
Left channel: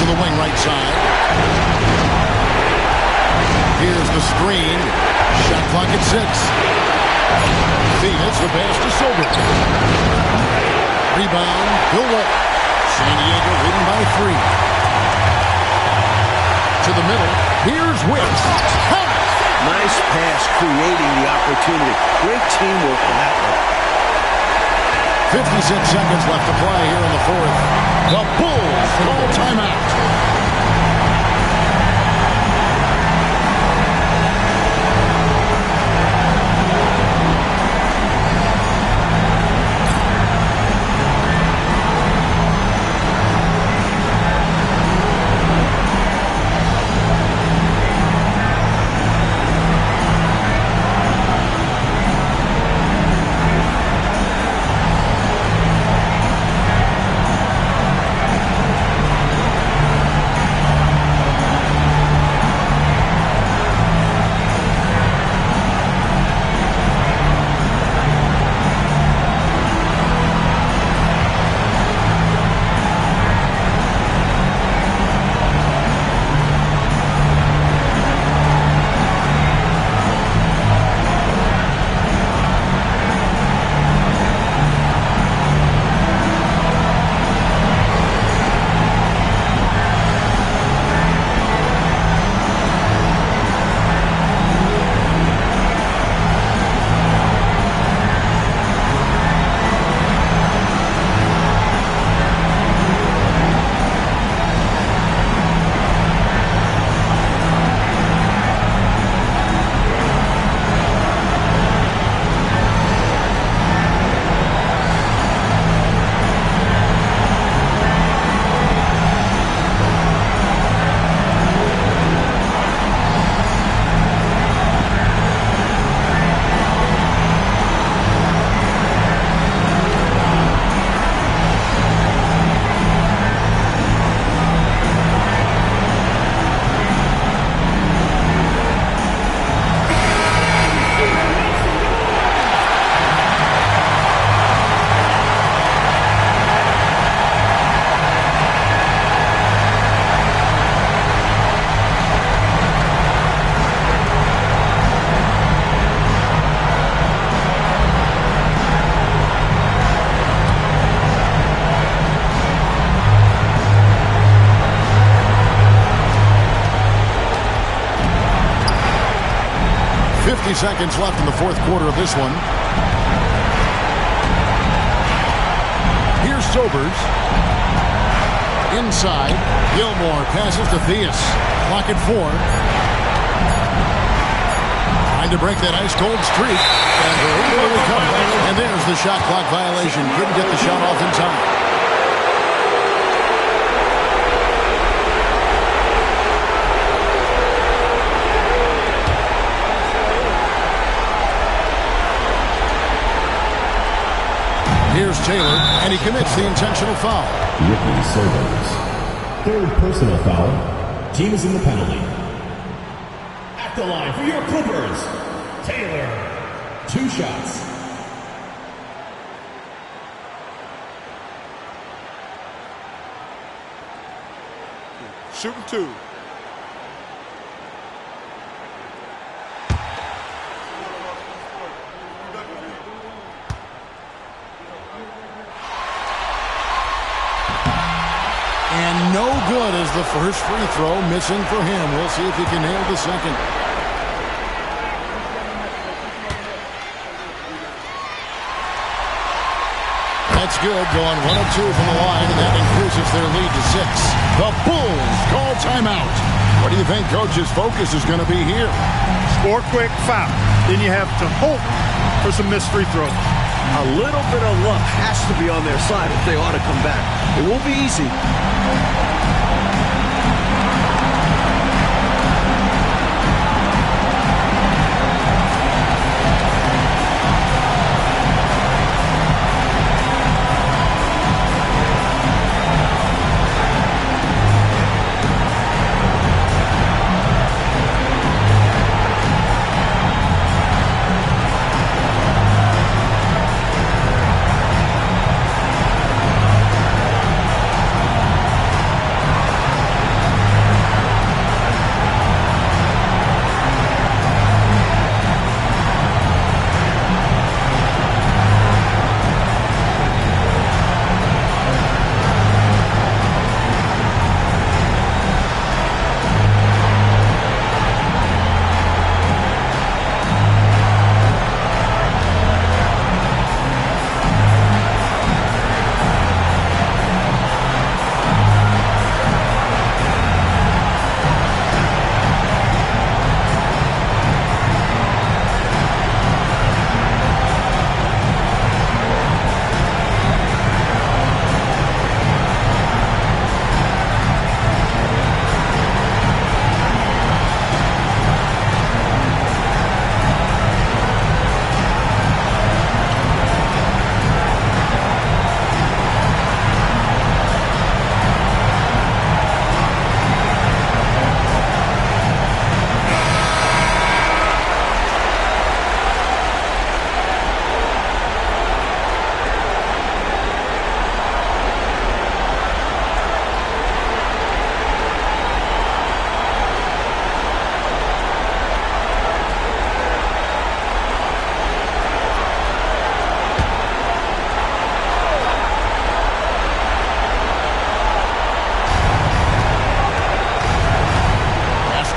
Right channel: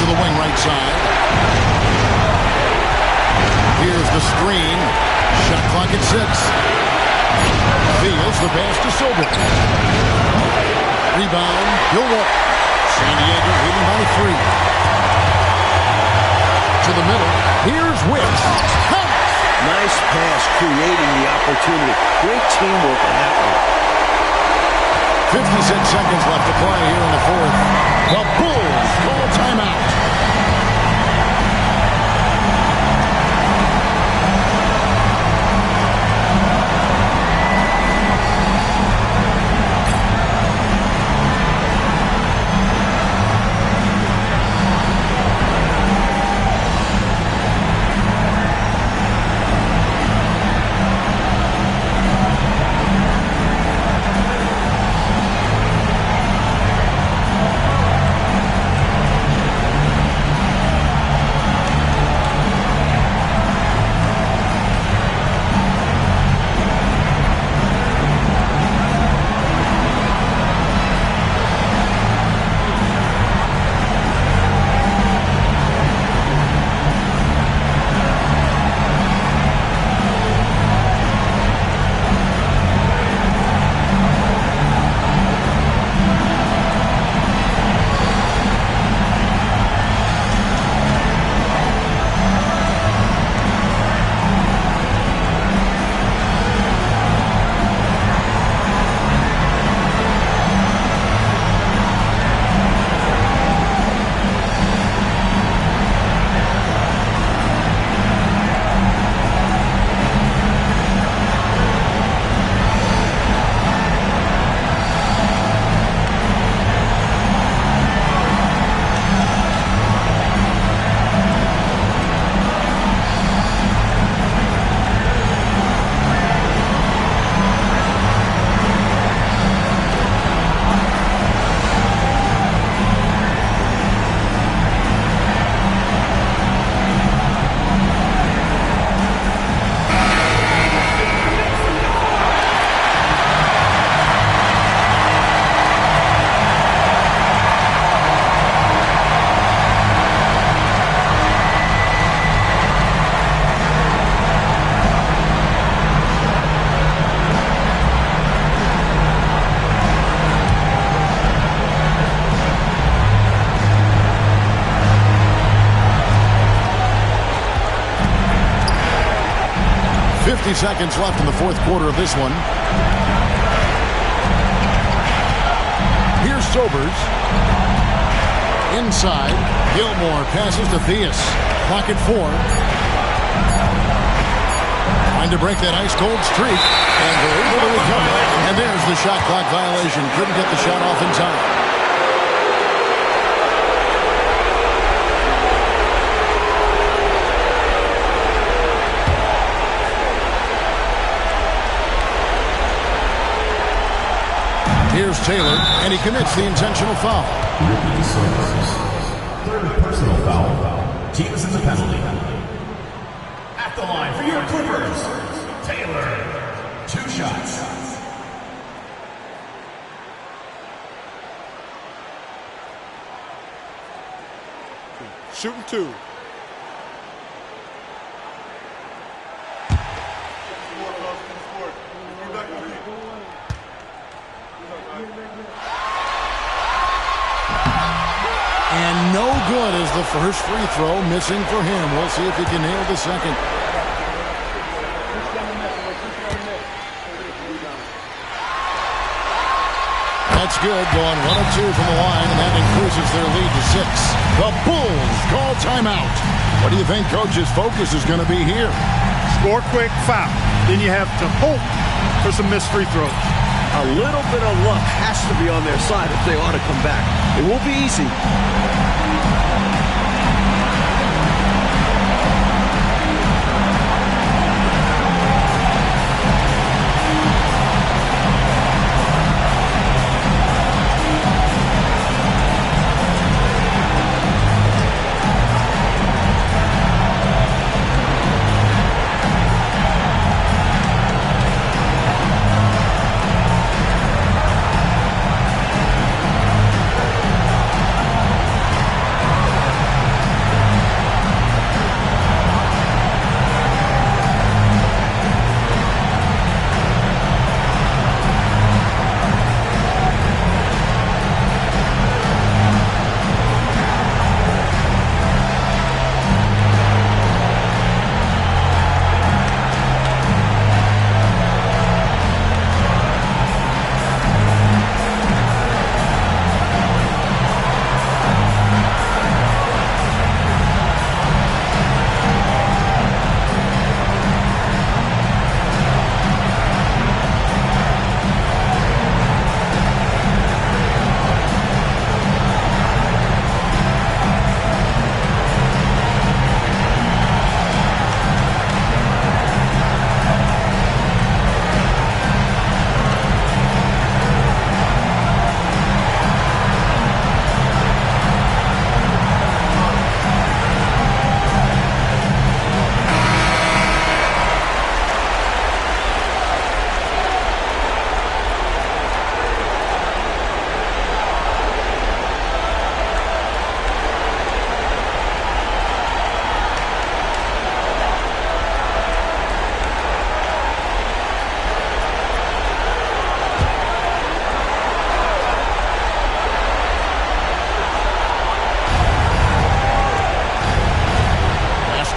To the wing right side. Here's the screen. Shot clock at 6. Diaz the pass to Sober. Rebound, Bill Walton. San Diego leading by 3. To the middle. Here's Wicks. Nice pass, creating the opportunity. Great teamwork on that one. 56 seconds left to play here in the fourth. The Bulls call timeout. Seconds left in the fourth quarter of this one. Here's Sobers. Inside. Gilmore passes to Theus. Clock at 4. Trying to break that ice-cold streak. And they're able to recover. And there's the shot clock violation. Couldn't get the shot off in time. Here's Taylor, and he commits the intentional foul. Ricky Sobers. Third personal foul. Team is in the penalty. At the line for your Clippers, Taylor. 2 shots. Shooting 2. And no good as the first free throw, missing for him. We'll see if he can nail the second. That's good, going 1 of 2 from the line, and that increases their lead to 6. The Bulls call timeout. What do you think Coach's focus is going to be here? Score quick, foul. Then you have to hope for some missed free throws. A little bit of luck has to be on their side if they ought to come back. It won't be easy.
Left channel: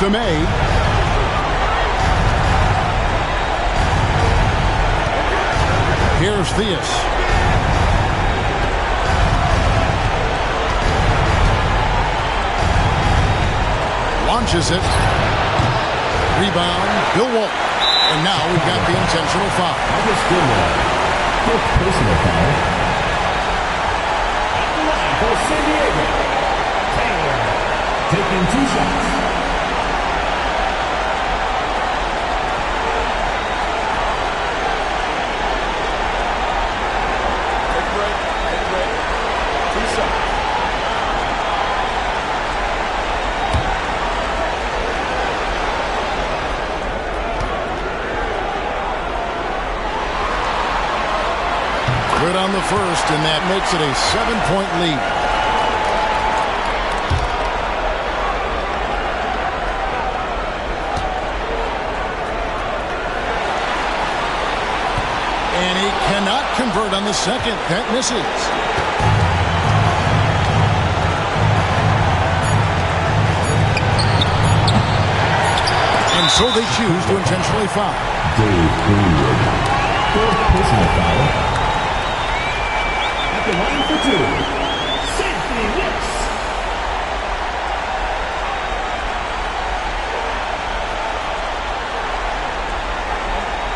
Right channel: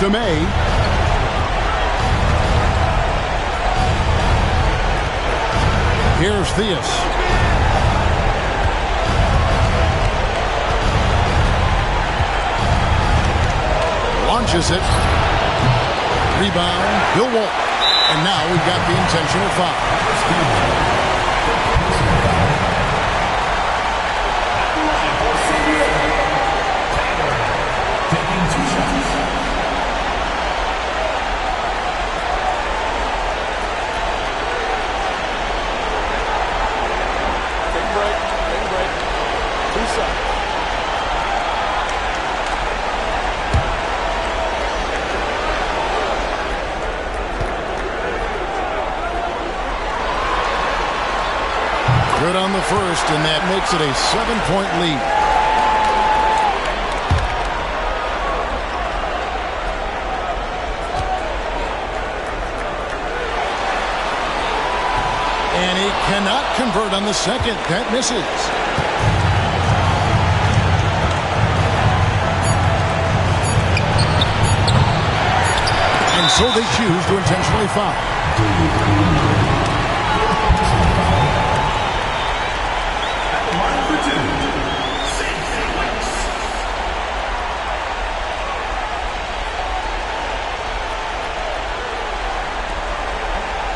To May. Here's Theus. Launches it. Rebound, Bill Walton. And now we've got the intentional foul. First personal foul. At the line for San Diego, Taylor, taking 2 shots. Take a break. 2 shots. Good on the first, and that makes it a 7-point lead. And he cannot convert on the second. That misses. And so they choose to intentionally foul. Dave Greenwood. Third personal foul. At the line for 2, Sydney Wicks.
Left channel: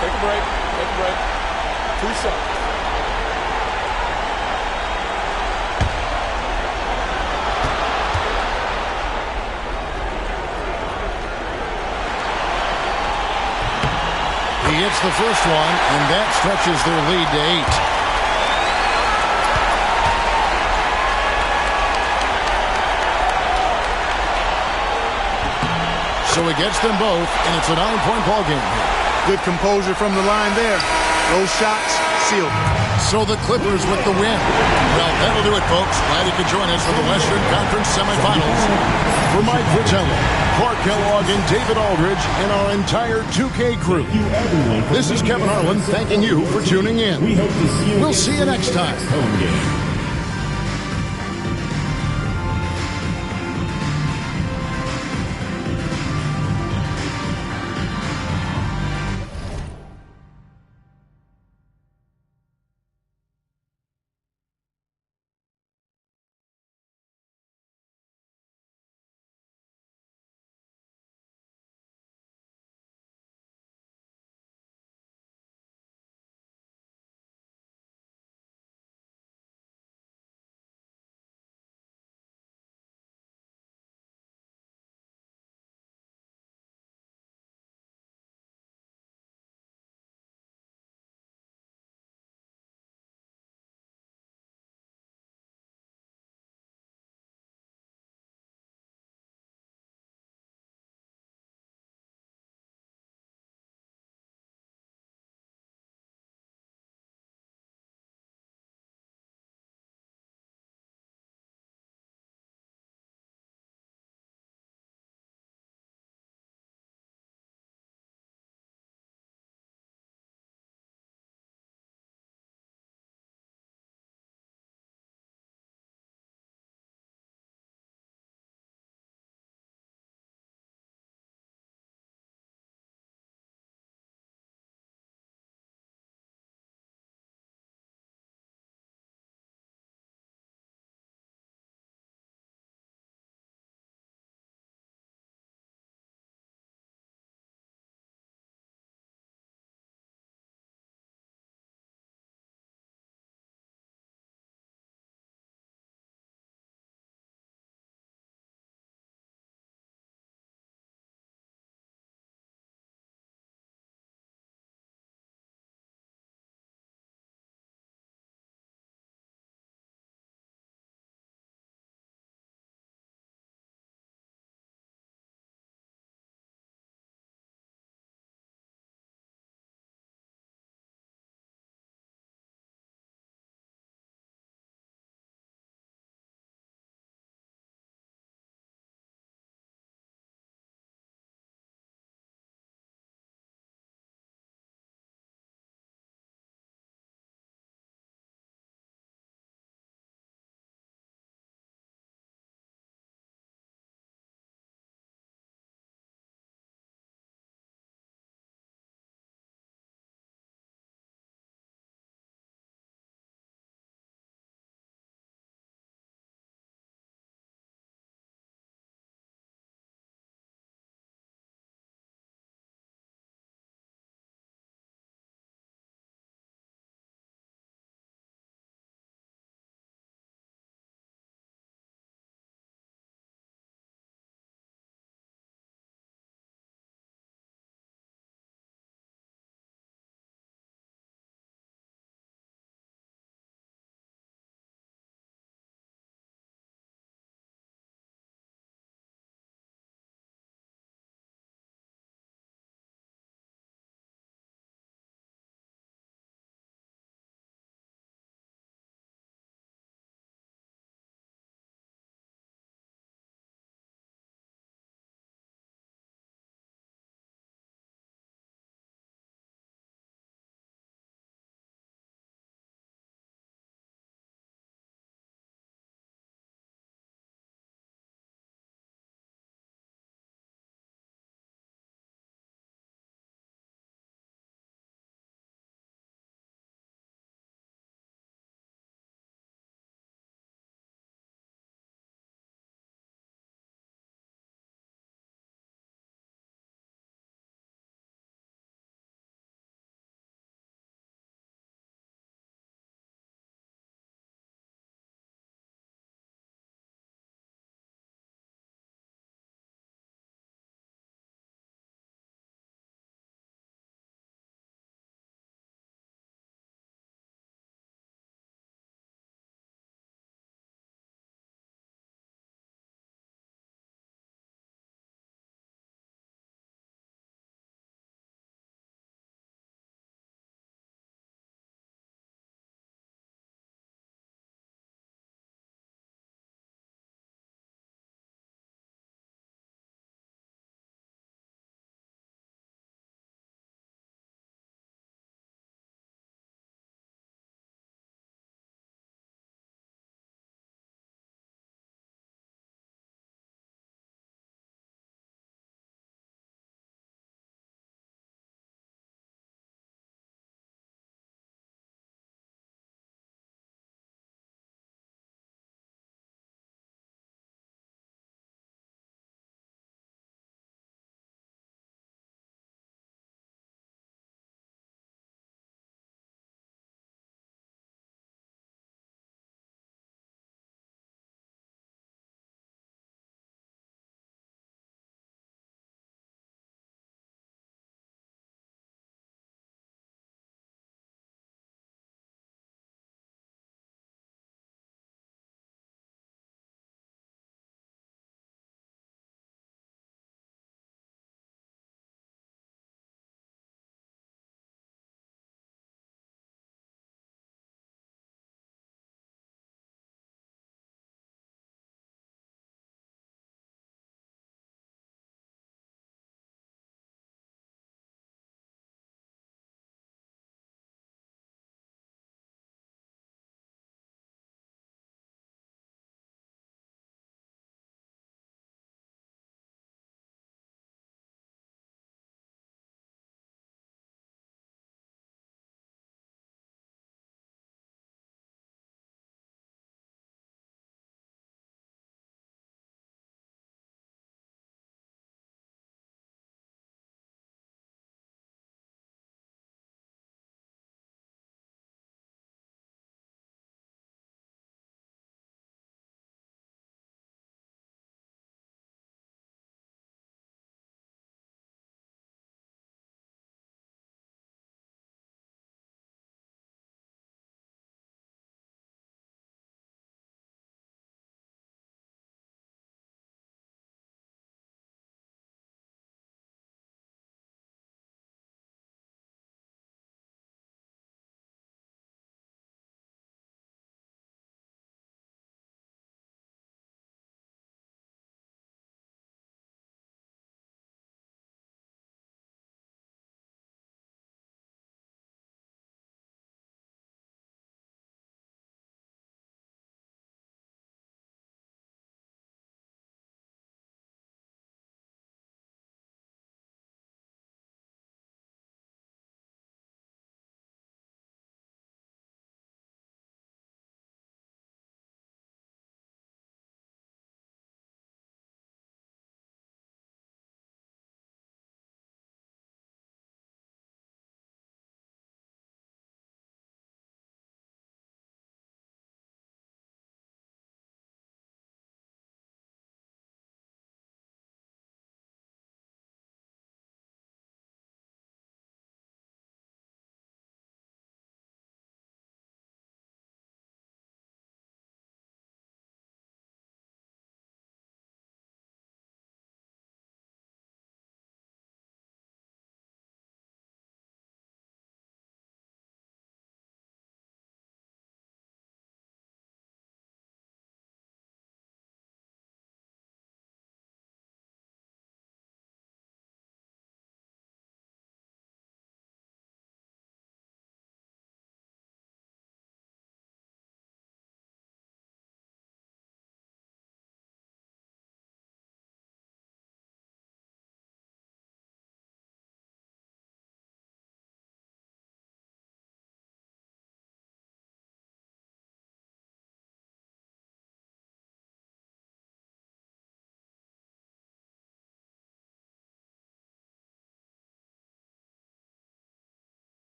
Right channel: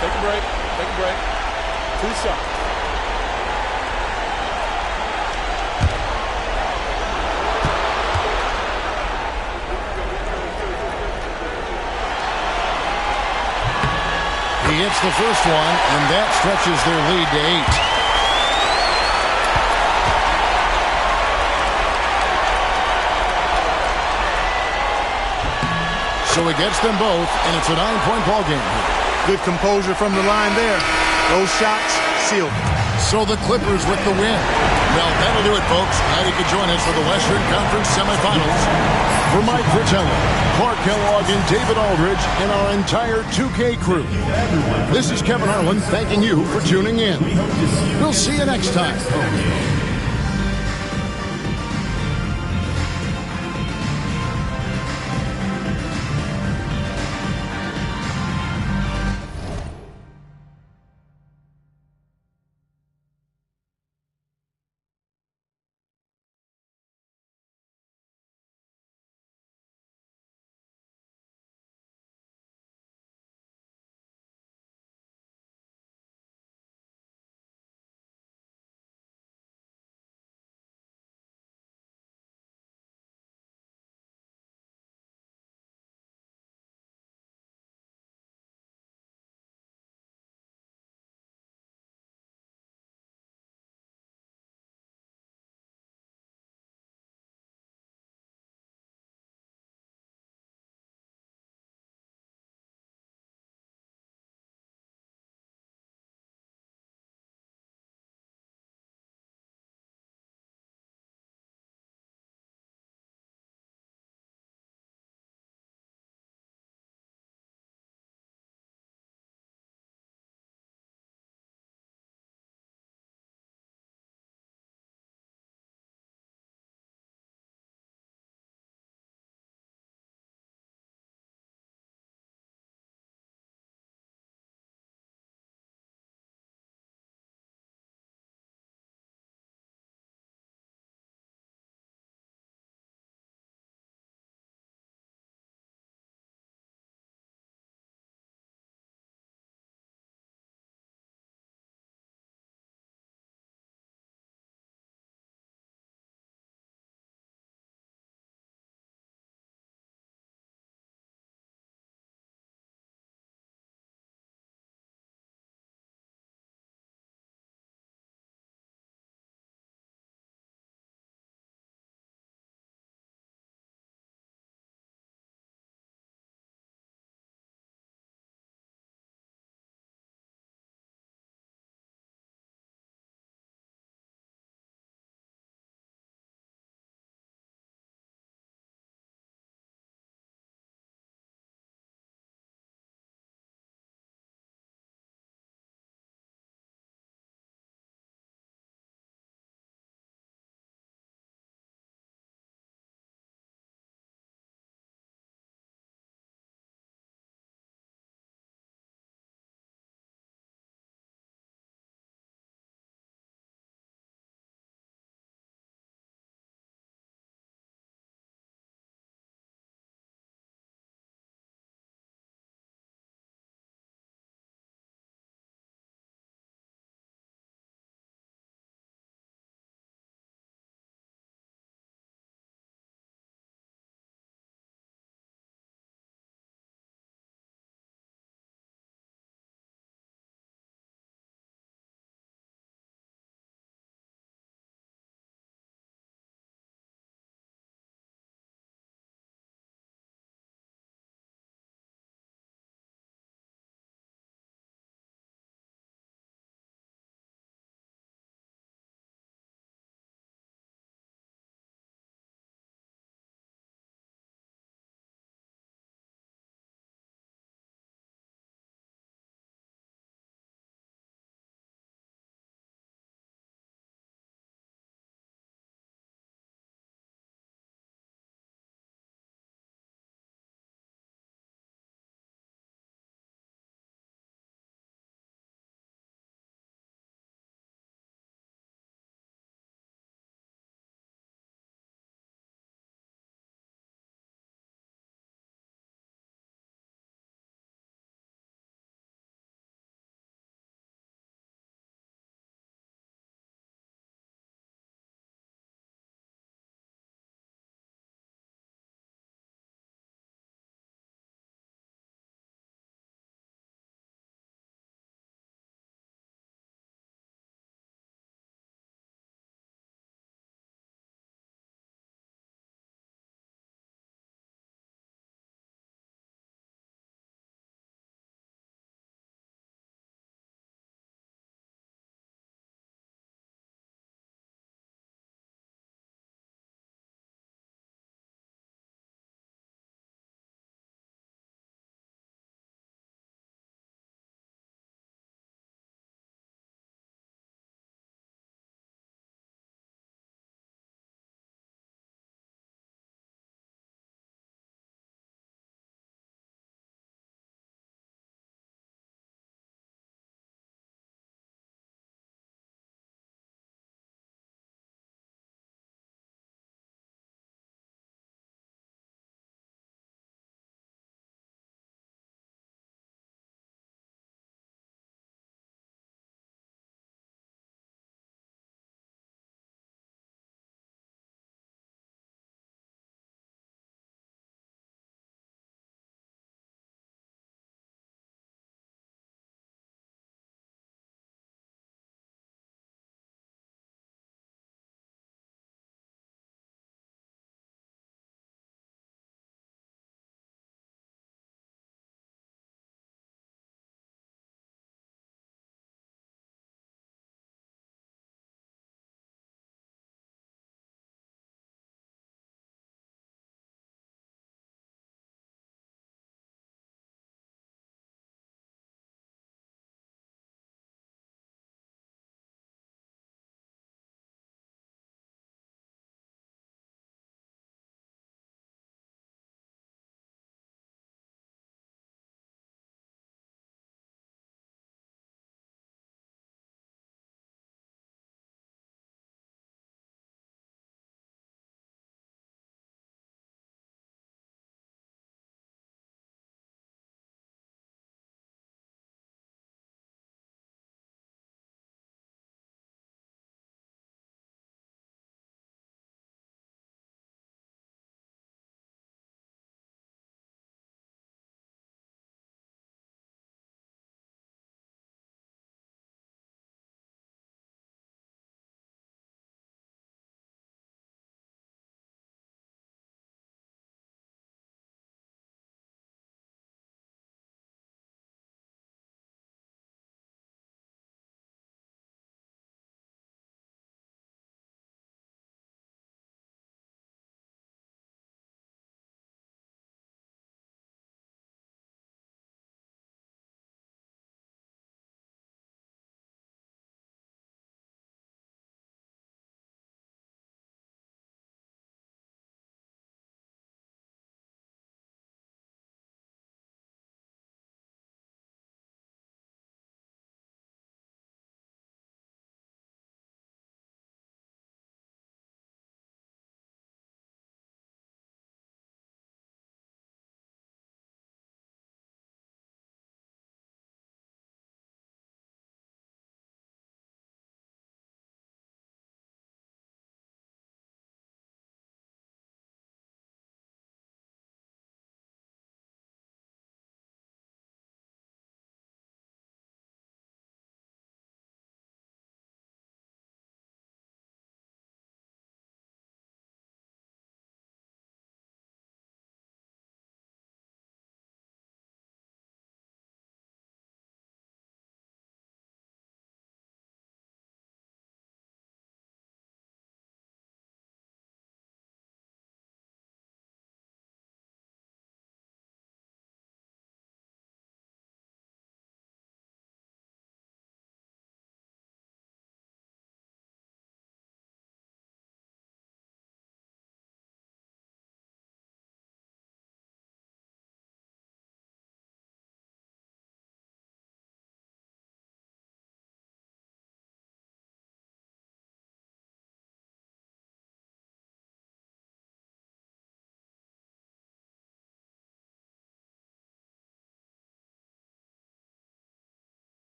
Take a break. 2 shots. He hits the first one, and that stretches their lead to 8. So he gets them both, and it's a 9-point ball game here. Good composure from the line there. Those shots sealed. So the Clippers with the win. Well, that'll do it, folks. Glad you could join us for the Western Conference semifinals. For Mike Fratello, Clark Kellogg, and David Aldridge, and our entire 2K crew, this is Kevin Harlan thanking you for tuning in. We'll see you next time.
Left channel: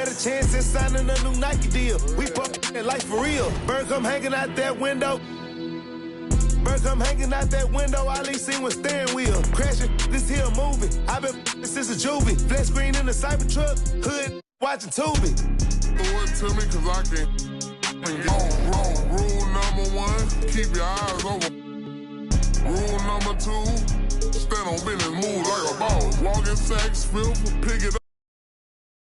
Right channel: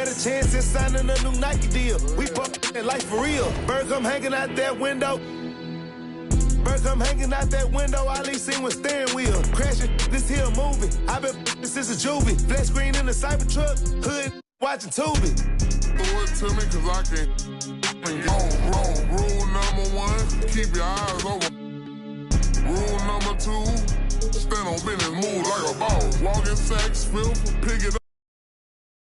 better chance than signing a new Nike deal. We fucking life for real. Bird come hanging out that window. Bird come hanging out that window. All he seen was steering wheel. Crashing this here movie. I been since a juvie. Flat screen in the Cybertruck. Hood watching Tubi. Throw it to me cause I can wrong. Rule number 1, keep your eyes open. Rule number 2, stand on business, move like a boss. Walk in sacks, filth, pick it